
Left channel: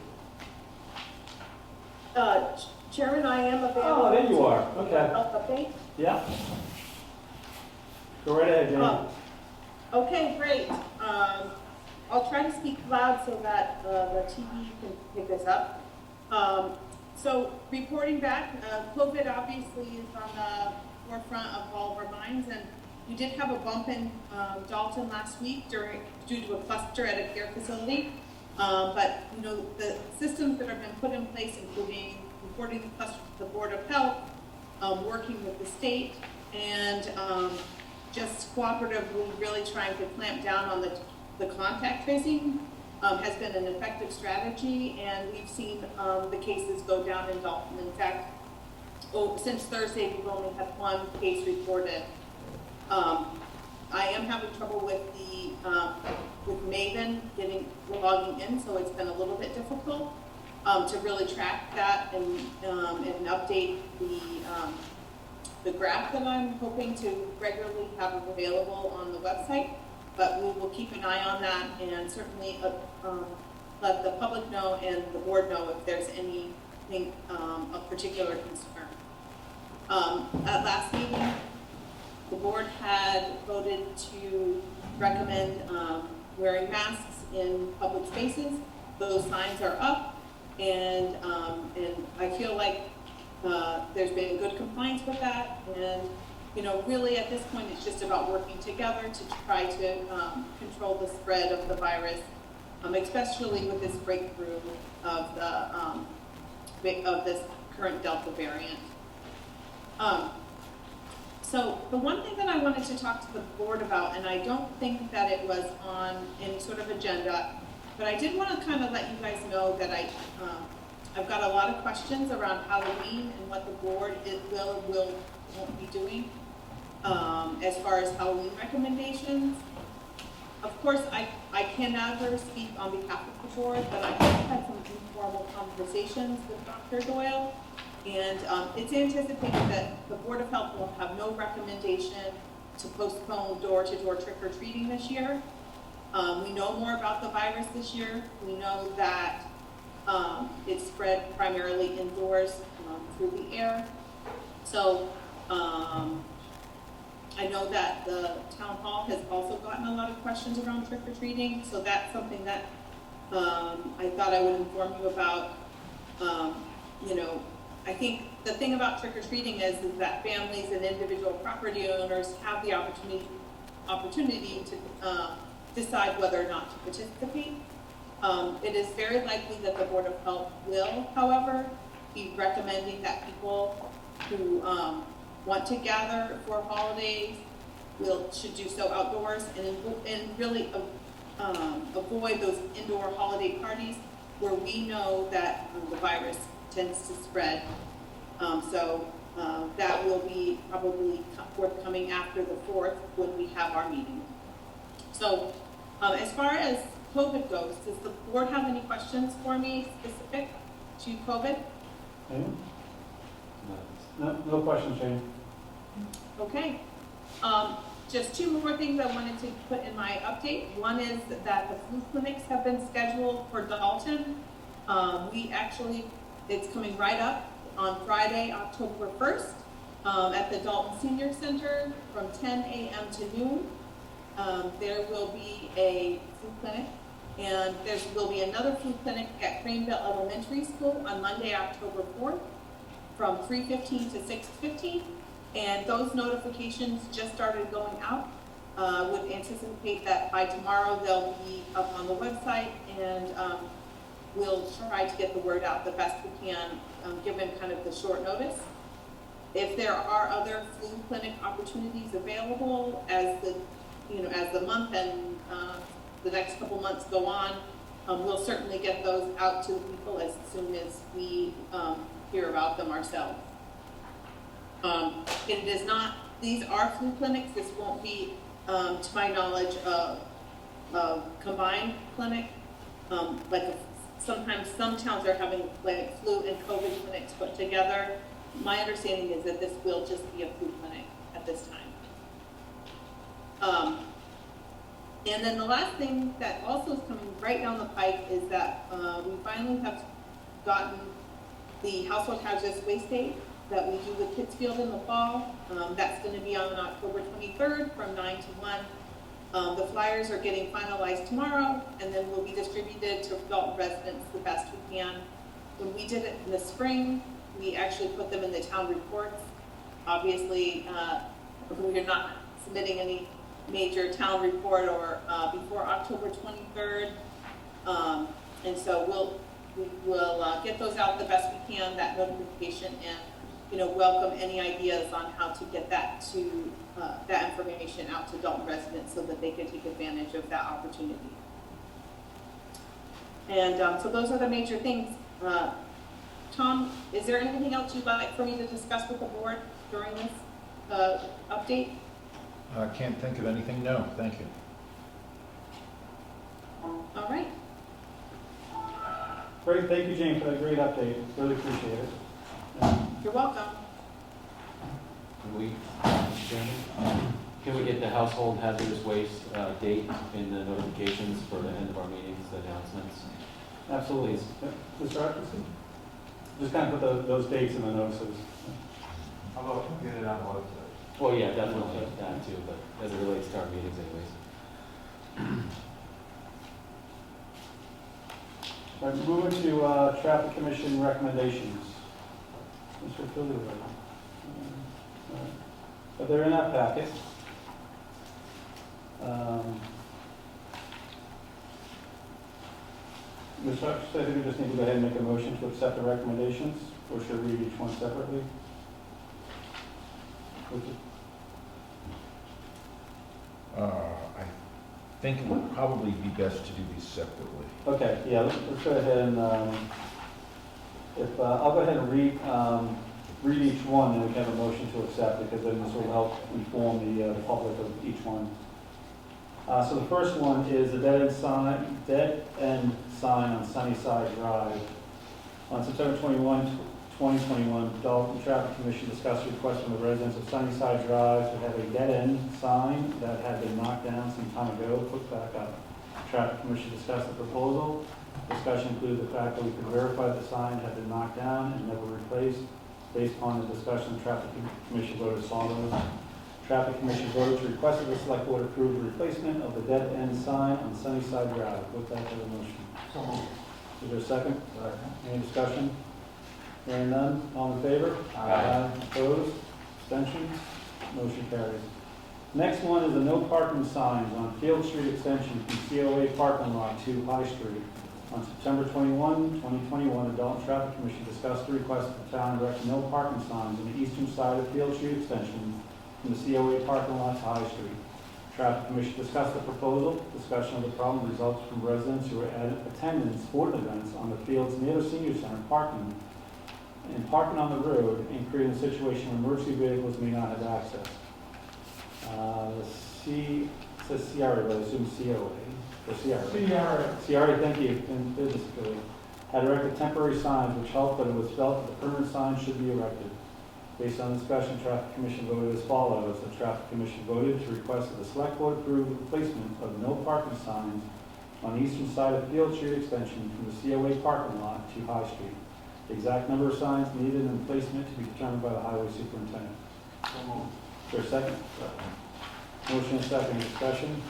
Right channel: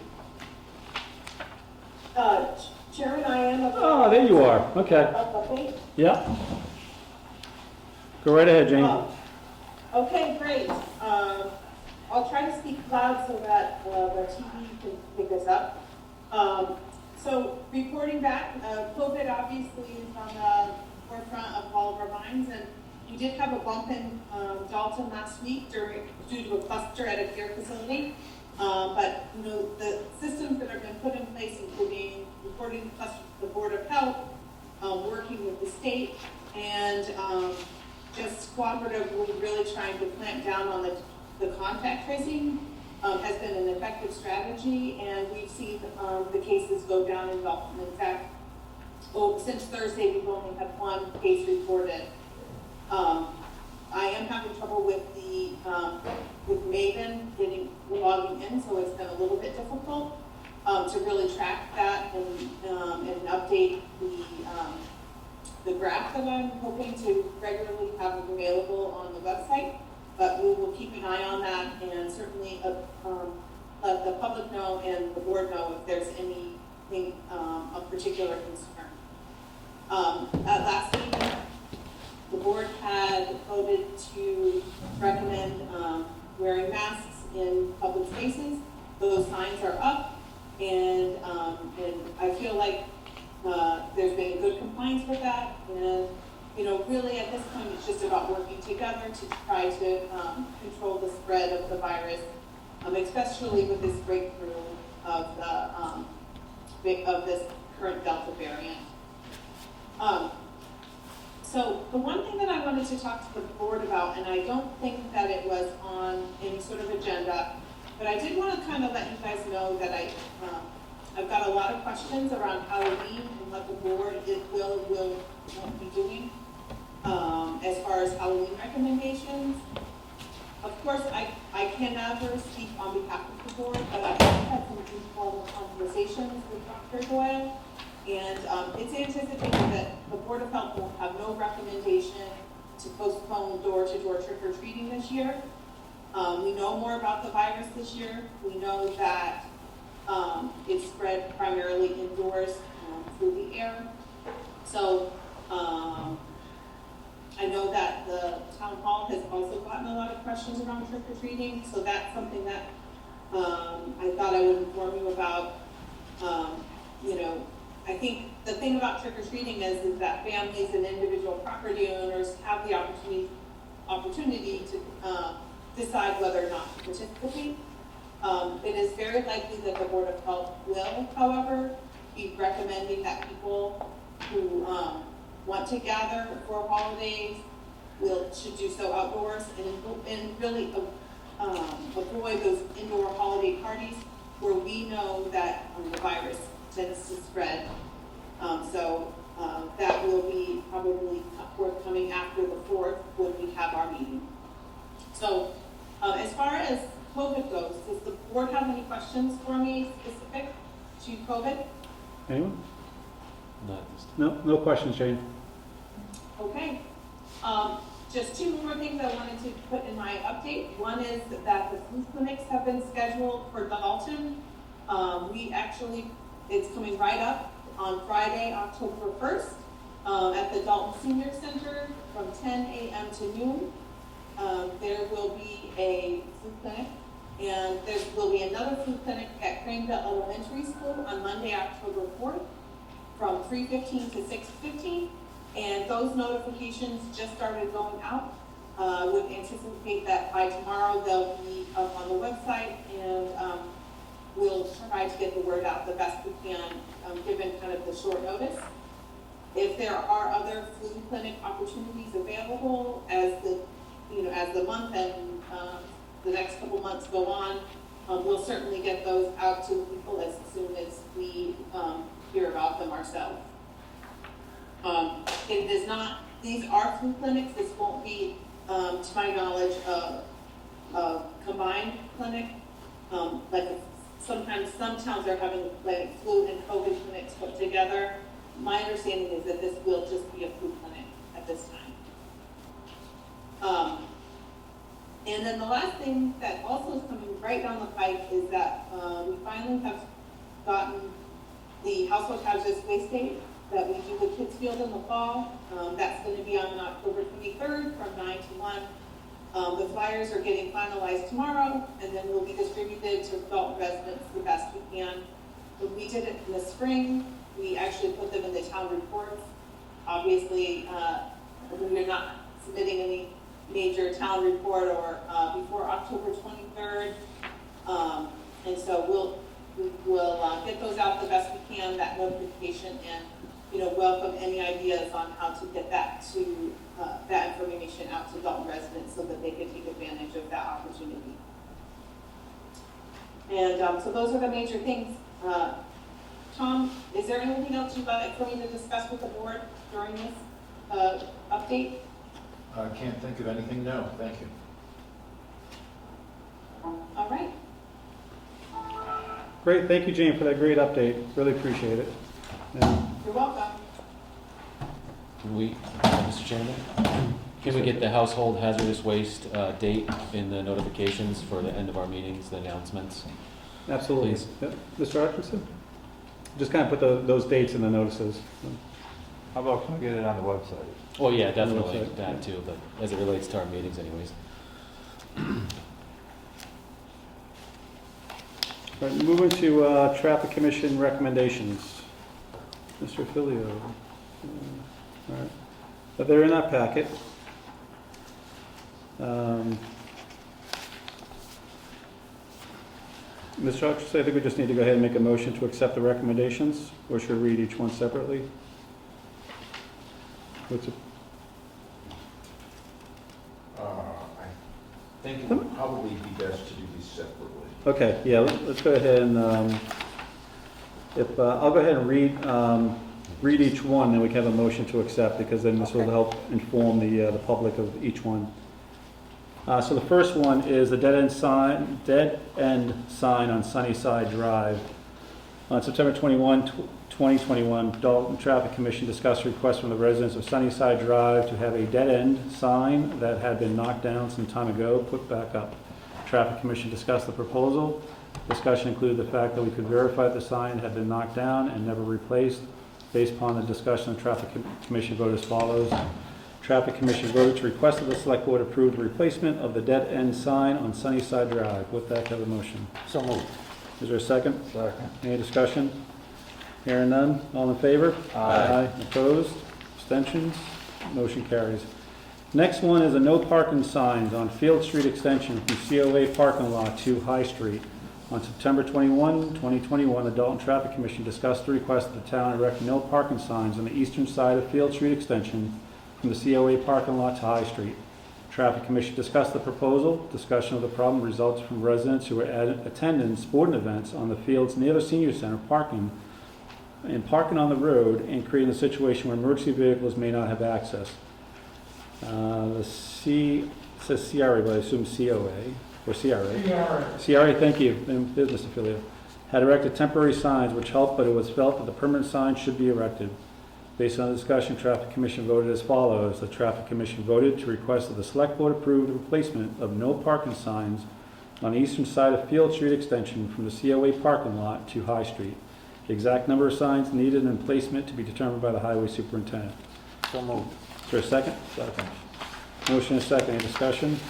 Chairman, I am available. Oh, there you are. Okay. Okay. Yeah. Go right ahead, Jane. Okay, great. I'll try to speak loud so that the TV can pick us up. So reporting back, COVID obviously is on the forefront of all of our minds, and you did have a bump in Dalton last week due to a cluster at a care facility. But you know, the systems that have been put in place, including reporting the cluster to the Board of Health, working with the state, and just cooperatively really trying to clamp down on the contact tracing has been an effective strategy, and we've seen the cases go down in Dalton. In fact, since Thursday, we've only had one case reported. I am having trouble with with Maven logging in, so it's been a little bit difficult to really track that and update the graph that I'm hoping to regularly have available on the website. But we will keep an eye on that, and certainly let the public know and the board know if there's anything of particular concern. At last meeting, the board had voted to recommend wearing masks in public spaces. Those signs are up, and I feel like there's been good compliance with that. And really at this point, it's just about working together to try to control the spread of the virus, especially with this breakthrough of this current Delta variant. So the one thing that I wanted to talk to the board about, and I don't think that it was on any sort of agenda, but I did want to kind of let you guys know that I've got a lot of questions around Halloween and what the board won't be doing as far as Halloween recommendations. Of course, I can never speak on behalf of the board, but I have had some informal conversations with Dr. Doyle. And it's anticipated that the Board of Health will have no recommendation to postpone door-to-door trick-or-treating this year. We know more about the virus this year. We know that it's spread primarily indoors through the air. So I know that the town hall has also gotten a lot of questions around trick-or-treating. So that's something that I thought I would inform you about. I think the thing about trick-or-treating is that families and individual property owners have the opportunity to decide whether or not to participate. It is very likely that the Board of Health will, however, be recommending that people who want to gather for holidays should do so outdoors and really avoid those indoor holiday parties where we know that the virus tends to spread. That will be probably forthcoming after the 4th when we have our meeting. So as far as COVID goes, does the board have any questions for me specific to COVID? Anyone? No. No questions, Jane. Okay. Just two more things I wanted to put in my update. One is that the flu clinics have been scheduled for Dalton. It's coming right up on Friday, October 1st, at the Dalton Senior Center from 10 a.m. to noon. There will be a flu clinic, and there will be another flu clinic at Craneville Elementary School on Monday, October 4th, from 3:15 to 6:15. And those notifications just started going out. Would anticipate that by tomorrow they'll be up on the website, and we'll try to get the word out the best we can, given kind of the short notice. If there are other flu clinic opportunities available as the month and the next couple months go on, we'll certainly get those out to the people as soon as we hear about them ourselves. These are flu clinics. This won't be, to my knowledge, a combined clinic. Sometimes some towns are having flu and COVID clinics put together. My understanding is that this will just be a flu clinic at this time. And then the last thing that also is coming right down the pike is that we finally have gotten the household hazardous waste day that we do with Pittsfield in the fall. That's going to be on October 23rd from 9 to 1. The flyers are getting finalized tomorrow, and then will be distributed to adult residents the best we can. When we did it in the spring, we actually put them in the town reports. Obviously, we're not submitting any major town report or before October 23rd. And so we'll get those out the best we can, that notification, and welcome any ideas on how to get that information out to adult residents so that they can take advantage of that opportunity. And so those are the major things. Tom, is there anything else you'd like for me to discuss with the board during this update? I can't think of anything, no, thank you. All right. Great, thank you, Jane, for that great update. Really appreciate it. Yeah. You're welcome. Can we, Mr. Chairman, can we get the household hazardous waste date in the notifications for the end of our meetings, the announcements? Absolutely. Please. Yeah. Mr. Atkinson? Just kind of put those dates in the notices. How about, can we get it on the website? Well, yeah, definitely that too, but as it relates to our meetings anyways. All right, moving to Traffic Commission recommendations. Mr. Filio. All right. But they're in that packet. Mr. Atkinson, I think we just need to go ahead and make a motion to accept the recommendations, or should we read each one separately? What's it? I think it would probably be best to do these separately. Okay, yeah, let's go ahead and, I'll go ahead and read each one, then we can have a motion to accept, because then this will help inform the public of each one. So the first one is the dead end sign on Sunnyside Drive. On September 21, 2021, Dalton Traffic Commission discussed a request from the residents of Sunnyside Drive to have a dead end sign that had been knocked down some time ago put back up. Traffic Commission discussed the proposal. Discussion included the fact that we could verify the sign had been knocked down and never replaced. Based upon the discussion, the Traffic Commission voted as follows. Traffic Commission voted to request that the Select Board approve the replacement of the dead end sign on Sunnyside Drive. With that, have a motion. So moved. Is there a second? Second. Any discussion? Hearing none. All in favor? Aye. Opposed? Abstentions? Motion carries. Next one is the no parking signs on Field Street Extension from COA parking lot to High Street. On September 21, 2021, the Dalton Traffic Commission discussed the request that the town erect no parking signs on the eastern side of Field Street Extension from the COA parking lot to High Street. Traffic Commission discussed the proposal. Discussion of the problem results from residents who are attending sporting events on the fields near the senior center parking on the road and creating a situation where emergency vehicles may not have access. It says CRA, but I assume COA or CRA. CRA, thank you, and business affiliate. Had erected temporary signs which helped, but it was felt that the permanent signs should be erected. Based on the discussion, Traffic Commission voted as follows. The Traffic Commission voted to request that the Select Board approve the replacement of no parking signs on the eastern side of Field Street Extension from the COA parking lot to High Street. The exact number of signs needed and placement to be determined by the Highway Superintendent. So moved. Is there a second? Second. Motion is second. Any discussion?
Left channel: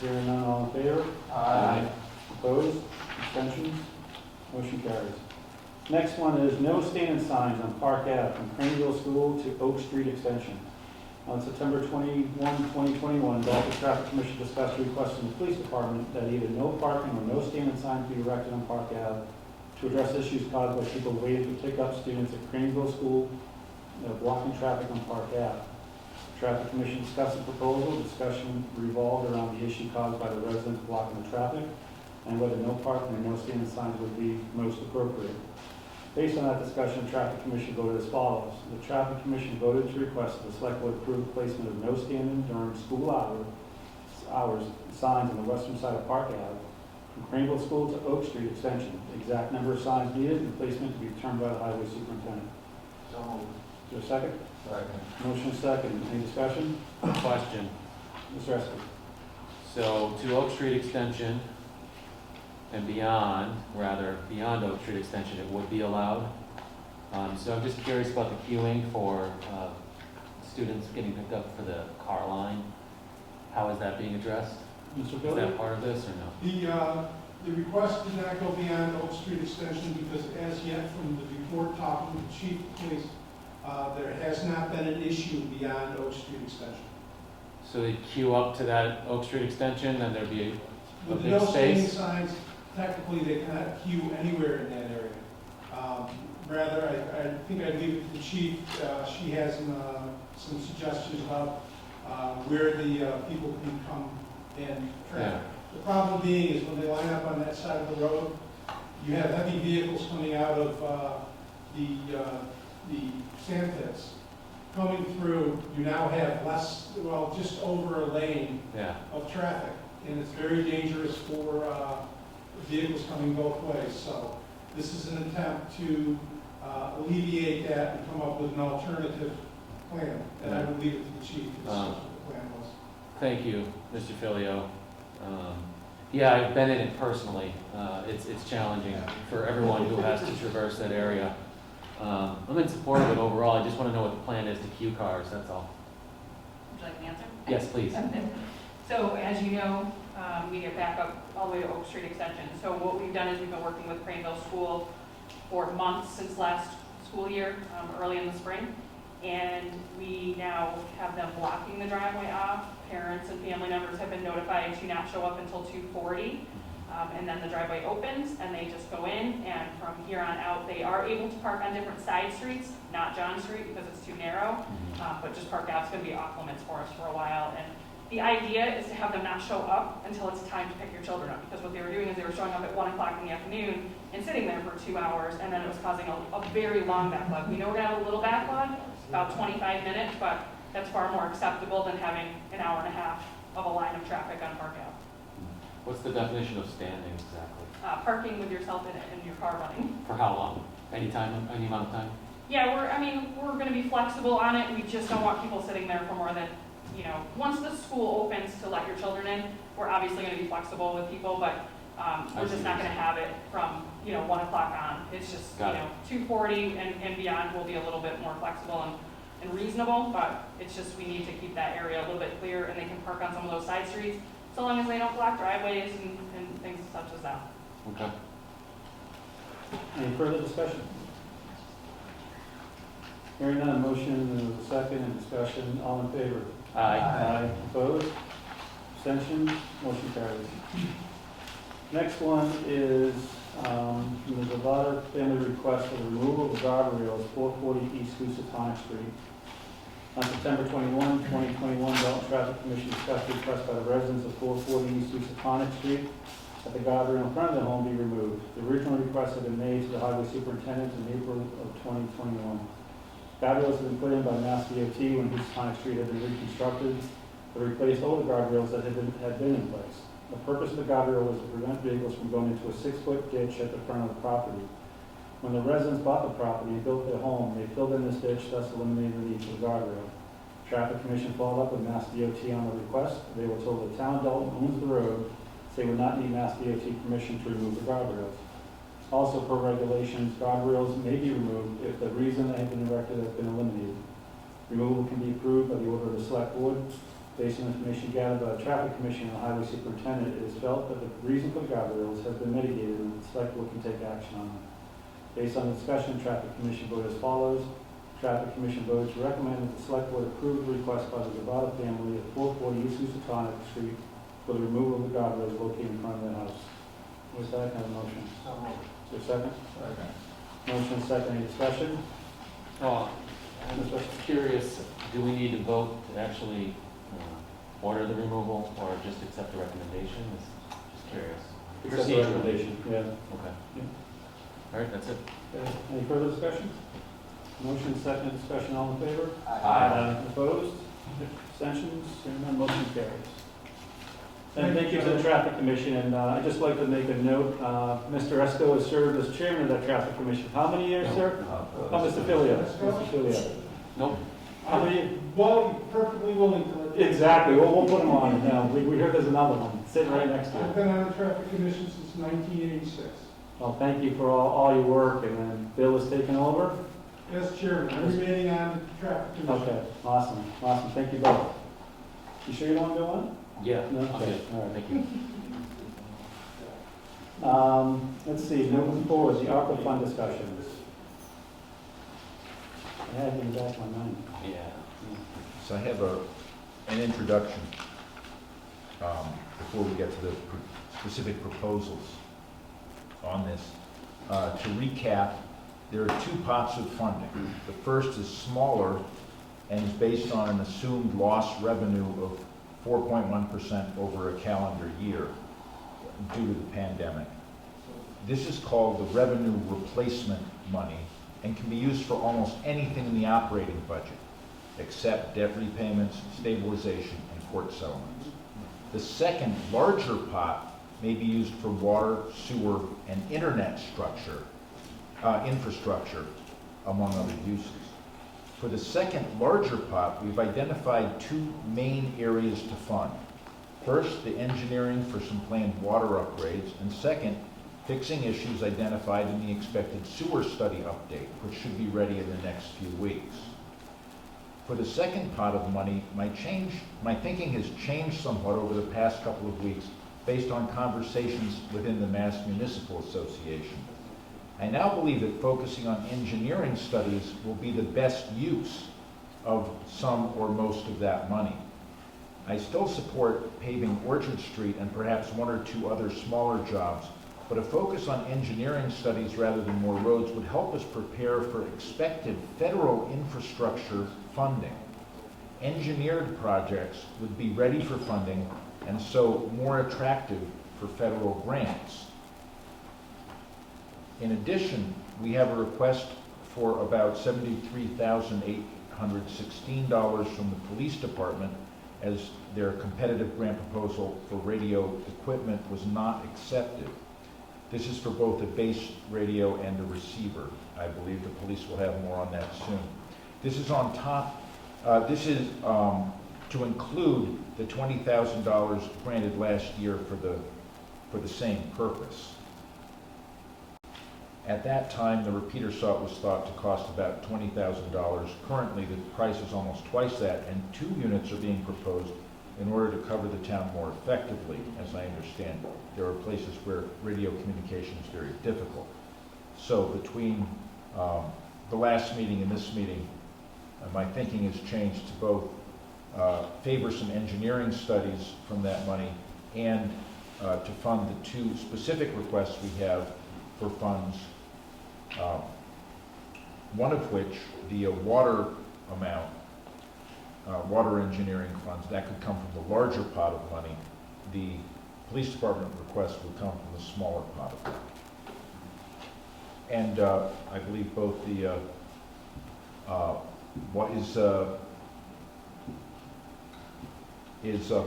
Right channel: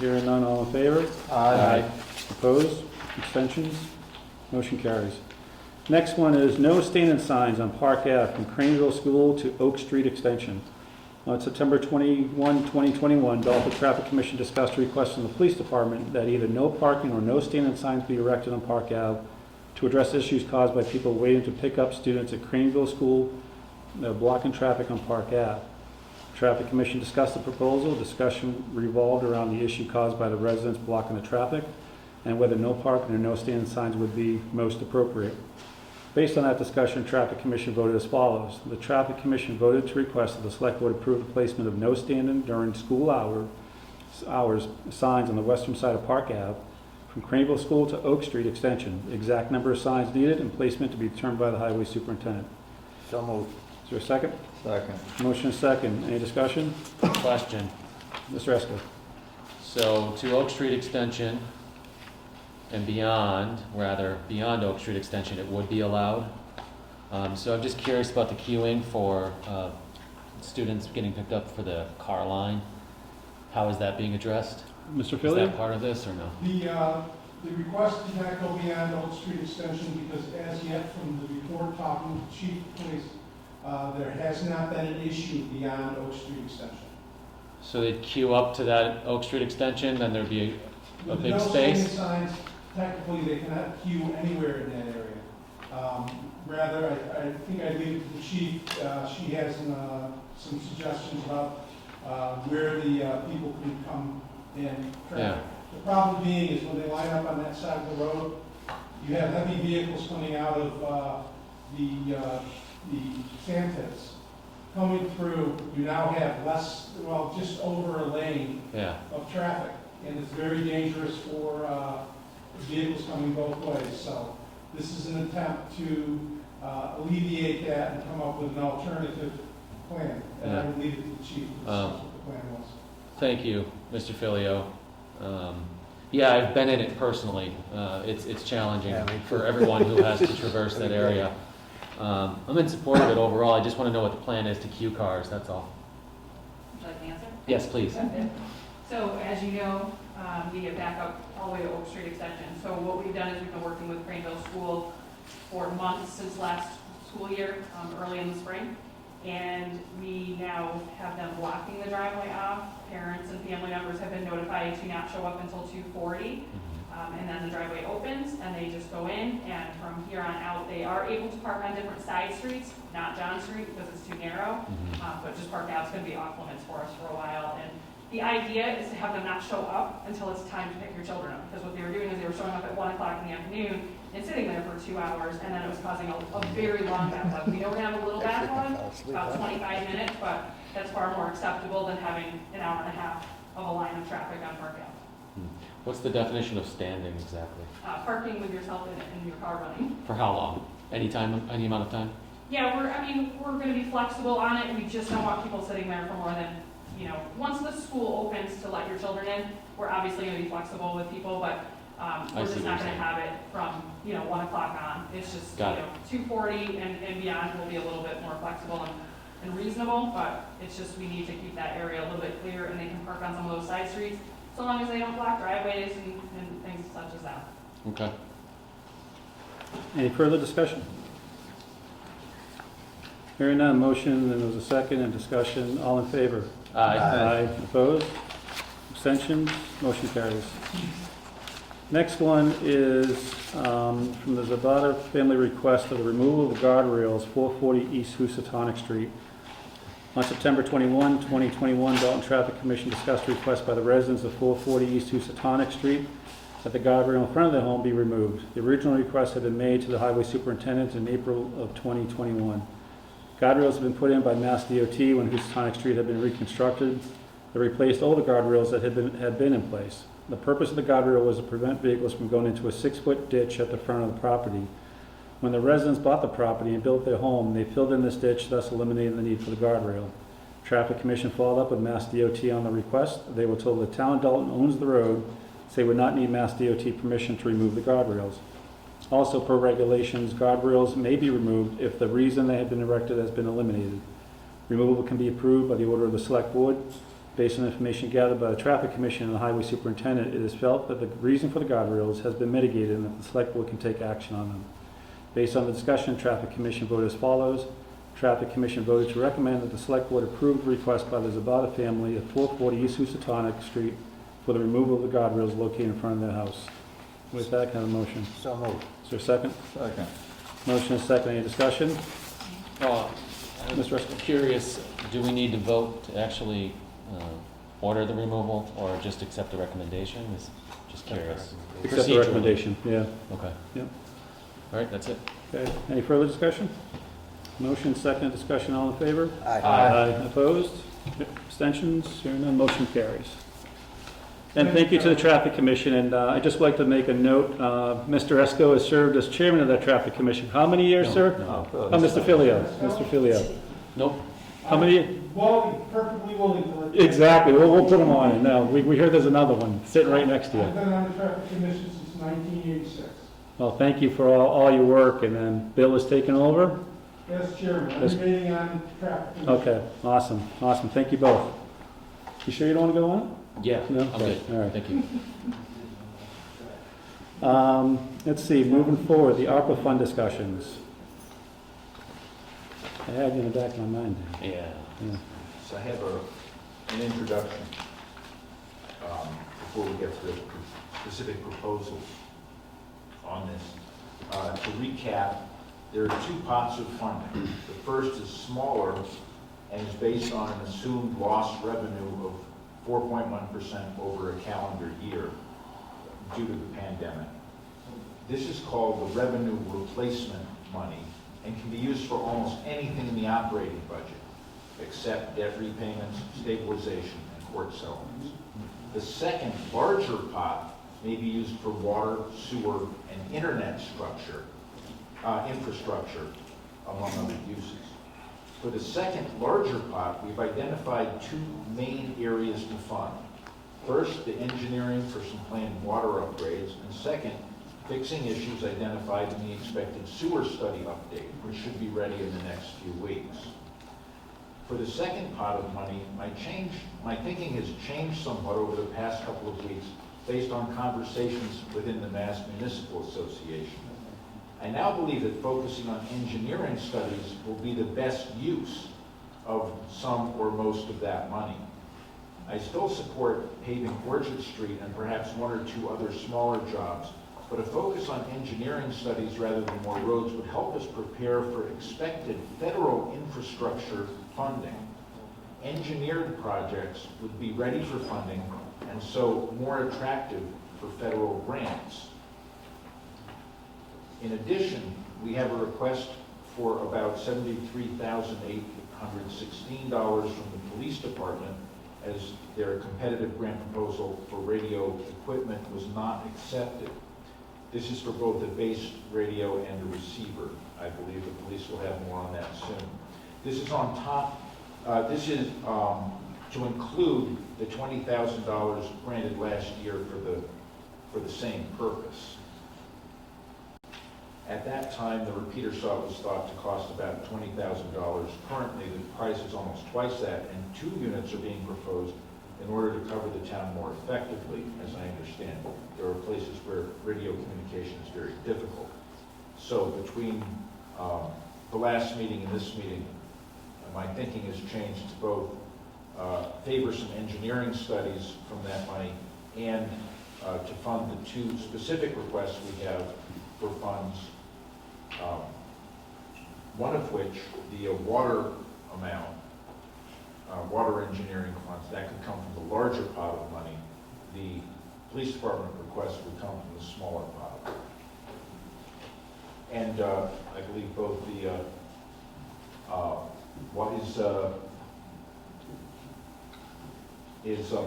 Hearing none, all in favor? Aye. Opposed? Abstentions? Motion carries. Next one is no standing signs on Park Ave from Craneville School to Oak Street Extension. On September 21, 2021, Dalton Traffic Commission discussed a request from the Police Department that either no parking or no standing signs be erected on Park Ave to address issues caused by people waiting to pick up students at Craneville School that are blocking traffic on Park Ave. Traffic Commission discussed the proposal. Discussion revolved around the issue caused by the residents blocking the traffic and whether no parking or no standing signs would be most appropriate. Based on that discussion, Traffic Commission voted as follows. The Traffic Commission voted to request that the Select Board approve the placement of no standing during school hours signs on the western side of Park Ave from Craneville School to Oak Street Extension. The exact number of signs needed and placement to be determined by the Highway Superintendent. So moved. Is there a second? Second. Motion is second. Any discussion? Question. Mr. Eskel. So to Oak Street Extension and beyond Oak Street Extension, it would be allowed. So I'm just curious about the queuing for students getting picked up for the car line. How is that being addressed? Mr. Is Filio? that part of this or no? The request did not go beyond Oak Street Extension because as yet from the report talking to the Chief of Police, there has not been an issue beyond Oak Street Extension. So they'd queue up to that Oak Street Extension, then there'd be a With big no standing space? signs, technically they cannot queue anywhere in that area. Rather, I think I leave it to the chief. She has some suggestions about where the people can come and travel. Yeah. The problem being is when they line up on that side of the road, you have heavy vehicles coming out of the sand pits. Coming through, you now have just over a lane of traffic, and it's very dangerous for vehicles coming both ways. So this is an attempt to alleviate that and come up with an alternative plan. And I would leave it to the chief to discuss what the plan was. Thank you, Mr. Filio. Yeah, I've been in it personally. It's challenging for everyone who has to traverse that area. I'm in support of it overall. I just want to know what the plan is to queue cars, that's all. Would you like to answer? Yes, please. So as you know, we get back up all the way to Oak Street Extension. So what we've done is we've been working with Craneville School for months since last school year, early in the spring. And we now have them blocking the driveway off. Parents and family members have been notified to not show up until 2:40. And then the driveway opens and they just go in, and from here on out, they are able to park on different side streets, not John Street because it's too narrow, but just park out's gonna be off limits for us for a while. And the idea is to have them not show up until it's time to pick your children up, because what they were doing is they were showing up at 1 o'clock in the afternoon and sitting there for 2 hours, and then it was causing a very long backlog. We know we're gonna have a little backlog, about 25 minutes, but that's far more acceptable than having an hour and a half of a line of traffic on Park Ave. What's the definition of standing exactly? Parking with yourself in your car running. For how long? Any time, any amount of time? Yeah, we're gonna be flexible on it. We just don't want people sitting there for more than, once the school opens to let your children in, we're obviously gonna be flexible with people, but, we're just not gonna have it from, 1 o'clock on. It's just, 2:40 and beyond will be a little bit more flexible and reasonable, but it's just, we need to keep that area a little bit clear, and they can park on some of those side streets, so long as they don't block driveways and things such as that. Okay. Any further discussion? Hearing none, motion, there was a second, and discussion, all in favor? Aye. Opposed? Abstentions? Motion carries. Next one is from the Zabata family request for the removal of the guardrails, 440 East Housatonic Street. On September 21, 2021, Dalton Traffic Commission discussed a request by the residents of 440 East Housatonic Street that the guardrail in front of their home be removed. The original request had been made to the highway superintendent in April of 2021. Guardrails have been put in by Mass DOT when Housatonic Street had been reconstructed. They replaced all the guardrails that had been in place. The purpose of the guardrail was to prevent vehicles from going into a 6-foot ditch at the front of the property. When the residents bought the property and built their home, they filled in this ditch, thus eliminating the need for the guardrail. Traffic Commission followed up with Mass DOT on the request. They were told the town of Dalton owns the road, so they would not need Mass DOT permission to remove the guardrails. Also, per regulations, guardrails may be removed if the reason they have been erected has been eliminated. Removal can be approved by the order of the SelectBoard. Based on information gathered by the Traffic Commission and the Highway Superintendent, it is felt that the reason for the guardrails has been mitigated and that the SelectBoard can take action on them. Based on the discussion, Traffic Commission voted as follows. Traffic Commission voted to recommend that the SelectBoard approve the request by the Zabata family at 440 East Housatonic Street for the removal of the guardrails located in front of their house. With that kind of motion. So moved. Is there a second? Second. Motion is second. Any discussion? I'm just curious, do we need to vote to actually order the removal or just accept the recommendation? Just curious. Accept the recommendation, yeah. Okay. Yeah. All right, that's it. Okay. Any further discussion? Motion, second, discussion, all in favor? Aye. Opposed? Abstentions? Hearing none, motion carries. And thank you to the Traffic Commission, and I'd just like to make a note, Mr. Esco has served as chairman of that Traffic Commission. How many years, sir? Mr. Filio. Mr. Filio. Nope. How many? Well, perfectly willing to let you. Exactly, we'll put him on. No, we hear there's another one sitting right next to you. I've been on the Traffic Commission since 1986. Well, thank you for all your work, and then Bill has taken over? As chairman, I'm remaining on the Traffic Commission. Okay, awesome. Thank you both. You sure you don't want to go on? Yeah, No? I'm good. All right. Thank you. Let's see, moving forward, the ARPA fund discussions. I had it in the back of my mind. Yeah. So I have an introduction before we get to the specific proposals on this. To recap, there are two pots of funding. The first is smaller and is based on an assumed lost revenue of 4.1% over a calendar year due to the pandemic. This is called the revenue replacement money and can be used for almost anything in the operating budget, except debt repayments, stabilization, and court settlements. The second, larger pot may be used for water, sewer, and internet infrastructure, among other uses. For the second, larger pot, we've identified two main areas to fund. First, the engineering for some planned water upgrades, and second, fixing issues identified in the expected sewer study update, which should be ready in the next few weeks. For the second pot of money, my thinking has changed somewhat over the past couple of weeks based on conversations within the Mass Municipal Association. I now believe that focusing on engineering studies will be the best use of some or most of that money. I still support paving Orchard Street and perhaps one or two other smaller jobs, but a focus on engineering studies rather than more roads would help us prepare for expected federal infrastructure funding. Engineered projects would be ready for funding and so more attractive for federal grants. In addition, we have a request for about $73,816 from the police department as their competitive grant proposal for radio equipment was not accepted. This is for both the base radio and the receiver. I believe the police will have more on that soon. This is on top, to include the $20,000 granted last year for the same purpose. At that time, the repeater saw was thought to cost about $20,000. Currently, the price is almost twice that, and 2 units are being proposed in order to cover the town more effectively. As I understand, there are places where radio communication is very difficult. So between the last meeting and this meeting, my thinking has changed to both favor some engineering studies from that money and to fund the 2 specific requests we have for funds, one of which, the water amount, water engineering funds, that could come from the larger pot of money. The police department request would come from the smaller pot of money. And I believe both the, what is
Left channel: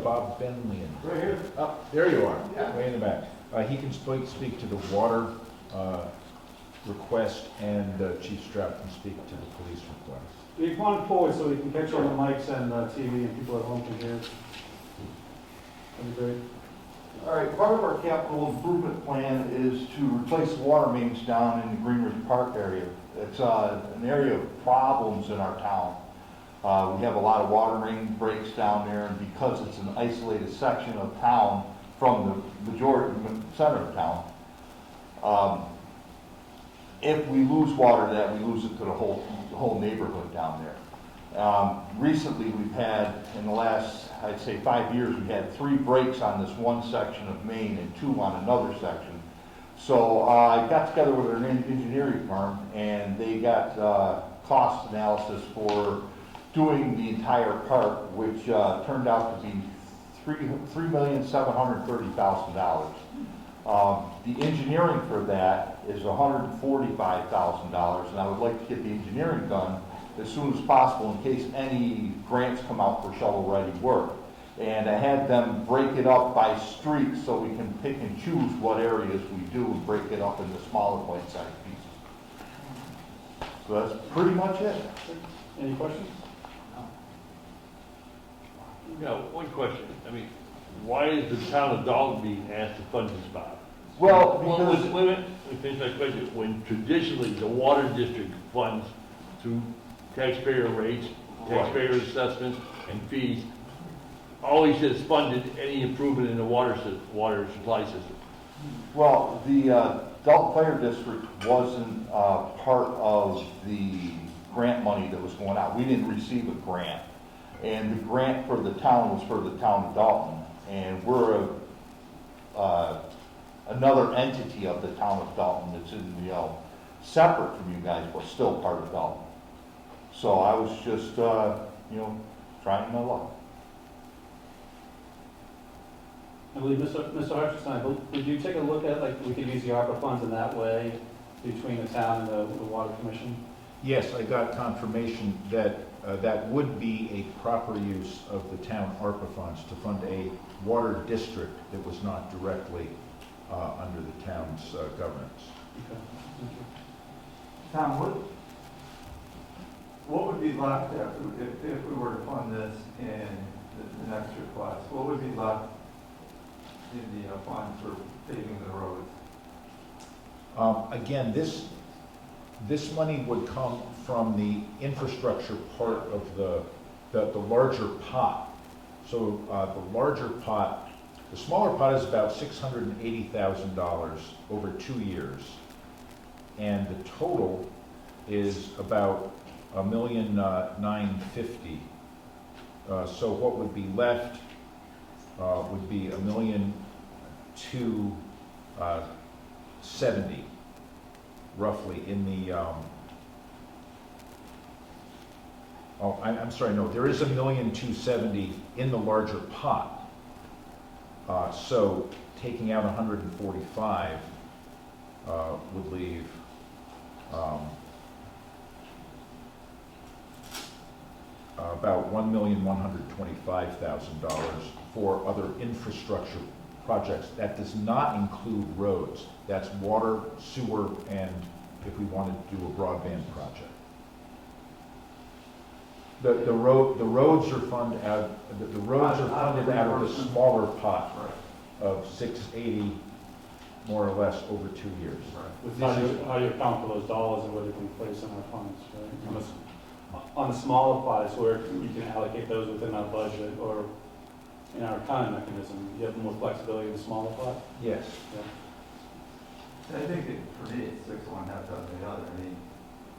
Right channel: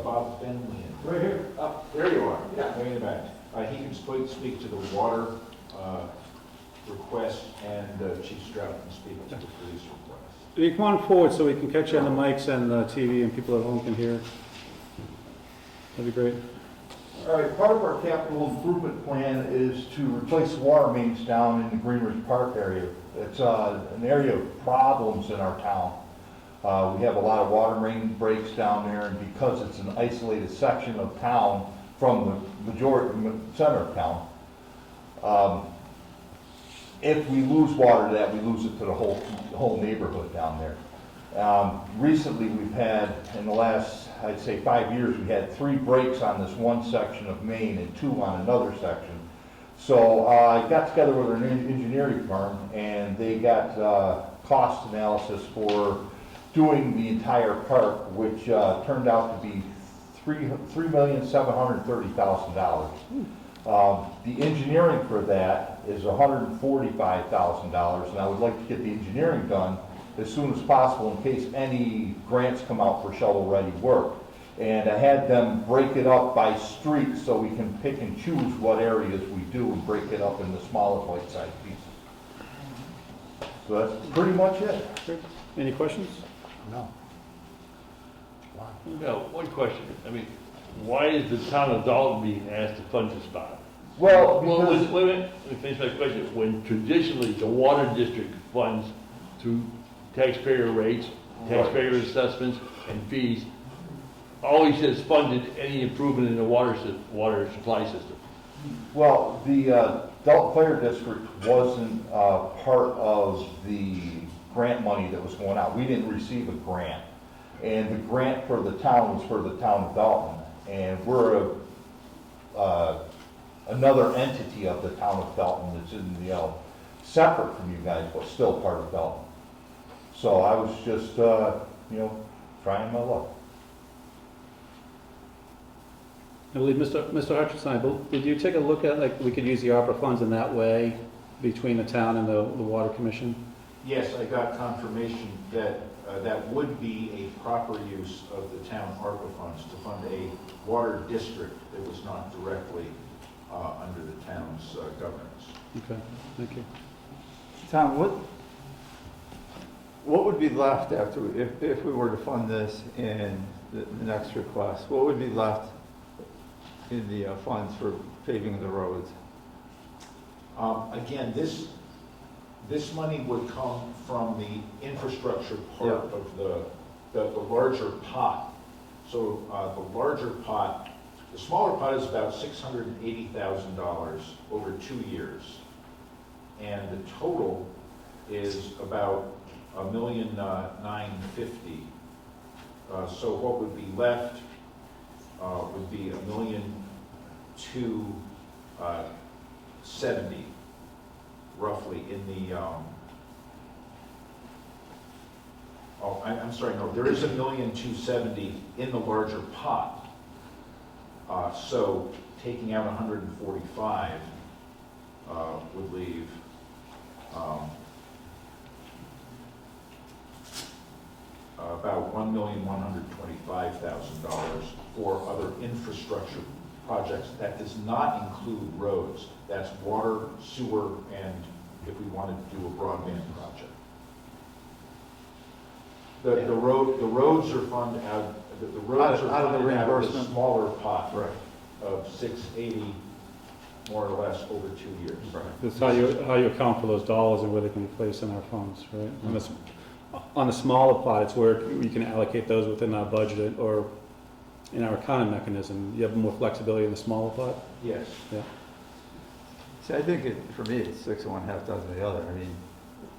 Bob Benley? Right here. There you are, way in the back. He can speak to the water request, and Chief Strout can speak to the police request. Can you come on forward so we can catch you on the mics and TV and people at home can hear? That'd be great. All right, part of our capital improvement plan is to replace water mains down in the Greenridge Park area. It's an area of problems in our town. We have a lot of water main breaks down there, and because it's an isolated section of town from the majority, center of town, if we lose water to that, we lose it to the whole neighborhood down there. Recently, we've had, in the last, I'd say 5 years, we had 3 breaks on this one section of main and 2 on another section. So I got together with an engineering firm, and they got cost analysis for doing the entire park, which turned out to be $3,730,000. The engineering for that is $145,000, and I would like to get the engineering done as soon as possible in case any grants come out for shovel-ready work. And I had them break it up by street so we can pick and choose what areas we do and break it up into smaller bite-sized pieces. So that's pretty much it. Any questions? No. Yeah, one question. I mean, why is the town of Dalton being asked to fund this bond? Well, because... wait a minute, let me finish my question. When traditionally the water district funds through taxpayer rates, taxpayer assessments, and fees, always has funded any improvement in the water supply system. Well, the Dalton Fire District wasn't part of the grant money that was going out. We didn't receive a grant. And the grant for the town was for the town of Dalton. And we're another entity of the town of Dalton that's in the, separate from you guys, but still part of Dalton. So I was just, trying my luck. I believe Mr. Hutchinson, would you take a look at, like, we could use the ARPA funds in that way between the town and the Water Commission? Yes, I got confirmation that that would be a proper use of the town ARPA funds to fund a water district that was not directly under the town's governance. Okay, thank you. Tom, what would be left after, if we were to fund this in the next request, what would be left in the funds for paving the roads? Again, this money would come from the infrastructure part of the larger pot. So the larger pot, the smaller pot is about $680,000 over 2 years. And the total is about $1,950,000. So what would be left would be $1,270,000 roughly in the, I'm sorry, no, there is $1,270,000 in the larger pot. So taking out 145 would leave about $1,125,000 for other infrastructure projects. That does not include roads. That's water, sewer, and if we wanted to do a broadband project. The roads are funded out. The roads are funded out of the smaller pot of 680, more or less, over 2 years. That's how you account for those dollars and where they can be placed in our funds, right? On the smaller pot, it's where we can allocate those within our budget or in our accounting mechanism. You have more flexibility in the smaller pot? Yes. Yeah. See, I think for me, it's 6 of one, half dozen of the other. I mean,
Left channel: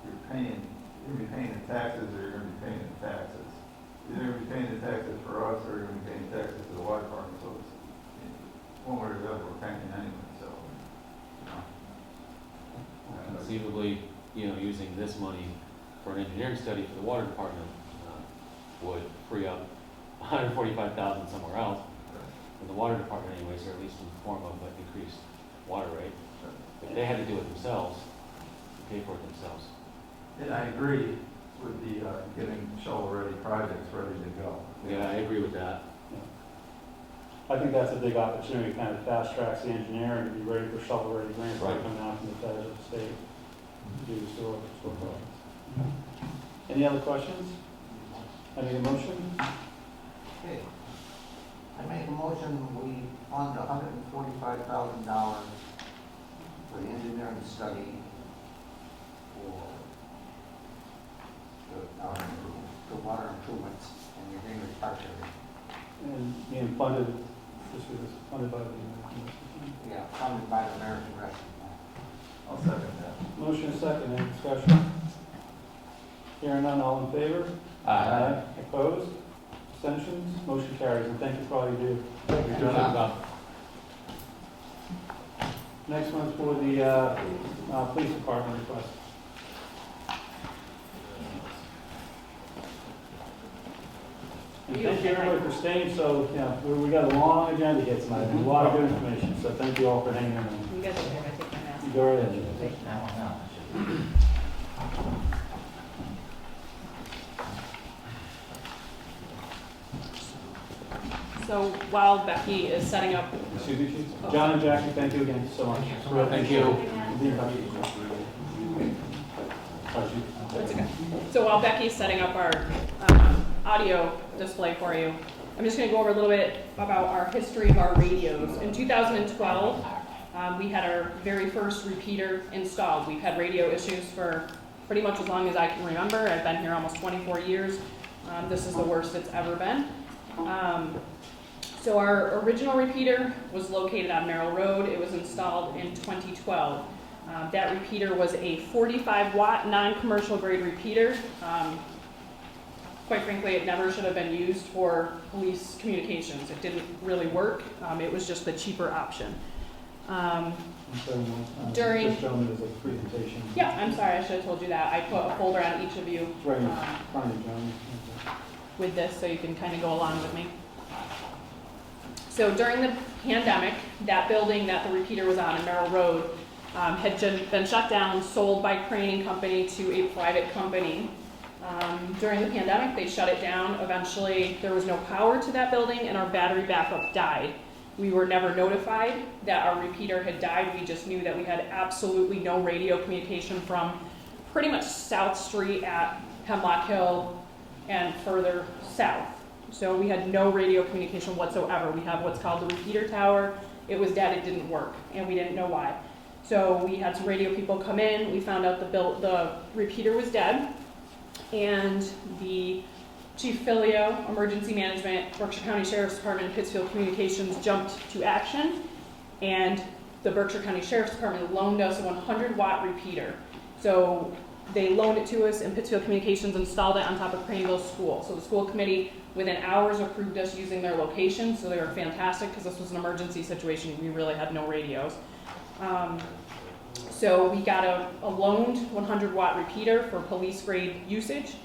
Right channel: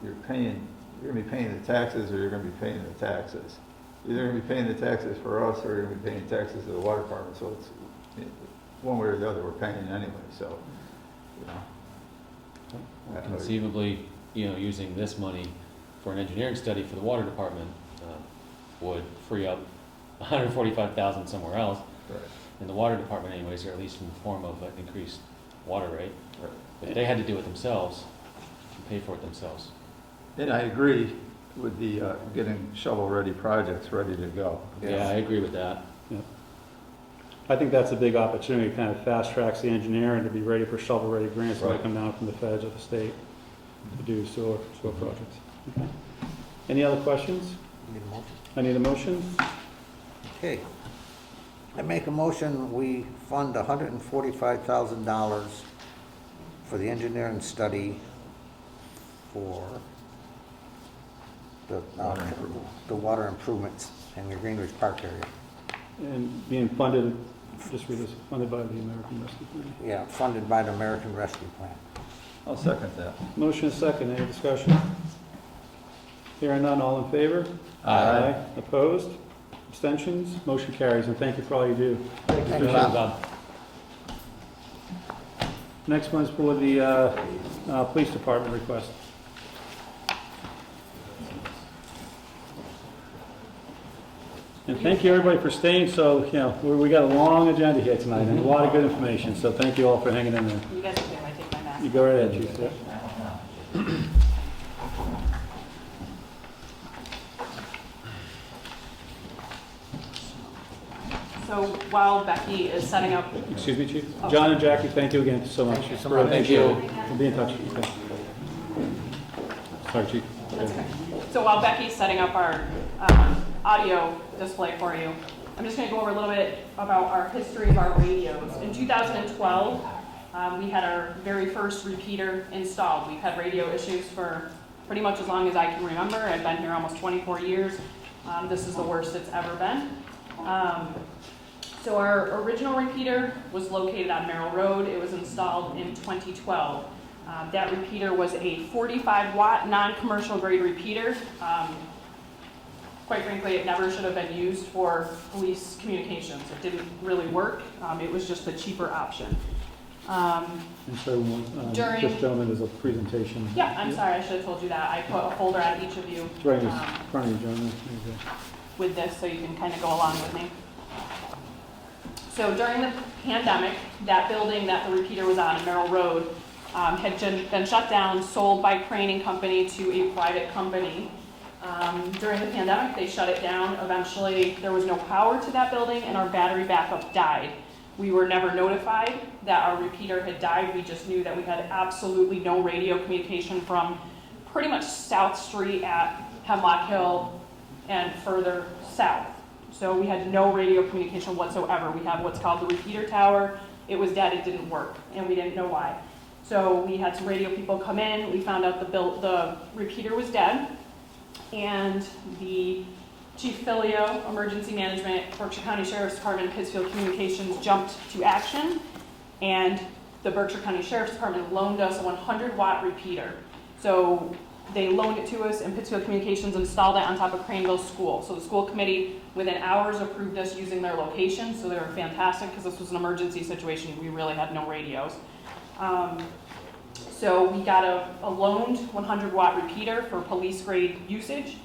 you're going to be paying the taxes or you're going to be paying the taxes. You're going to be paying the taxes for us or you're going to be paying taxes to the water department. So it's, one way or the other, we're paying anyway, so, Conceivably, using this money for an engineering study for the water department would free up $145,000 somewhere else in the water department anyways, or at least in the form of an increased water rate. If they had to do it themselves, pay for it themselves. And I agree with the getting shovel-ready projects ready to go. Yeah, I agree with that. Yeah. I think that's a big opportunity, kind of fast tracks the engineering to be ready for shovel-ready grants that come down from the feds or the state to do sewer projects. Any other questions? I need a motion. Okay. I make a motion, we fund $145,000 for the engineering study for the water improvements in the Greenwich Park area. And being funded, just read this, funded by the American Rescue Plan. Yeah, funded by the American Rescue Plan. I'll second that. Motion is second, any discussion? Hearing none, all in favor? Aye. Opposed? Abstentions? Motion carries, and thank you for all you do. Thank you. Good job. Next one's for the police department request. And thank you everybody for staying, so, we got a long agenda here tonight, and a lot of good information, so thank you all for hanging in there. You guys are good, I take my mask. You go right ahead, Chief. So while Becky is setting up, Excuse me, Chief. John and Jackie, thank you again so much. Thank you. We'll be in touch. Sorry, Chief. so while Becky's setting up our audio display for you, I'm just going to go over a little bit about our history of our radios. In 2012, we had our very first repeater installed. We've had radio issues for pretty much as long as I can remember. I've been here almost 24 years. This is the worst it's ever been. So our original repeater was located on Merrill Road. It was installed in 2012. That repeater was a 45-watt non-commercial grade repeater. Quite frankly, it never should have been used for police communications. It didn't really work. It was just the cheaper option. During This gentleman does a presentation. Yeah, I'm sorry, I should have told you that. I put a folder on each of you It's right in front of you, John. with this so you can kind of go along with me. So during the pandemic, that building that the repeater was on, Merrill Road, had been shut down, sold by Crane and Company to a private company. During the pandemic, they shut it down. Eventually, there was no power to that building and our battery backup died. We were never notified that our repeater had died. We just knew that we had absolutely no radio communication from pretty much South Street at Hemlock Hill and further south. So we had no radio communication whatsoever. We have what's called the repeater tower. It was dead, it didn't work, and we didn't know why. So we had some radio people come in, we found out the repeater was dead, and the Chief Filio, Emergency Management, Berkshire County Sheriff's Department, and Pittsfield Communications jumped to action, and the Berkshire County Sheriff's Department loaned us a 100-watt repeater. So they loaned it to us, and Pittsfield Communications installed it on top of Cranville School. So the school committee, within hours, approved us using their location, so they were fantastic, because this was an emergency situation. We really had no radios. So we got a loaned 100-watt repeater for police-grade usage,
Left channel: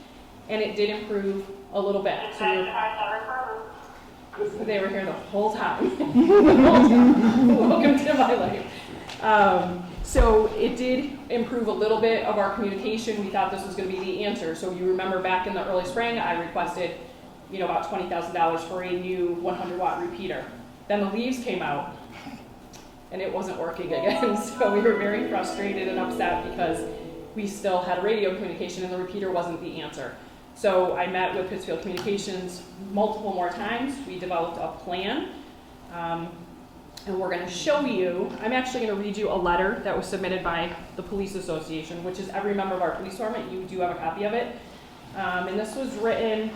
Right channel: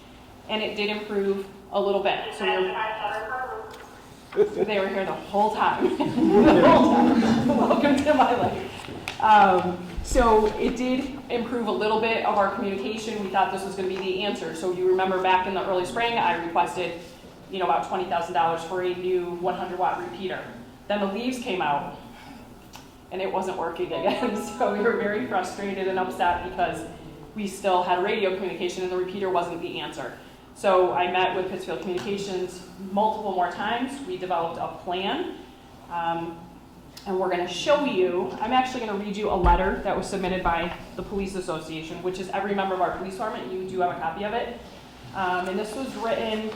and it did improve a little bit. So they were here the whole time. Welcome to my life. So it did improve a little bit of our communication. We thought this was going to be the answer. So if you remember back in the early spring, I requested, about $20,000 for a new 100-watt repeater. Then the leaves came out, and it wasn't working again. So we were very frustrated and upset because we still had radio communication and the repeater wasn't the answer. So I met with Pittsfield Communications multiple more times. We developed a plan, and we're going to show you. I'm actually going to read you a letter that was submitted by the Police Association, which is every member of our police department. You do have a copy of it. And this was written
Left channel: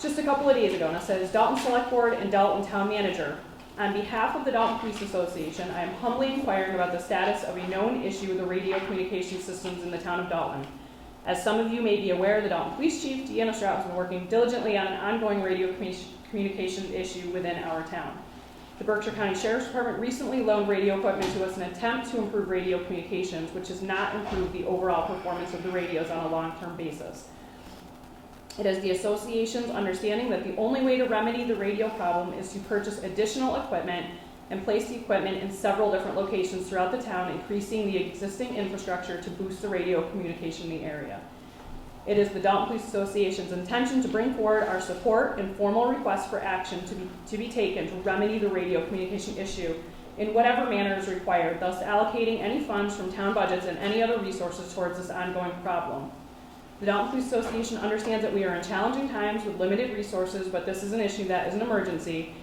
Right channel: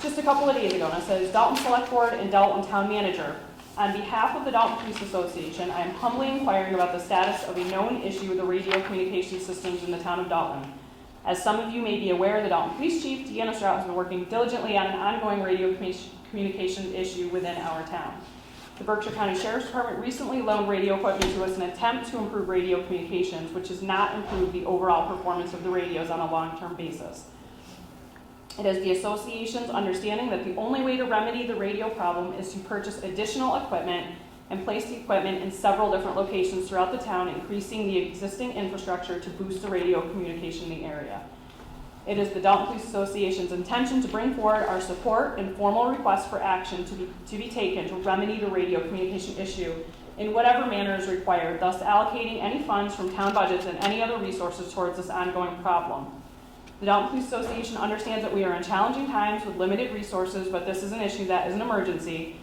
just a couple of days ago, and it says, Dalton Select Board and Dalton Town Manager. On behalf of the Dalton Police Association, I am humbly inquiring about the status of a known issue with the radio communication systems in the town of Dalton. As some of you may be aware, the Dalton Police Chief, Deanna Strout, has been working diligently on an ongoing radio communication issue within our town. The Berkshire County Sheriff's Department recently loaned radio equipment to us in an attempt to improve radio communications, which has not improved the overall performance of the radios on a long-term basis. It is the association's understanding that the only way to remedy the radio problem is to purchase additional equipment and place the equipment in several different locations throughout the town, increasing the existing infrastructure to boost the radio communication in the area. It is the Dalton Police Association's intention to bring forward our support and formal request for action to be taken to remedy the radio communication issue in whatever manner is required, thus allocating any funds from town budgets and any other resources towards this ongoing problem. The Dalton Police Association understands that we are in challenging times with limited resources, but this is an issue that is an emergency,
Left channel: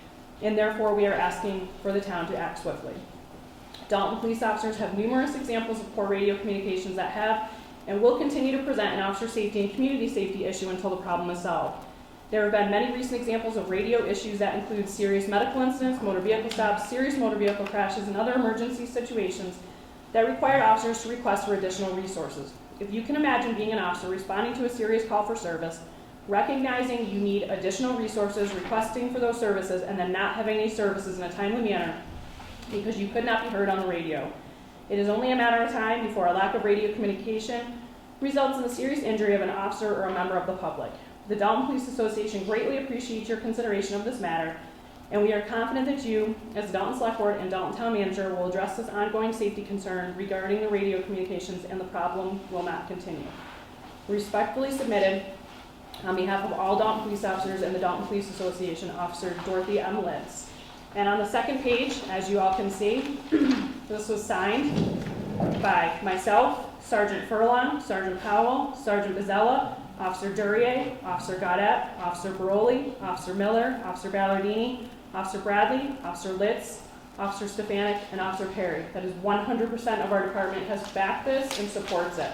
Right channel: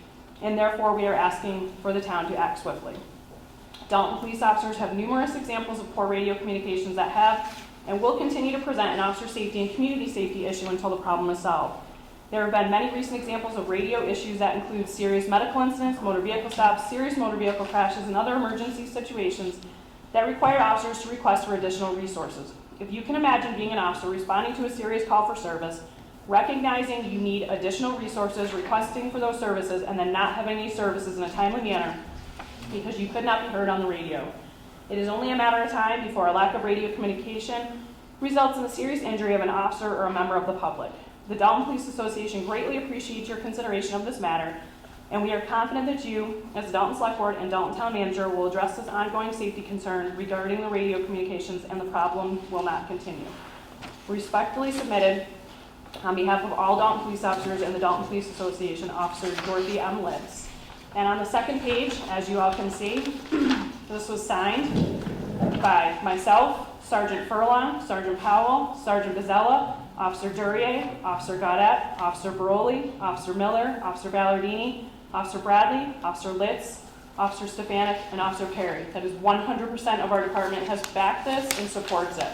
and therefore we are asking for the town to act swiftly. Dalton police officers have numerous examples of poor radio communications that have and will continue to present an officer safety and community safety issue until the problem is solved. There have been many recent examples of radio issues that include serious medical incidents, motor vehicle stops, serious motor vehicle crashes, and other emergency situations that required officers to request for additional resources. If you can imagine being an officer responding to a serious call for service, recognizing you need additional resources, requesting for those services, and then not having any services in a timely manner because you could not be heard on the radio. It is only a matter of time before a lack of radio communication results in the serious injury of an officer or a member of the public. The Dalton Police Association greatly appreciates your consideration of this matter, and we are confident that you, as the Dalton Select Board and Dalton Town Manager, will address this ongoing safety concern regarding the radio communications, and the problem will not continue. Respectfully submitted, on behalf of all Dalton police officers and the Dalton Police Association, Officer Dorothy M. Litz. And on the second page, as you all can see, this was signed by myself, Sergeant Furlong, Sergeant Powell, Sergeant Bizzella, Officer Duryea, Officer Gaudette, Officer Baroli, Officer Miller, Officer Ballardini, Officer Bradley, Officer Litz, Officer Stefanik, and Officer Perry. That is 100% of our department has backed this and supports it.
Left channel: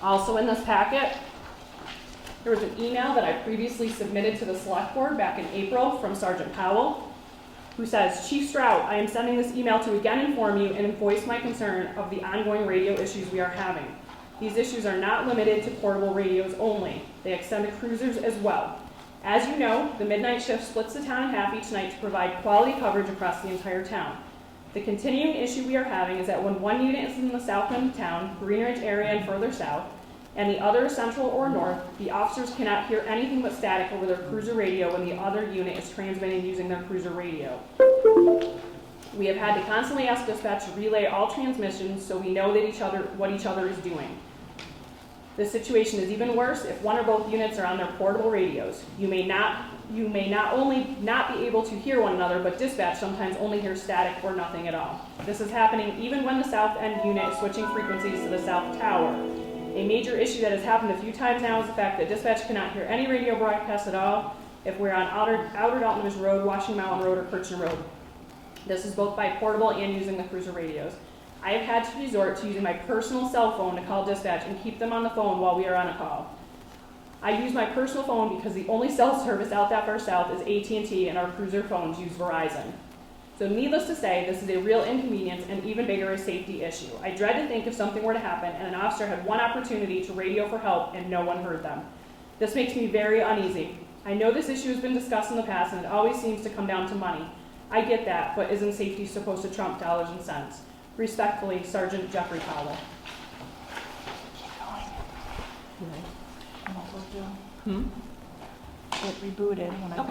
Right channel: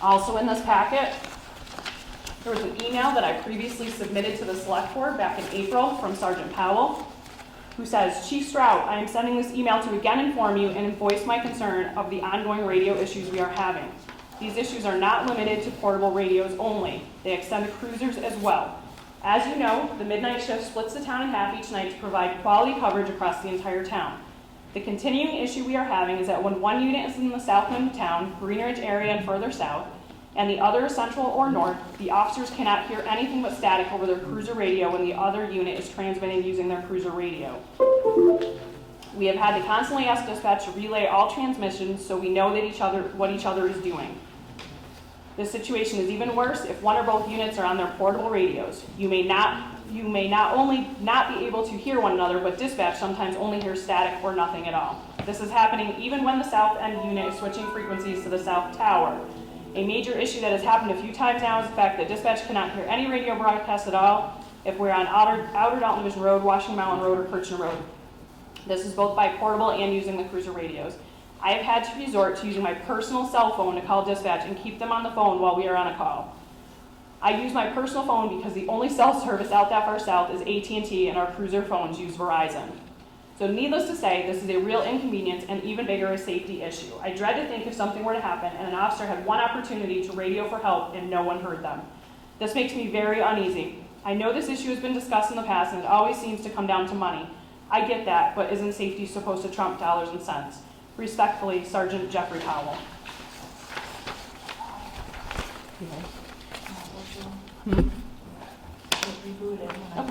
Also in this packet, there was an email that I previously submitted to the Select Board back in April from Sergeant Powell, who says, Chief Strout, I am sending this email to again inform you and voice my concern of the ongoing radio issues we are having. These issues are not limited to portable radios only. They extend to cruisers as well. As you know, the midnight shift splits the town in half each night to provide quality coverage across the entire town. The continuing issue we are having is that when one unit is in the south end of town, Green Ridge area and further south, and the other central or north, the officers cannot hear anything but static over their cruiser radio when the other unit is transmitting using their cruiser radio. We have had to constantly ask dispatch to relay all transmissions so we know that what each other is doing. This situation is even worse if one or both units are on their portable radios. You may not only not be able to hear one another, but dispatch sometimes only hears static or nothing at all. This is happening even when the south end unit is switching frequencies to the south tower. A major issue that has happened a few times now is the fact that dispatch cannot hear any radio broadcast at all if we're on outer Dalton Division Road, Washington Mountain Road, or Kirchner Road. This is both by portable and using the cruiser radios. I have had to resort to using my personal cell phone to call dispatch and keep them on the phone while we are on a call. I use my personal phone because the only cell service out that far south is AT&T, and our cruiser phones use Verizon. So needless to say, this is a real inconvenience and even bigger a safety issue. I dread to think if something were to happen and an officer had one opportunity to radio for help and no one heard them. This makes me very uneasy. I know this issue has been discussed in the past and it always seems to come down to money. I get that, but isn't safety supposed to trump dollars and cents? Respectfully, Sergeant Jeffrey Powell. Okay,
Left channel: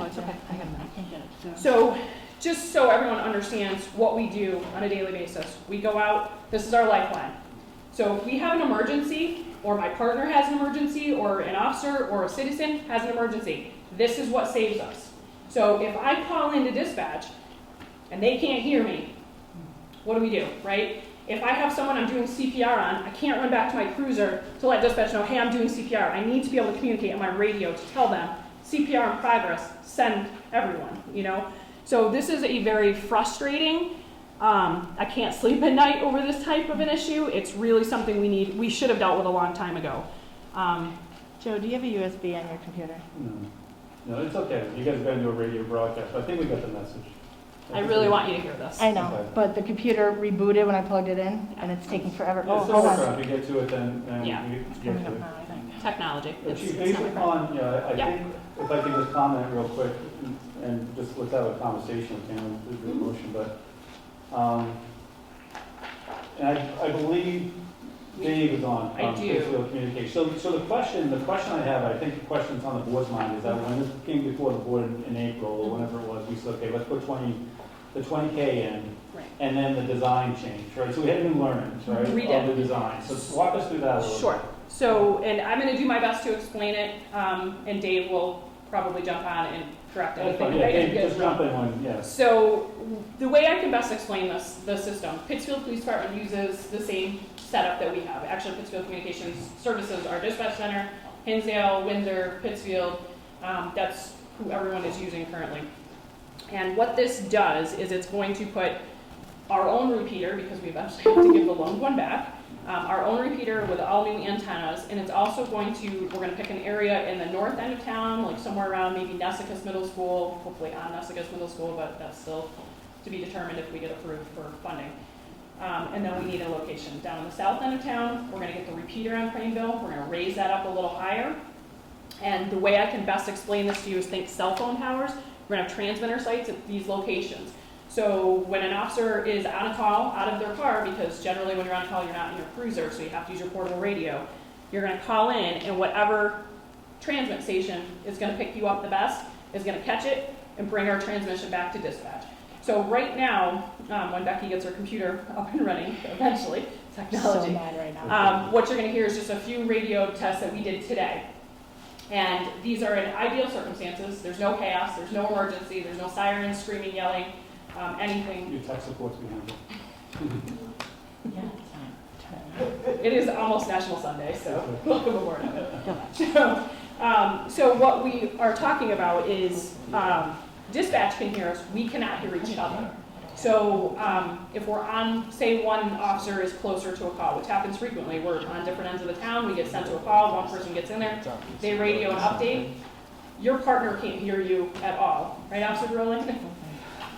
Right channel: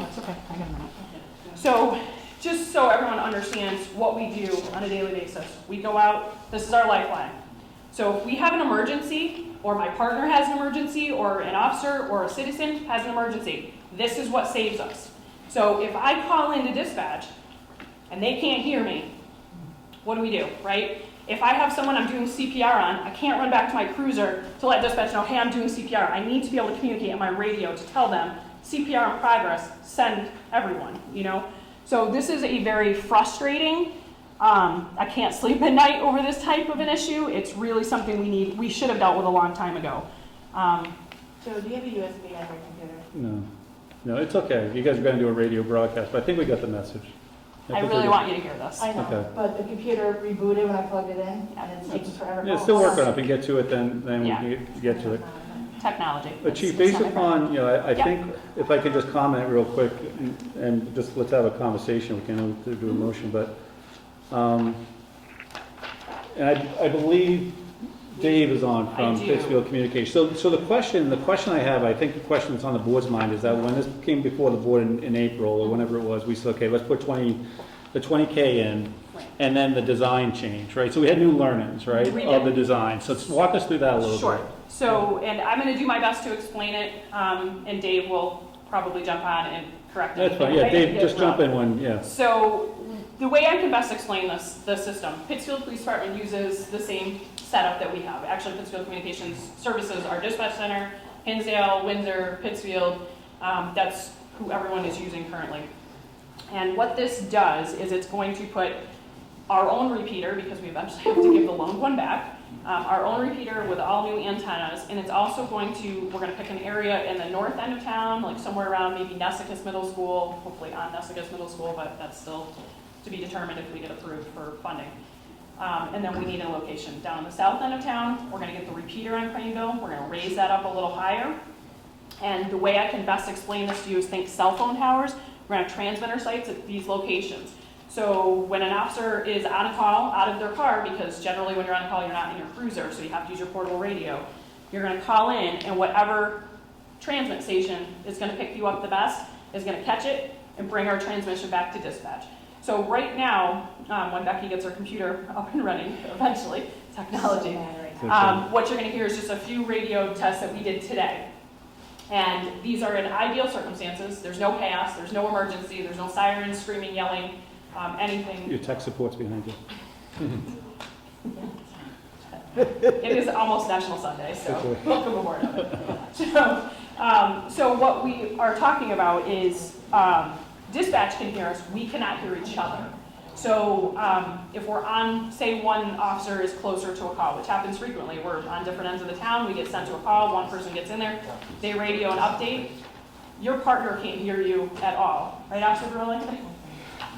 it's okay. I got a minute. So, just so everyone understands what we do on a daily basis, we go out, this is our lifeline. So if we have an emergency, or my partner has an emergency, or an officer or a citizen has an emergency, this is what saves us. So if I call into dispatch and they can't hear me, what do, right? If I have someone I'm doing CPR on, I can't run back to my cruiser to let dispatch know, hey, I'm doing CPR. I need to be able to communicate on my radio to tell them, CPR in progress, send everyone, So this is a very frustrating, I can't sleep at night over this type of an issue. It's really something we should have dealt with a long time ago. Joe, do you have a USB on your computer? No, it's okay. You guys are going to do a radio broadcast, but I think we got the message. I really want you to hear this. I know, Okay. but the computer rebooted when I plugged it in, and it's taking forever. Yeah, still working on it. If you get to it, then Yeah. we can get to it. Technology. But Chief, It's based not upon, I Yeah. think, if I can just comment real quick, and just let's have a conversation, we can do a motion, but, and I believe Dave is on I from do. Pittsfield Communication. So the question I have, I think the question that's on the board's mind is that when this came before the board in April, or whenever it was, we said, okay, let's put the 20K in, and then the design change, right? So we had new learnings, right, We of did. the design. So walk us through that a little bit. Sure. So, and I'm going to do my best to explain it, and Dave will probably jump on and correct That's anything. fine, yeah, okay? Dave, just jump in when, yeah. So, the way I can best explain the system, Pittsfield Police Department uses the same setup that we have. Actually, Pittsfield Communications services our dispatch center, Hinsdale, Windsor, Pittsfield, that's who everyone is using currently. And what this does is it's going to put our own repeater, because we eventually have to give the loaned one back, our own repeater with all new antennas, and it's also we're going to pick an area in the north end of town, like somewhere around maybe Nessicus Middle School, hopefully on Nessicus Middle School, but that's still to be determined if we get approved for funding. And then we need a location down in the south end of town. We're going to get the repeater on Craneville. We're going to raise that up a little higher. And the way I can best explain this to you is think cell phone towers. We're going to have transmitter sites at these locations. So when an officer is on a call out of their car, because generally when you're on a call, you're not in your cruiser, so you have to use your portable radio, you're going to call in, and whatever transmit station is going to pick you up the best is going to catch it and bring our transmission back to dispatch. So right now, when Becky gets her computer up and running, eventually, technology, what you're going to hear is just a few radio tests that we did today. And these are in ideal circumstances. There's no chaos, there's no emergency, there's no sirens, screaming, yelling, anything. Your tech support's behind you. It is almost National Sunday, so welcome aboard. So what we are talking about is dispatch can hear us, we cannot hear each other. So if we're on, say one officer is closer to a call, which happens frequently, we're on different ends of the town, we get sent to a call, one person gets in there, they radio an update, your partner can't hear you at all. Right, Officer Burling?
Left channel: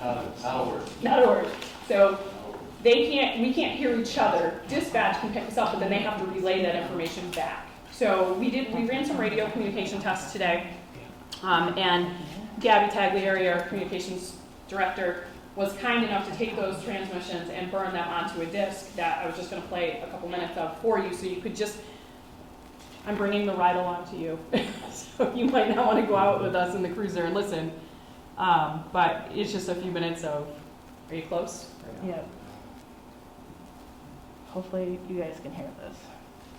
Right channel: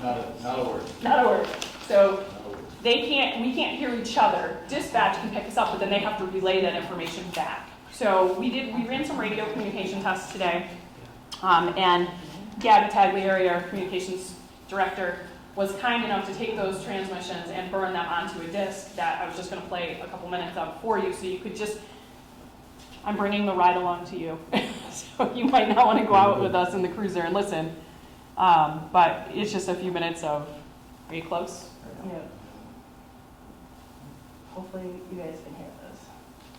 Not a word. Not a word. So we can't hear each other. Dispatch can pick us up, but then they have to relay that information back. So we ran some radio communication tests today, and Gabby Taglieri, our communications director, was kind enough to take those transmissions and burn them onto a disc that I was just going to play a couple minutes of for you, so you could just, I'm bringing the ride along to you. So you might not want to go out with us in the cruiser and listen, but it's just a few minutes of, are you close? Yeah. Hopefully you guys can hear this.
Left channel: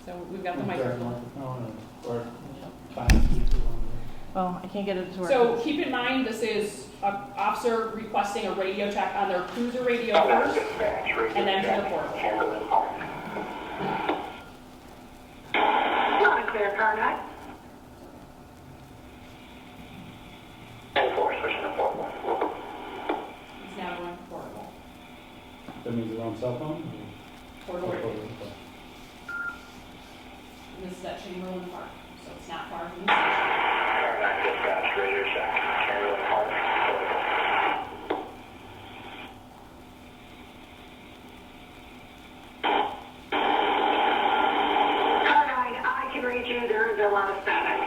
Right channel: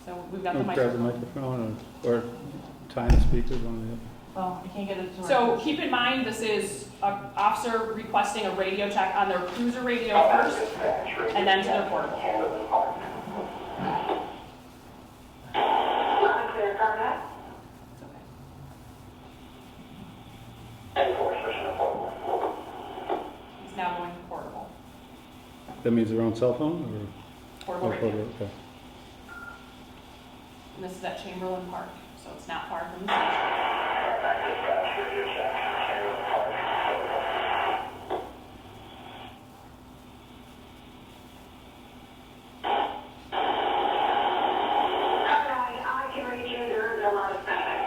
So we've got the Grab the microphone. microphone or time speakers on Well, I can't get it to work. So keep in mind, this is an officer requesting a radio check on their cruiser radio first, and then to the portable. That means their own cell phone? Portable radio. Okay. And this is at Chamberlain Park, so it's not far from the station. I can read you, there is a lot of static.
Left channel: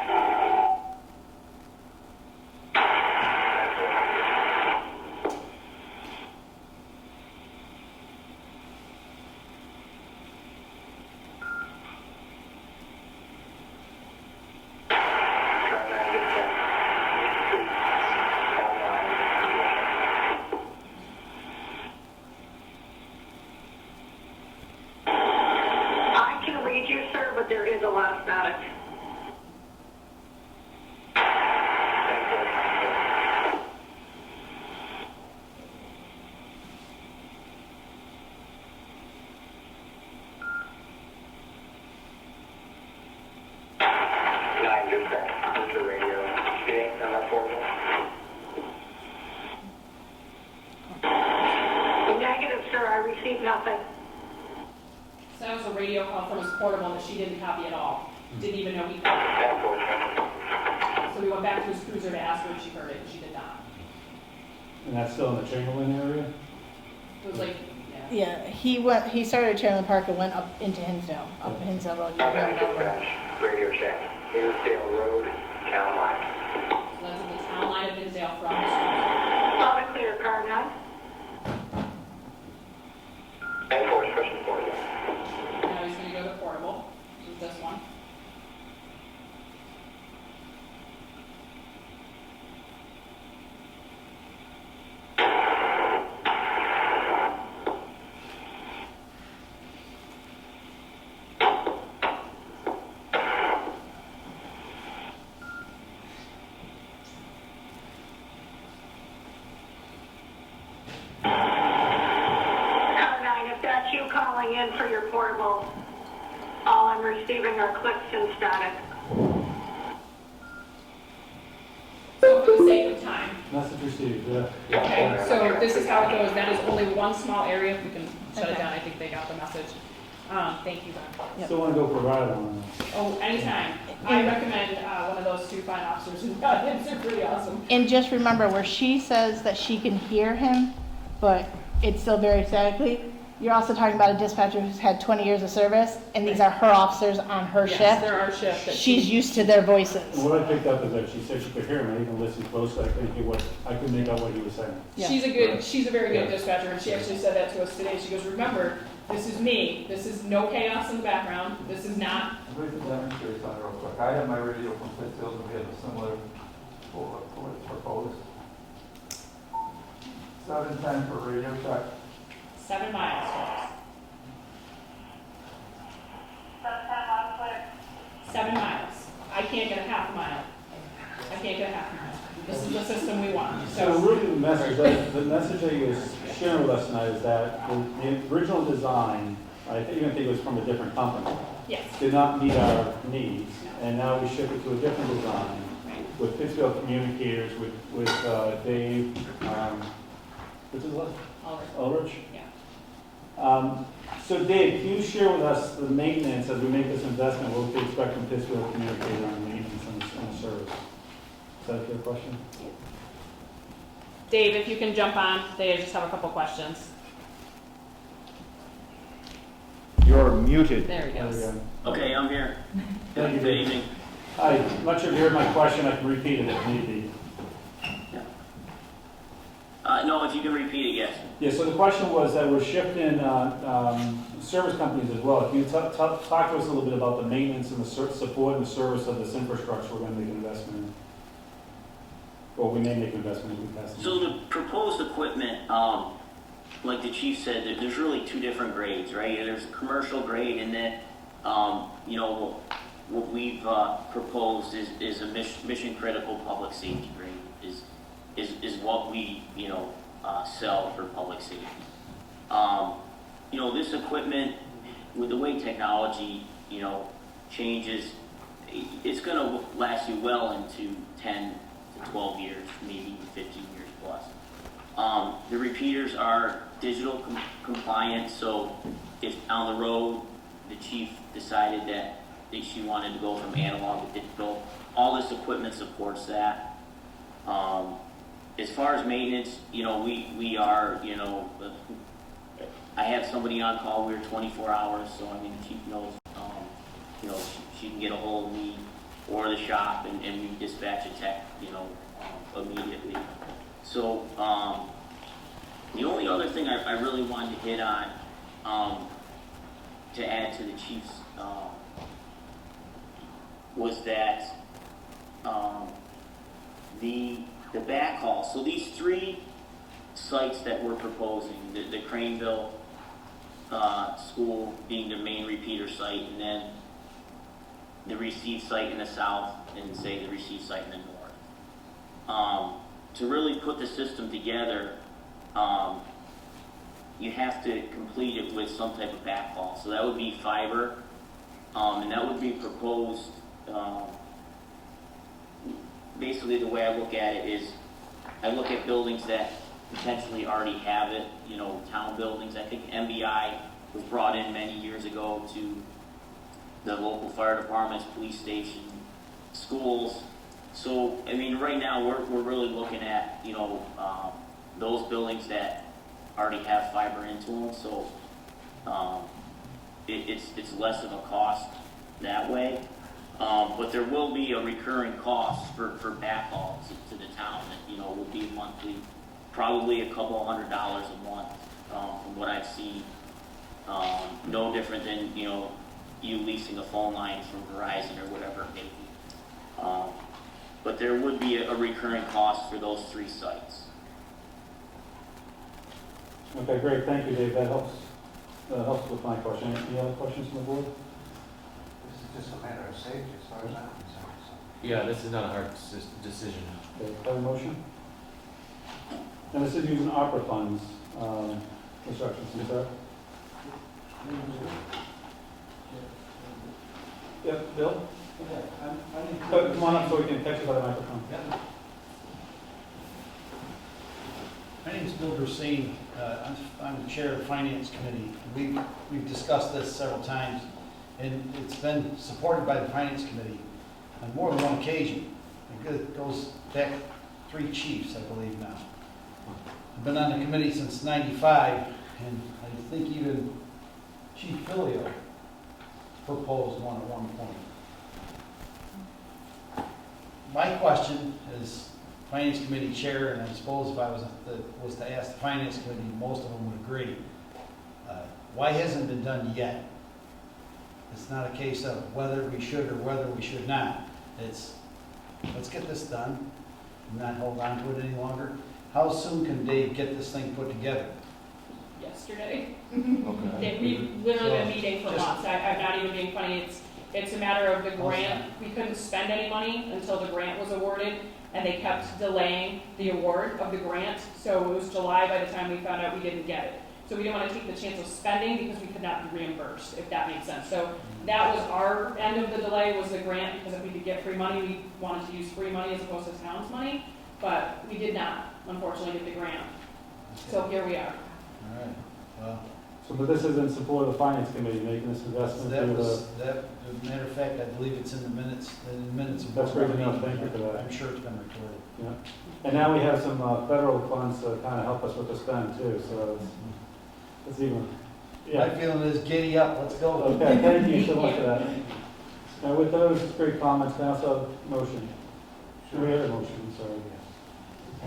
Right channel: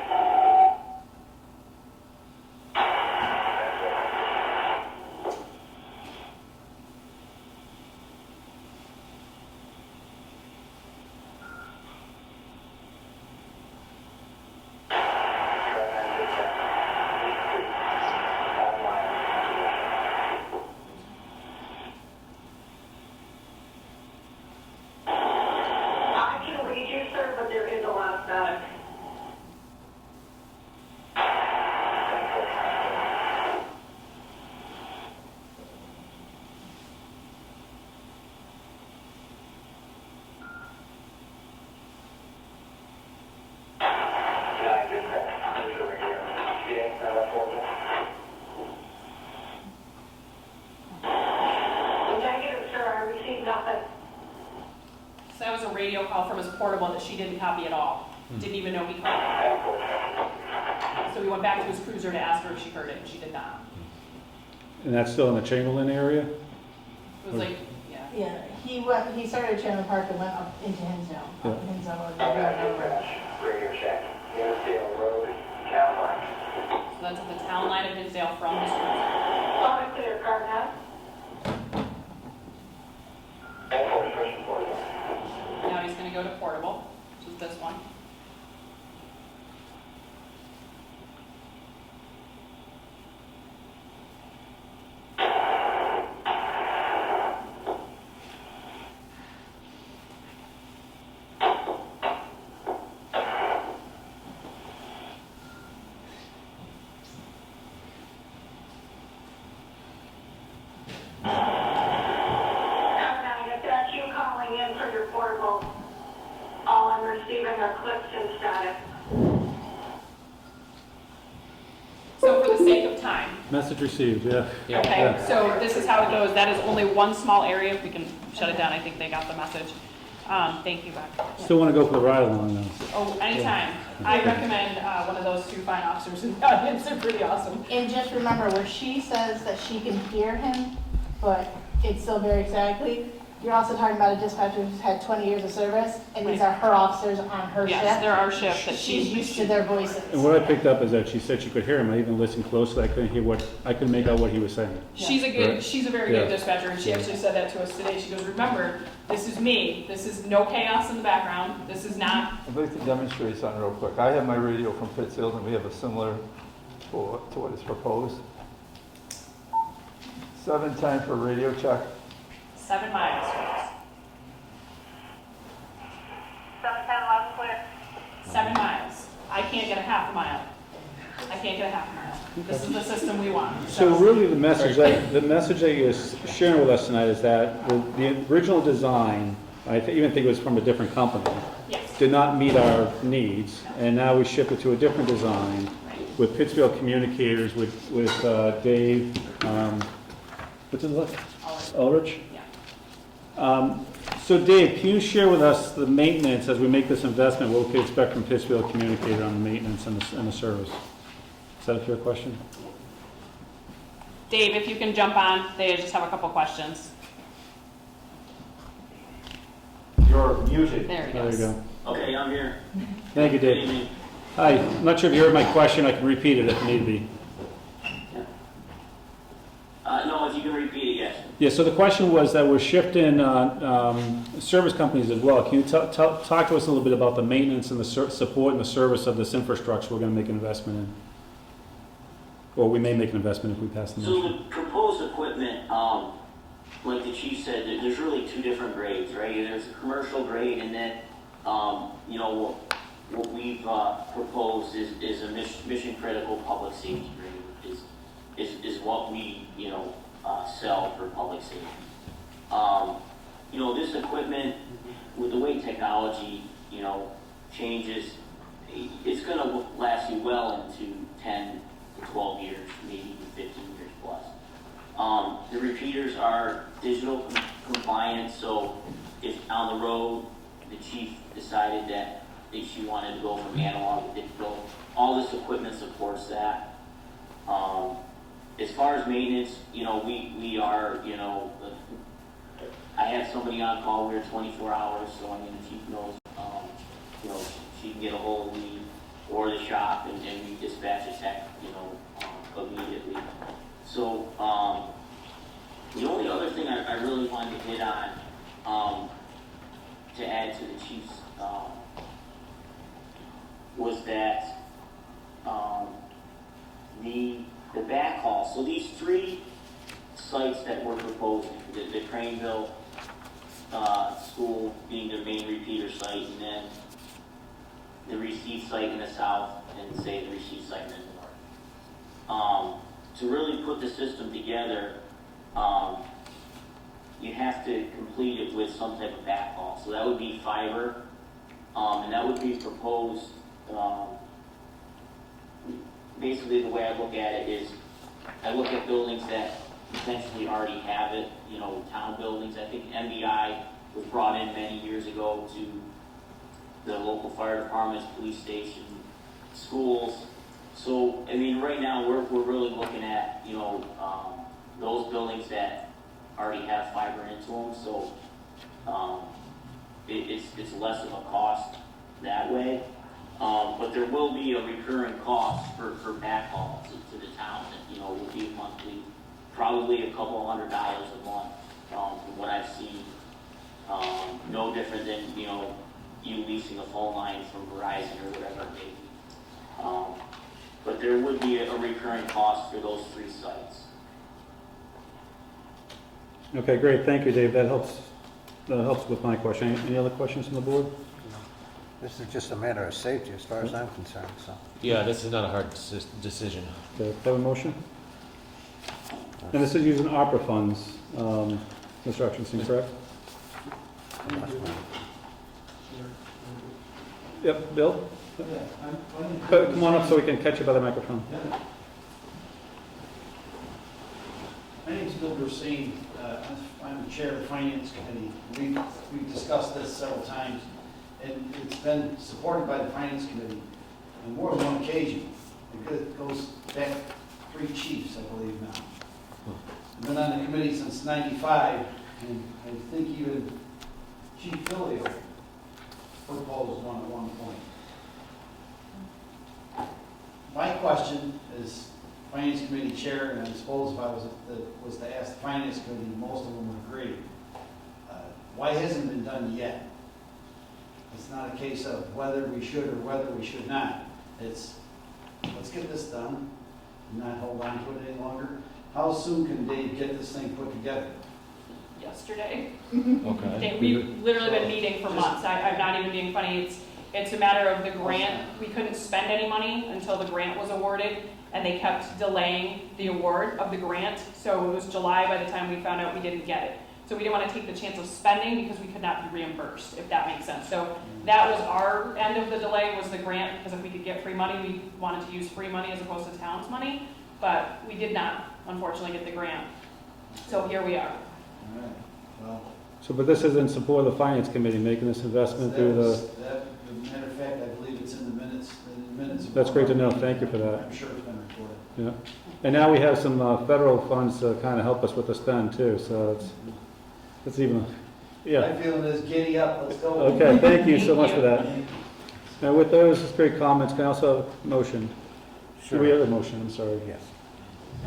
I can read you, sir, but there is a lot of static. Negative, sir, I received nothing. So that was a radio call from his portable that she didn't copy at all. Didn't even know he called. So we went back to his cruiser to ask her if she heard it, and she did not. And that's still in the Chamberlain area? It was like, Yeah, he started at Chamberlain Park and went up into Hinsdale, up Hinsdale Road. Radio check. Hinsdale Road, town line. so that's at the town line of Hinsdale from his cruiser. On a clear car now. And force pressure for you. Now he's gonna go to portable, which is this one. If that's you calling in for your portable, all I'm receiving are clicks and static. So for the sake of time, Message received, yeah. okay, so this is how it goes. That is only one small area. We can shut it down. I think they got the message. Thank you, Bob. Still want to go for the ride along though. Oh, anytime. I recommend one of those two fine officers in the audience. They're pretty awesome. And just remember, where she says that she can hear him, but it's still very statically, you're also talking about a dispatcher who's had 20 years of service, and these are her officers on her Yes, shift. there are shifts that She's used to their voices. And what I picked up is that she said she could hear him. I even listened closely. I couldn't make out what he was saying. She's a very good Yeah. dispatcher, and she actually said that to us today. She goes, remember, this is me. This is no chaos in the background. This is not. I'd like to demonstrate something real quick. I have my radio from Pittsfield, and we have a similar to what is proposed. 7 time for radio check. 7 miles, folks. 7 miles. I can't get a half a mile. I can't get a half a mile. This is the system we want. So really the message that you're sharing with us tonight is that the original design, I even think it was from a different company, Yes. did not meet our needs, and now we ship it to a different design with Pittsfield Communicators, with Dave, what's his last? Ulrich? Yeah. So Dave, can you share with us the maintenance as we make this investment, what we can expect from Pittsfield Communicator on the maintenance and the service? Is that a fair question? Dave, if you can jump on, they just have a couple questions. You're muted. There he There goes. you go. Okay, I'm here. Thank you, Good Dave. evening. Hi, I'm not sure if you heard my question. I can repeat it if need be. No, if you can repeat it, yes. Yeah, so the question was that we're shifting service companies as well. Can you talk to us a little bit about the maintenance and the support and the service of this infrastructure we're going to make an investment in? Or we may make an investment if we pass the So motion. the proposed equipment, like the chief said, there's really 2 different grades, right? There's a commercial grade, and then, what we've proposed is a mission critical public safety grade, is what we, sell for public safety. This equipment, with the way technology, changes, it's gonna last you well into 10 to 12 years, maybe even 15 years plus. The repeaters are digital compliant, so if on the road, the chief decided that she wanted to go from analog to digital, all this equipment supports that. As far as maintenance, you know, we are, you know, I had somebody on call here 24 hours, so I mean, the chief knows, you know, she can get a hold of me or the shop, and we dispatch a tech, you know, immediately. So, the only other thing I really wanted to hit on, to add to the chief's, was that, the backhaul. So these 3 sites that we're proposing, the Craneville, school being the main repeater site, and then the receive site in the south, and say the receive site in the north. To really put the system together, you have to complete it with some type of backhaul. So that would be fiber, and that would be proposed, basically the way I look at it is, I look at buildings that potentially already have it, you know, town buildings. I think MBI was brought in many years ago to the local fire departments, police station, schools. So, I mean, right now, we're really looking at, you know, those buildings that already have fiber into them, so it's less of a cost that way. But there will be a recurring cost for backhaul to the town that, you know, will be monthly, probably a couple of $100 a month, from what I've seen. No different than, you know, you leasing a phone line from Verizon or whatever it may be. But there would be a recurring cost for those 3 sites. Okay, great, thank you, Dave, that helps with my question. Any other questions from the board? This is just a matter of safety as far as I'm concerned, so. Yeah, this is not a hard decision. Okay, do I have a motion? And this is using ARPA funds, Mr. Hutchinson, correct? Yep, Bill? Come on up so we can catch you by the microphone. My name is Bill Brucine. I'm the chair of the Finance Committee. We've discussed this several times, and it's been supported by the Finance Committee on more than one occasion. It goes back 3 chiefs, I believe now. I've been on the committee since '95, and I think even Chief Filio proposed one at one point. My question is, Finance Committee Chair, and I suppose if I was to ask the Finance Committee, most of them would agree. Why hasn't it been done yet? It's not a case of whether we should or whether we should not. It's, let's get this done, and not hold on to it any longer. How soon can Dave get this thing put together? Yesterday. Okay. We've literally been meeting for months. I'm not even being funny. It's a matter of the grant. We couldn't spend any money until the grant was awarded, and they kept delaying the award of the grant. So it was July by the time we found out we didn't get it. So we didn't want to take the chance of spending because we could not be reimbursed, if that makes sense. So that was our end of the delay, was the grant, because if we could get free money, we wanted to use free money as opposed to town's money. But we did not, unfortunately, get the grant. So here we are. All right, well. So, but this is in support of the Finance Committee making this investment through the... As a matter of fact, I believe it's in the minutes. That's great to know, thank you for that. I'm sure it's been recorded. Yeah, and now we have some federal funds to kind of help us with the spend too, so it's even, yeah. My feeling is giddy up, let's go. Okay, thank you so much for that. Now with those great comments, can I also have a motion? Sure. We have a motion, I'm sorry. Yes.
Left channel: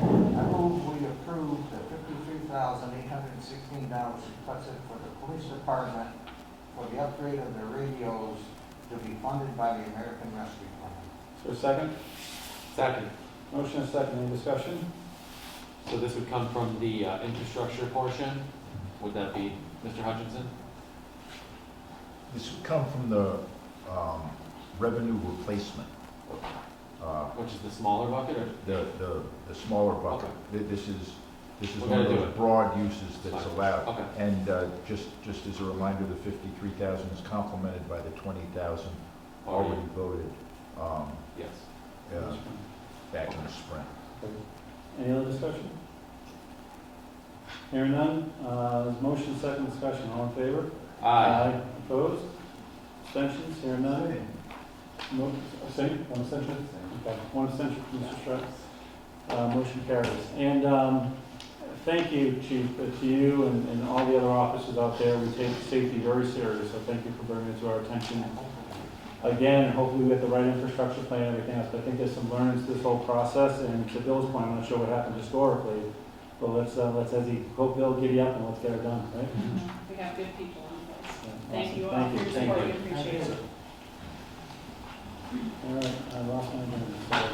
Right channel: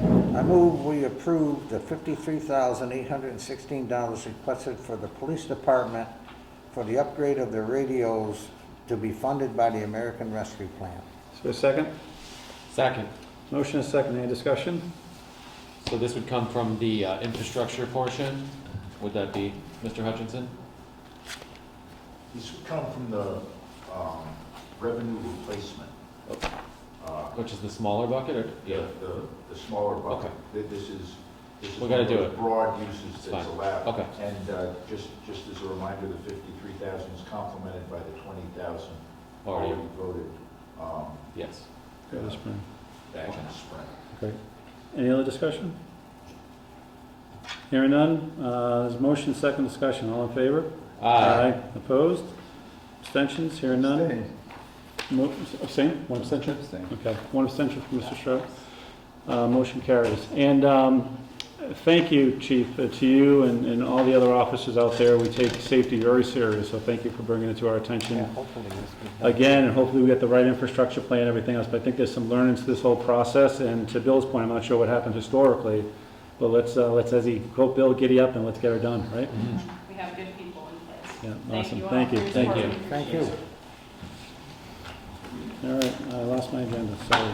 I move we approve the $53,816 requested for the police department for the upgrade of their radios to be funded by the American Rescue Plan. Is there a second? Second. Motion is second, any discussion? So this would come from the infrastructure portion? Would that be Mr. Hutchinson? This would come from the revenue replacement. Which is the smaller bucket, or? The smaller bucket. Okay. This is We're one gonna of do those it. broad uses It's that's fine. allowed. Okay. And just as a reminder, the 53,000 is complemented by the 20,000 already voted. Yes. Back in the spring. Great. Any other discussion? Hearing none, there's motion, second discussion, all in favor? Aye. Opposed? Abstentions? Hearing none? Abstain? One abstention? Abstain. Okay, one abstention from Mr. Stroh. Motion carries. And thank you, Chief, to you and all the other officers out there. We take safety very serious, so thank you for bringing it to our attention again, and hopefully we get the right infrastructure plan and everything else. But I think there's some learnings to this whole process, and to Bill's point, I'm not sure what happened historically, but let's as he quote Bill, giddy up and let's get her done, right? We have good people in place. Yeah, Thank awesome. you all Thank for you. your Thank support. you. We appreciate it. All right, I lost my agenda, sorry.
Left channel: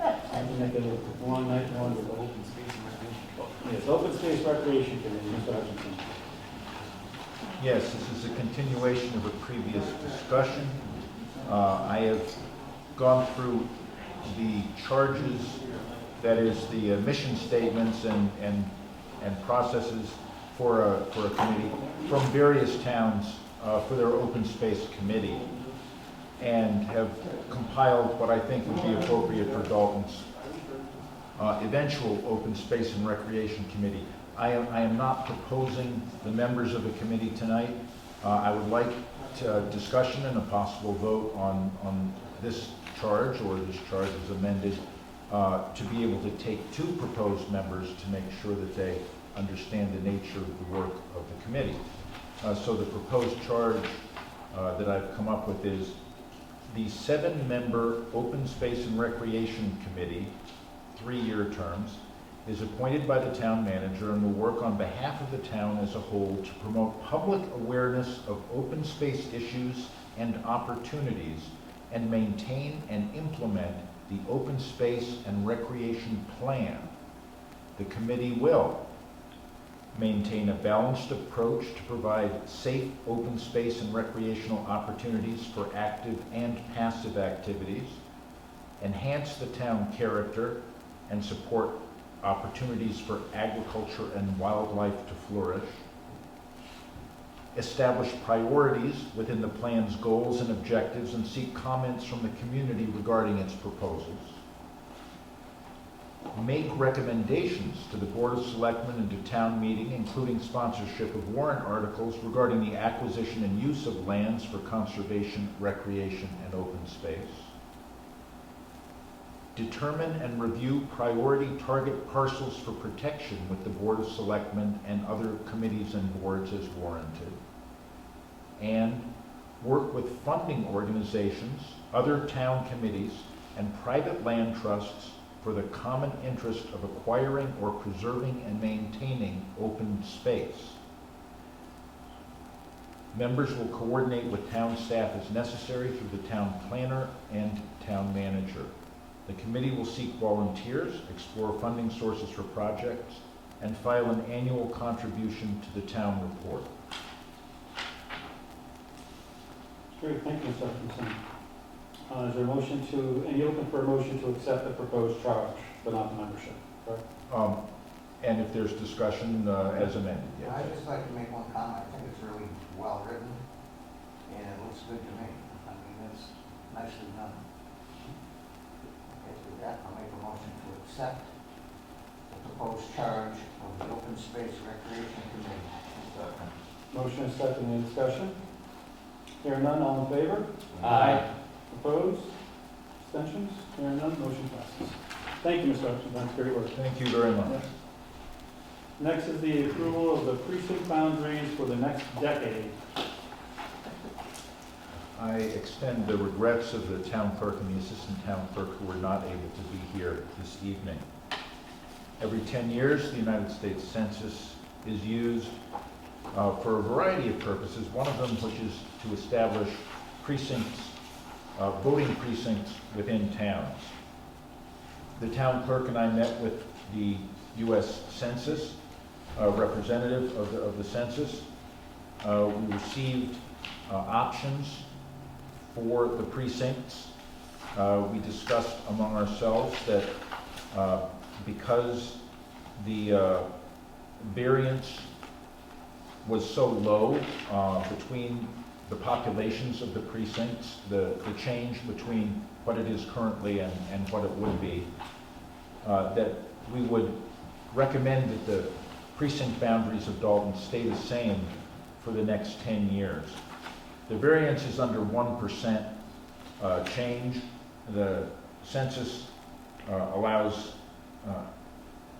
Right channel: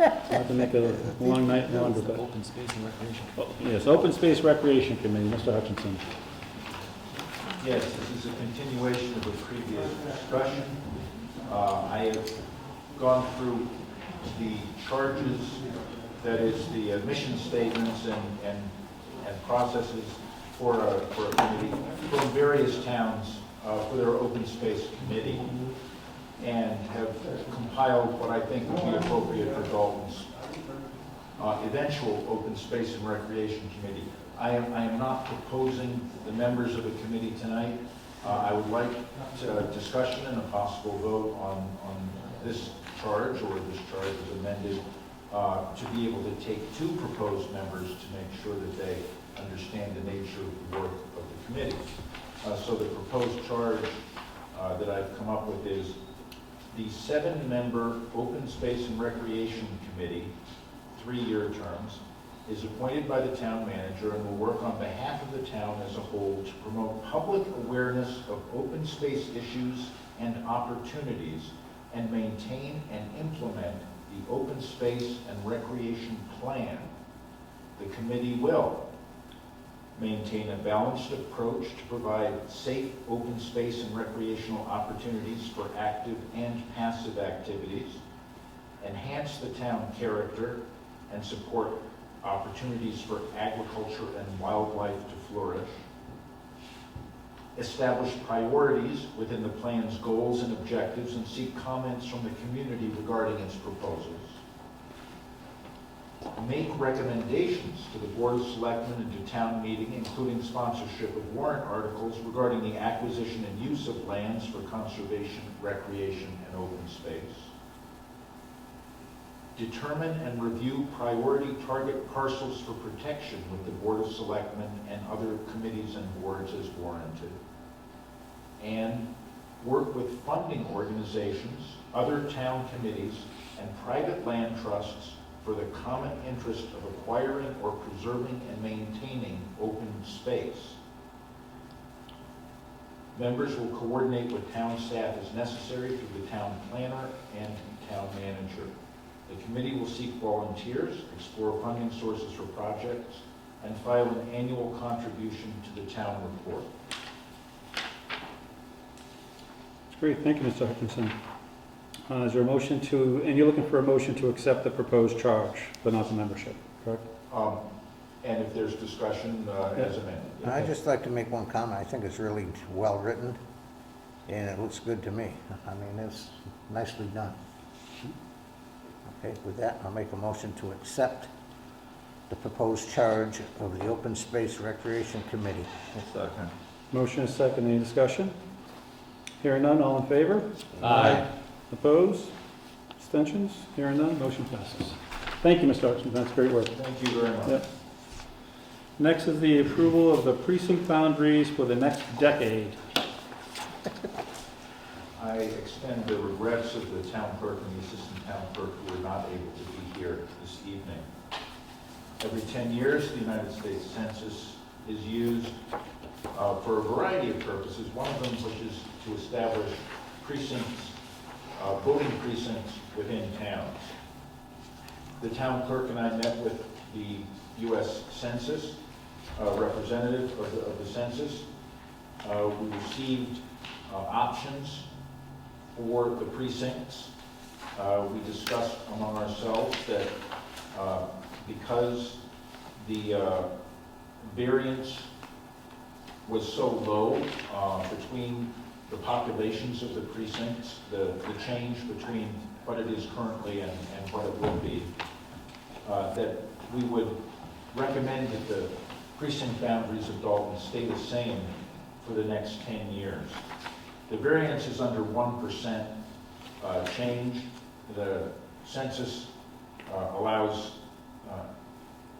I had to make a long night longer. But Open space and recreation. Oh, yes, Open Space Recreation Committee, Mr. Hutchinson. Yes, this is a continuation of a previous discussion. I have gone through the charges, that is the mission statements and processes for a committee from various towns for their open space committee, and have compiled what I think would be appropriate for Dalton's eventual open space and recreation committee. I am not proposing the members of the committee tonight. I would like discussion and a possible vote on this charge, or this charge is amended, to be able to take two proposed members to make sure that they understand the nature of the work of the committee. So the proposed charge that I've come up with is the 7-member Open Space and Recreation Committee, 3-year terms, is appointed by the town manager and will work on behalf of the town as a whole to promote public awareness of open space issues and opportunities, and maintain and implement the open space and recreation plan. The committee will maintain a balanced approach to provide safe open space and recreational opportunities for active and passive activities, enhance the town character, and support opportunities for agriculture and wildlife to flourish, establish priorities within the plan's goals and objectives, and seek comments from the community regarding its proposals, make recommendations to the Board of Selectmen and to town meeting, including sponsorship of warrant articles regarding the acquisition and use of lands for conservation, recreation, and open space, determine and review priority target parcels for protection with the Board of Selectmen and other committees and boards as warranted, and work with funding organizations, other town committees, and private land trusts for the common interest of acquiring or preserving and maintaining open space. Members will coordinate with town staff as necessary through the town planner and town manager. The committee will seek volunteers, explore funding sources for projects, and file an annual contribution to the town report. Great, thank you, Mr. Hutchinson. Is there a motion to, and you're looking for a motion to accept the proposed charge, but not the membership, correct? And if there's discussion as amended. Yeah. I'd just like to make one comment. I think it's really well written, and it looks good to me. I mean, it's nicely done. Okay, with that, I'll make a motion to accept the proposed charge of the Open Space Recreation Committee. Second. Motion is second, any discussion? Hearing none, all in favor? Aye. Opposed? Abstentions? Hearing none, motion passes. Thank you, Mr. Hutchinson, that's great work. Thank you very much. Yep. Next is the approval of the precinct boundaries for the next decade. I extend the regrets of the town clerk and the assistant town clerk who were not able to be here this evening. Every 10 years, the United States Census is used for a variety of purposes, one of them which is to establish precincts, voting precincts within towns. The town clerk and I met with the U.S. Census, representative of the census. We received options for the precincts. We discussed among ourselves that because the variance was so low between the populations of the precincts, the change between what it is currently and what it will be, that we would recommend that the precinct boundaries of Dalton stay the same for the next 10 years. The variance is under 1% change. The census allows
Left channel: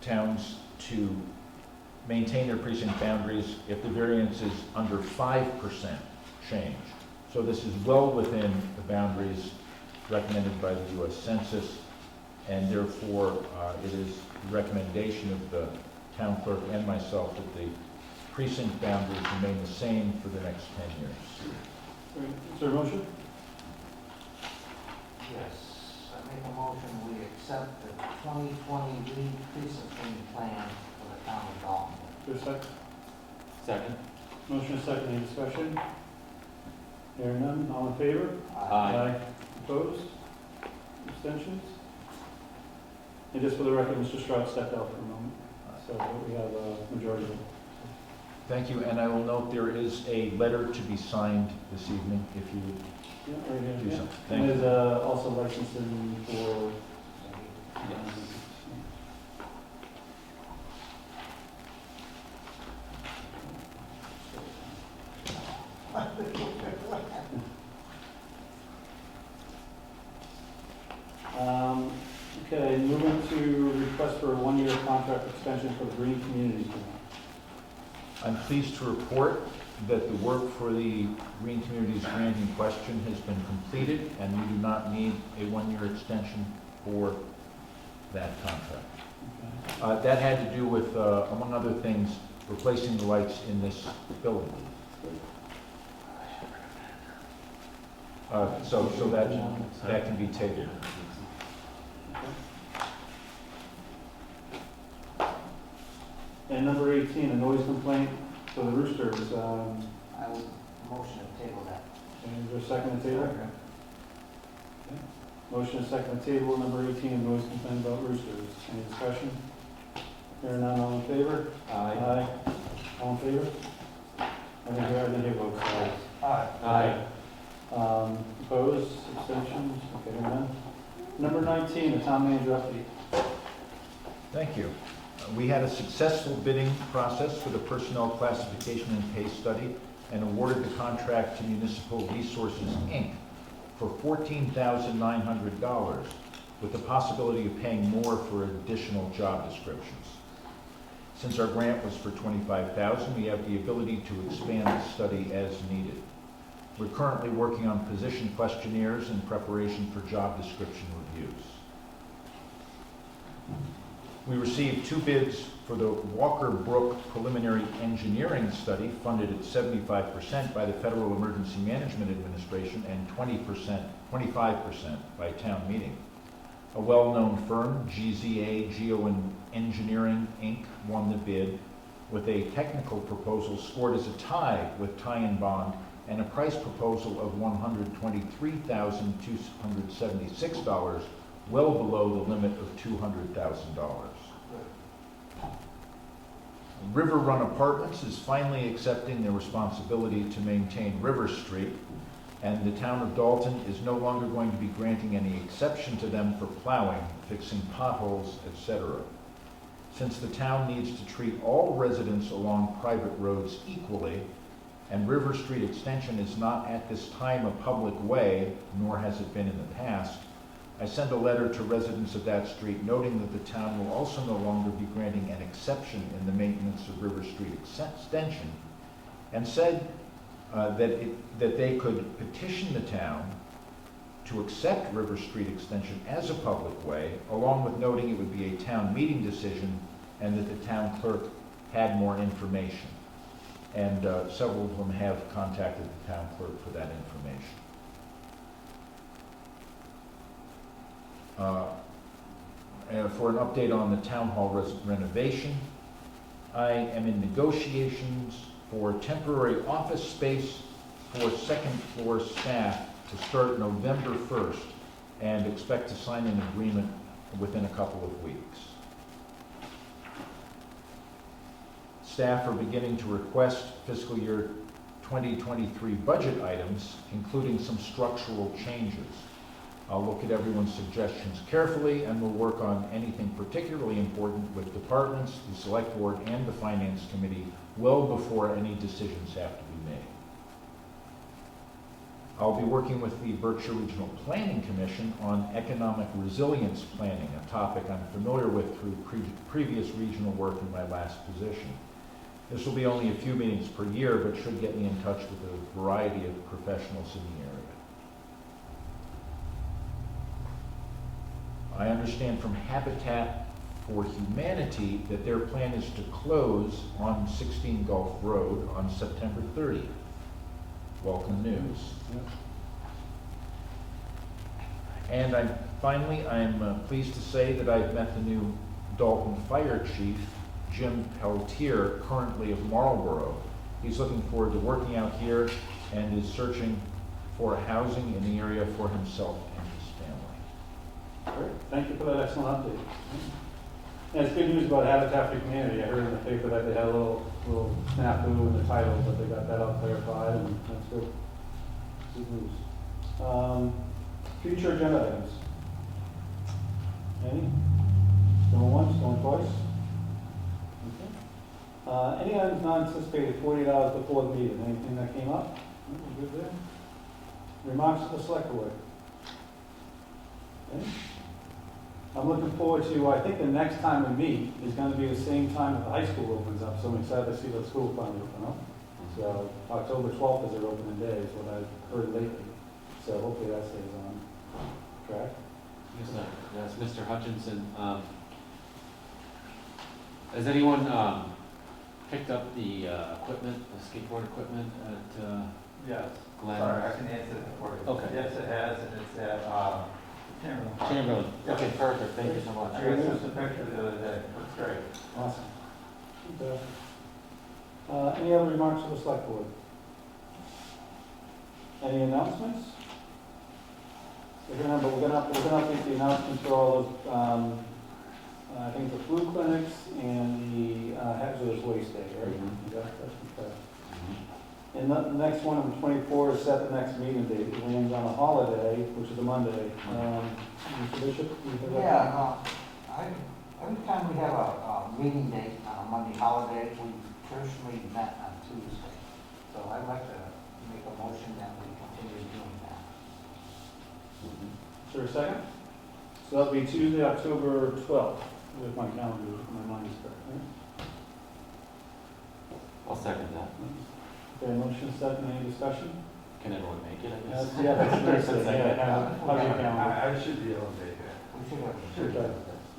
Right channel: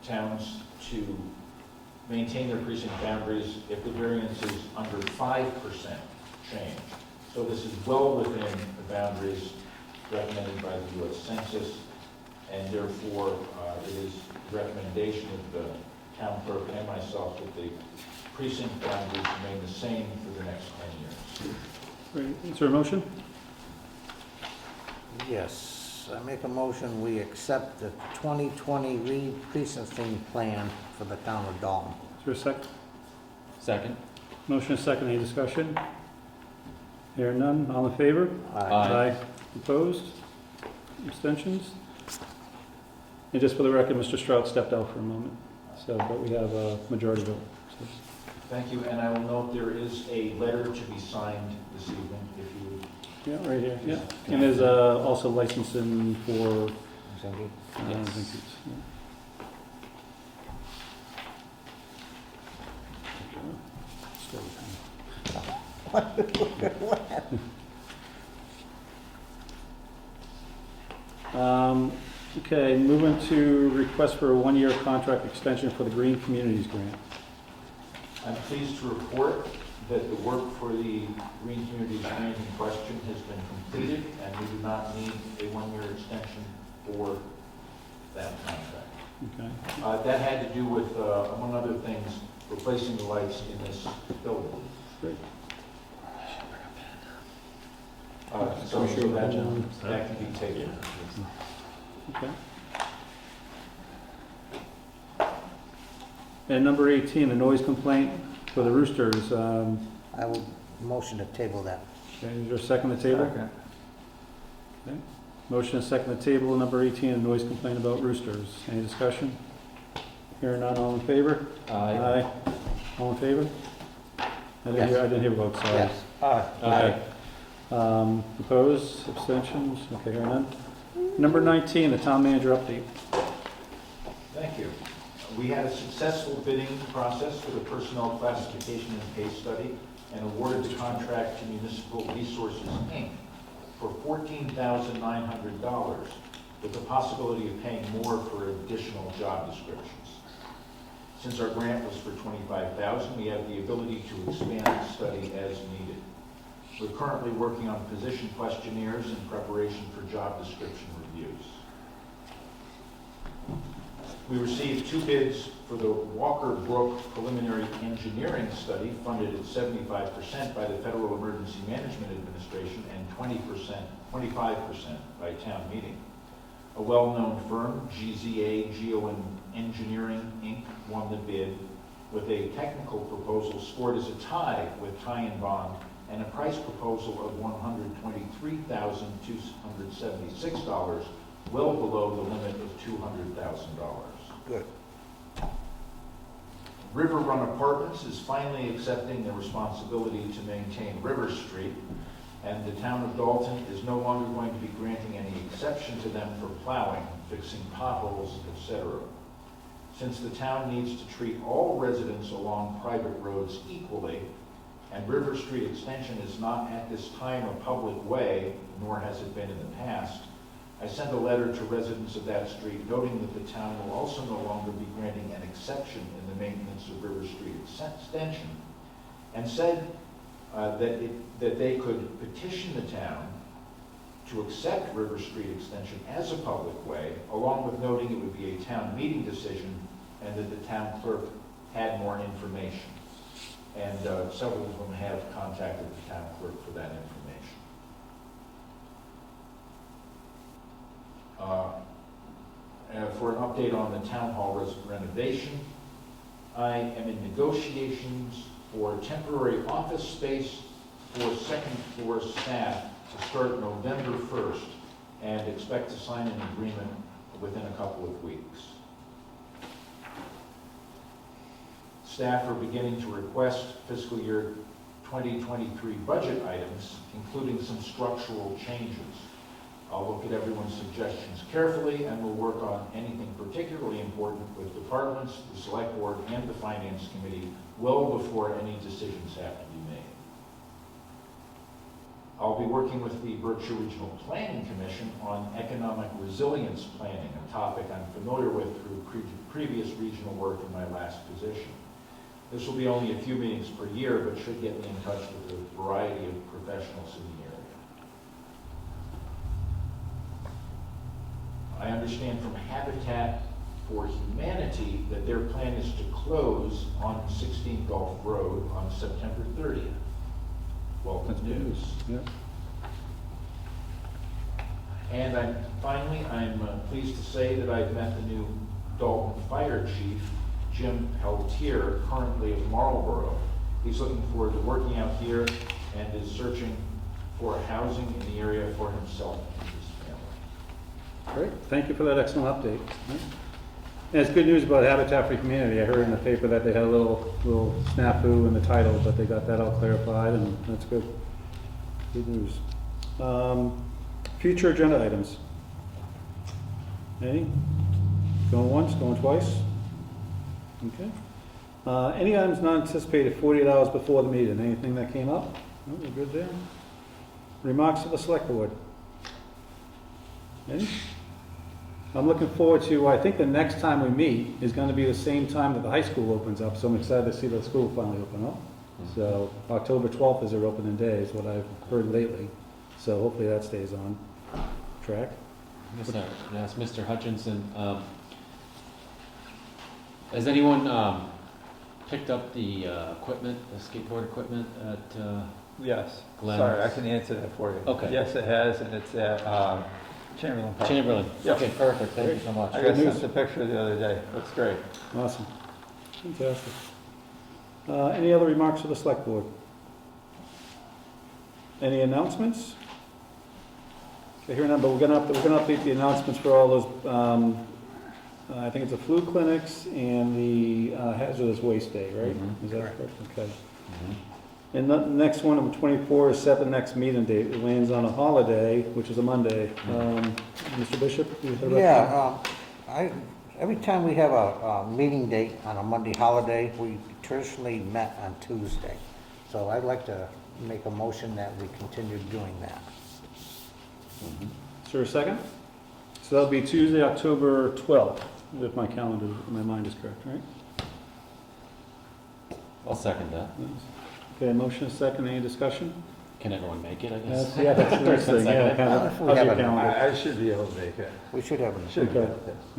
towns to maintain their precinct boundaries if the variance is under 5% change. So this is well within the boundaries recommended by the U.S. Census, and therefore it is the recommendation of the town clerk and myself that the precinct boundaries remain the same for the next 10 years. Great. Is there a motion? Yes, I make a motion, we accept the 2020 re-precincting plan for the town of Dalton. Is there a second? Second. Motion is second. Any discussion? Hearing none. All in favor? Aye. Opposed? Abstentions? And just for the record, Mr. Stroud stepped out for a moment, so, but we have a majority vote. Thank you, and I will note there is a letter to be signed this evening, if you would. Yeah, right here, yeah. And there's also licensing for Zinke. Okay, moving to request for a one-year contract extension for the Green Communities Grant. I'm pleased to report that the work for the Green Communities grant in question has been completed, and we do not need a one-year extension for that contract. Okay. That had to do with, among other things, replacing the lights in this building. So that can be taken. Okay. And number 18, the noise complaint for the roosters. I will motion to table that. Okay, is there a second to table? Okay. Motion is second to table, number 18, the noise complaint about roosters. Any discussion? Hearing none, all in favor? Aye. All in favor? I didn't hear votes, sorry. Yes. Aye. Opposed, abstentions? Okay, hearing none. Number 19, the town manager update. Thank you. We had a successful bidding process for the personnel classification and pay study and awarded the contract to Municipal Resources, Inc. for $14,900 with the possibility of paying more for additional job descriptions. Since our grant was for $25,000, we have the ability to expand the study as needed. We're currently working on position questionnaires in preparation for job description reviews. We received 2 bids for the Walker Brook preliminary engineering study, funded at 75% by the Federal Emergency Management Administration and 25% by town meeting. A well-known firm, GZA Geo Engineering, Inc., won the bid with a technical proposal scored as a tie with Tie and Bond and a price proposal of $123,276, well below the limit of $200,000. Good. River Run Apartments is finally accepting their responsibility to maintain River Street, and the town of Dalton is no longer going to be granting any exception to them for plowing, fixing potholes, etc. Since the town needs to treat all residents along private roads equally, and River Street Extension is not at this time a public way, nor has it been in the past, I sent a letter to residents of that street noting that the town will also no longer be granting an exception in the maintenance of River Street Extension, and said that they could petition the town to accept River Street Extension as a public way, along with noting it would be a town meeting decision and that the town clerk had more information. And several of them have contacted the town clerk for that information. For an update on the town hall renovation, I am in negotiations for temporary office space for second floor staff to start November 1st and expect to sign an agreement within a couple of weeks. Staff are beginning to request fiscal year 2023 budget items, including some structural changes. I'll look at everyone's suggestions carefully and will work on anything particularly important with departments, the select board, and the finance committee well before any decisions have to be made. I'll be working with the Berkshire Regional Planning Commission on economic resilience planning, a topic I'm familiar with through previous regional work in my last position. This will be only a few meetings per year, but should get me in touch with a variety of professionals in the area. I understand from Habitat for Humanity that their plan is to close on 16 Gulf Road on September 30th. Welcome news. Yeah. And I'm pleased to say that I've met the new Dalton Fire Chief, Jim Pelletier, currently of Marlborough. He's looking forward to working out here and is searching for housing in the area for himself and his family. Great, thank you for that excellent update. And it's good news about Habitat for Humanity. I heard in the paper that they had a little snafu in the title, but they got that all clarified, and that's good. Good news. Future agenda items. Any? Going once, going twice? Okay. Any items not anticipated 48 hours before the meeting? Anything that came up? Oh, we're good there. Remarks of the select board. Any? I'm looking forward to, I think the next time we meet is going to be the same time that the high school opens up, so I'm excited to see the school finally open up. So October 12th is their opening day, is what I've heard lately. So hopefully that stays on track. Yes, Mr. Hutchinson, has anyone picked up the equipment, the skateboard equipment at Yes. Glenn's? Sorry, I can answer that for you. Okay. Yes, it has, and it's at Chamberlain. Chamberlain. Yep. Okay, perfect. Thank you so much. I got sent a picture the other day. Looks great. Awesome. Fantastic. Any other remarks of the select board? Any announcements? Okay, here number, we're gonna update the announcements for all those, I think it's the flu clinics and the hazardous waste day, right? Mhm. Is that correct? Okay. And the next one, number 24, is set the next meeting date. It lands on a holiday, which is a Monday. Mr. Bishop? you have the Yeah, every time we have a meeting date on a Monday holiday, we traditionally met on Tuesday. So I'd like to make a motion that we continue doing that. Is there a second? So that'll be Tuesday, October 12th, if my calendar, my mind is correct, right? I'll second that. Okay, motion second, any discussion? Can everyone make it, I guess? Yeah, that's Thursday, yeah. We have a- I should be able to make it. We should have. Should be. Okay.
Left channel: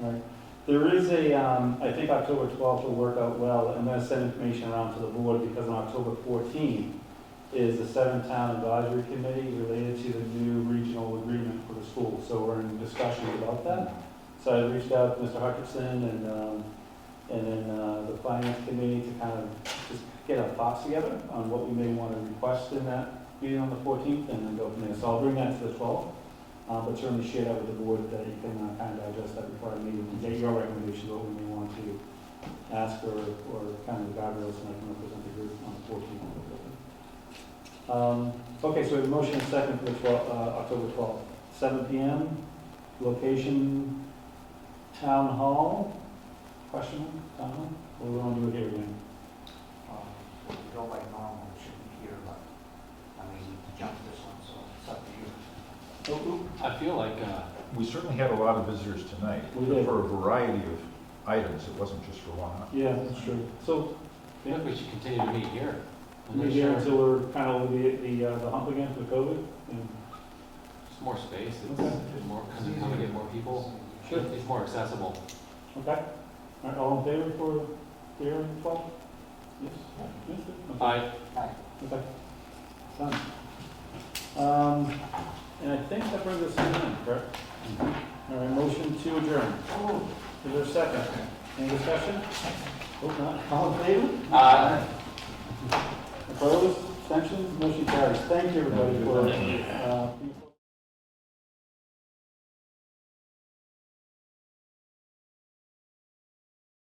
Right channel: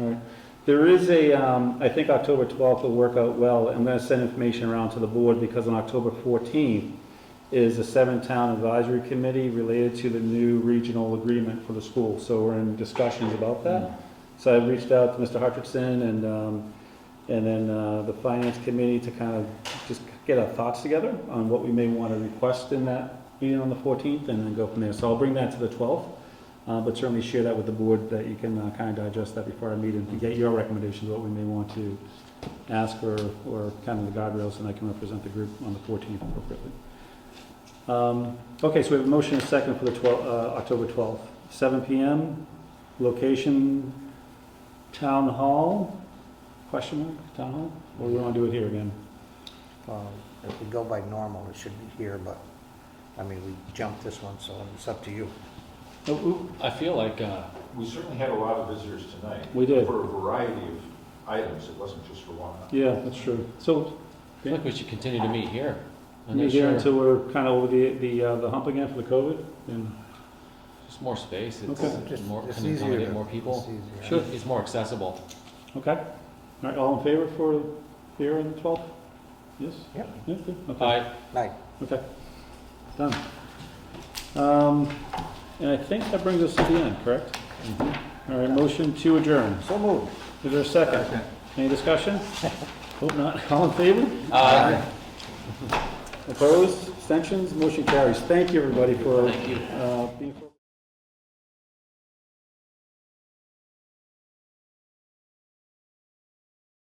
All right. There is I think October 12th will work out well. I'm going to send information around to the board because on October 14th is the 7-town advisory committee related to the new regional agreement for the school. So we're in discussions about that. So I reached out to Mr. Hutchinson and then the finance committee to kind of just get our thoughts together on what we may want to request in that meeting on the 14th and then go from there. So I'll bring that to the 12th. But certainly share that with the board that you can kind of digest that before our meeting to get your recommendations, what we may want to ask or kind of the guardrails, and I can represent the group on the 14th appropriately. Okay, so we have a motion and a second for the October 12th, 7 p.m. Location, Town Hall, question, Town Hall? Or we want to do it here again? If we go by normal, it should be here, but, I mean, we jumped this one, so it's up to you. I feel like We certainly had a lot of visitors tonight. We did. For a variety of items, it wasn't just for one. Yeah, that's true. So, I feel like we should continue to meet here. I'm meet not here sure. until we're kind of over the hump again for the COVID? And Just more space, it's Okay. more, It's can easier accommodate to- more people. it's Sure. It's more accessible. Okay. All right, all in favor for here on the 12th? Yes? Yep. Yeah, good. Okay. Aye. Night. Okay. Done. And I think that brings us to the end, correct? All right, motion to adjourn. So moved. Is there a second? Any discussion? Hope not. All in favor? Aye. Opposed? Abstentions? Motion carries. Thank you, everybody, for Thank you. being.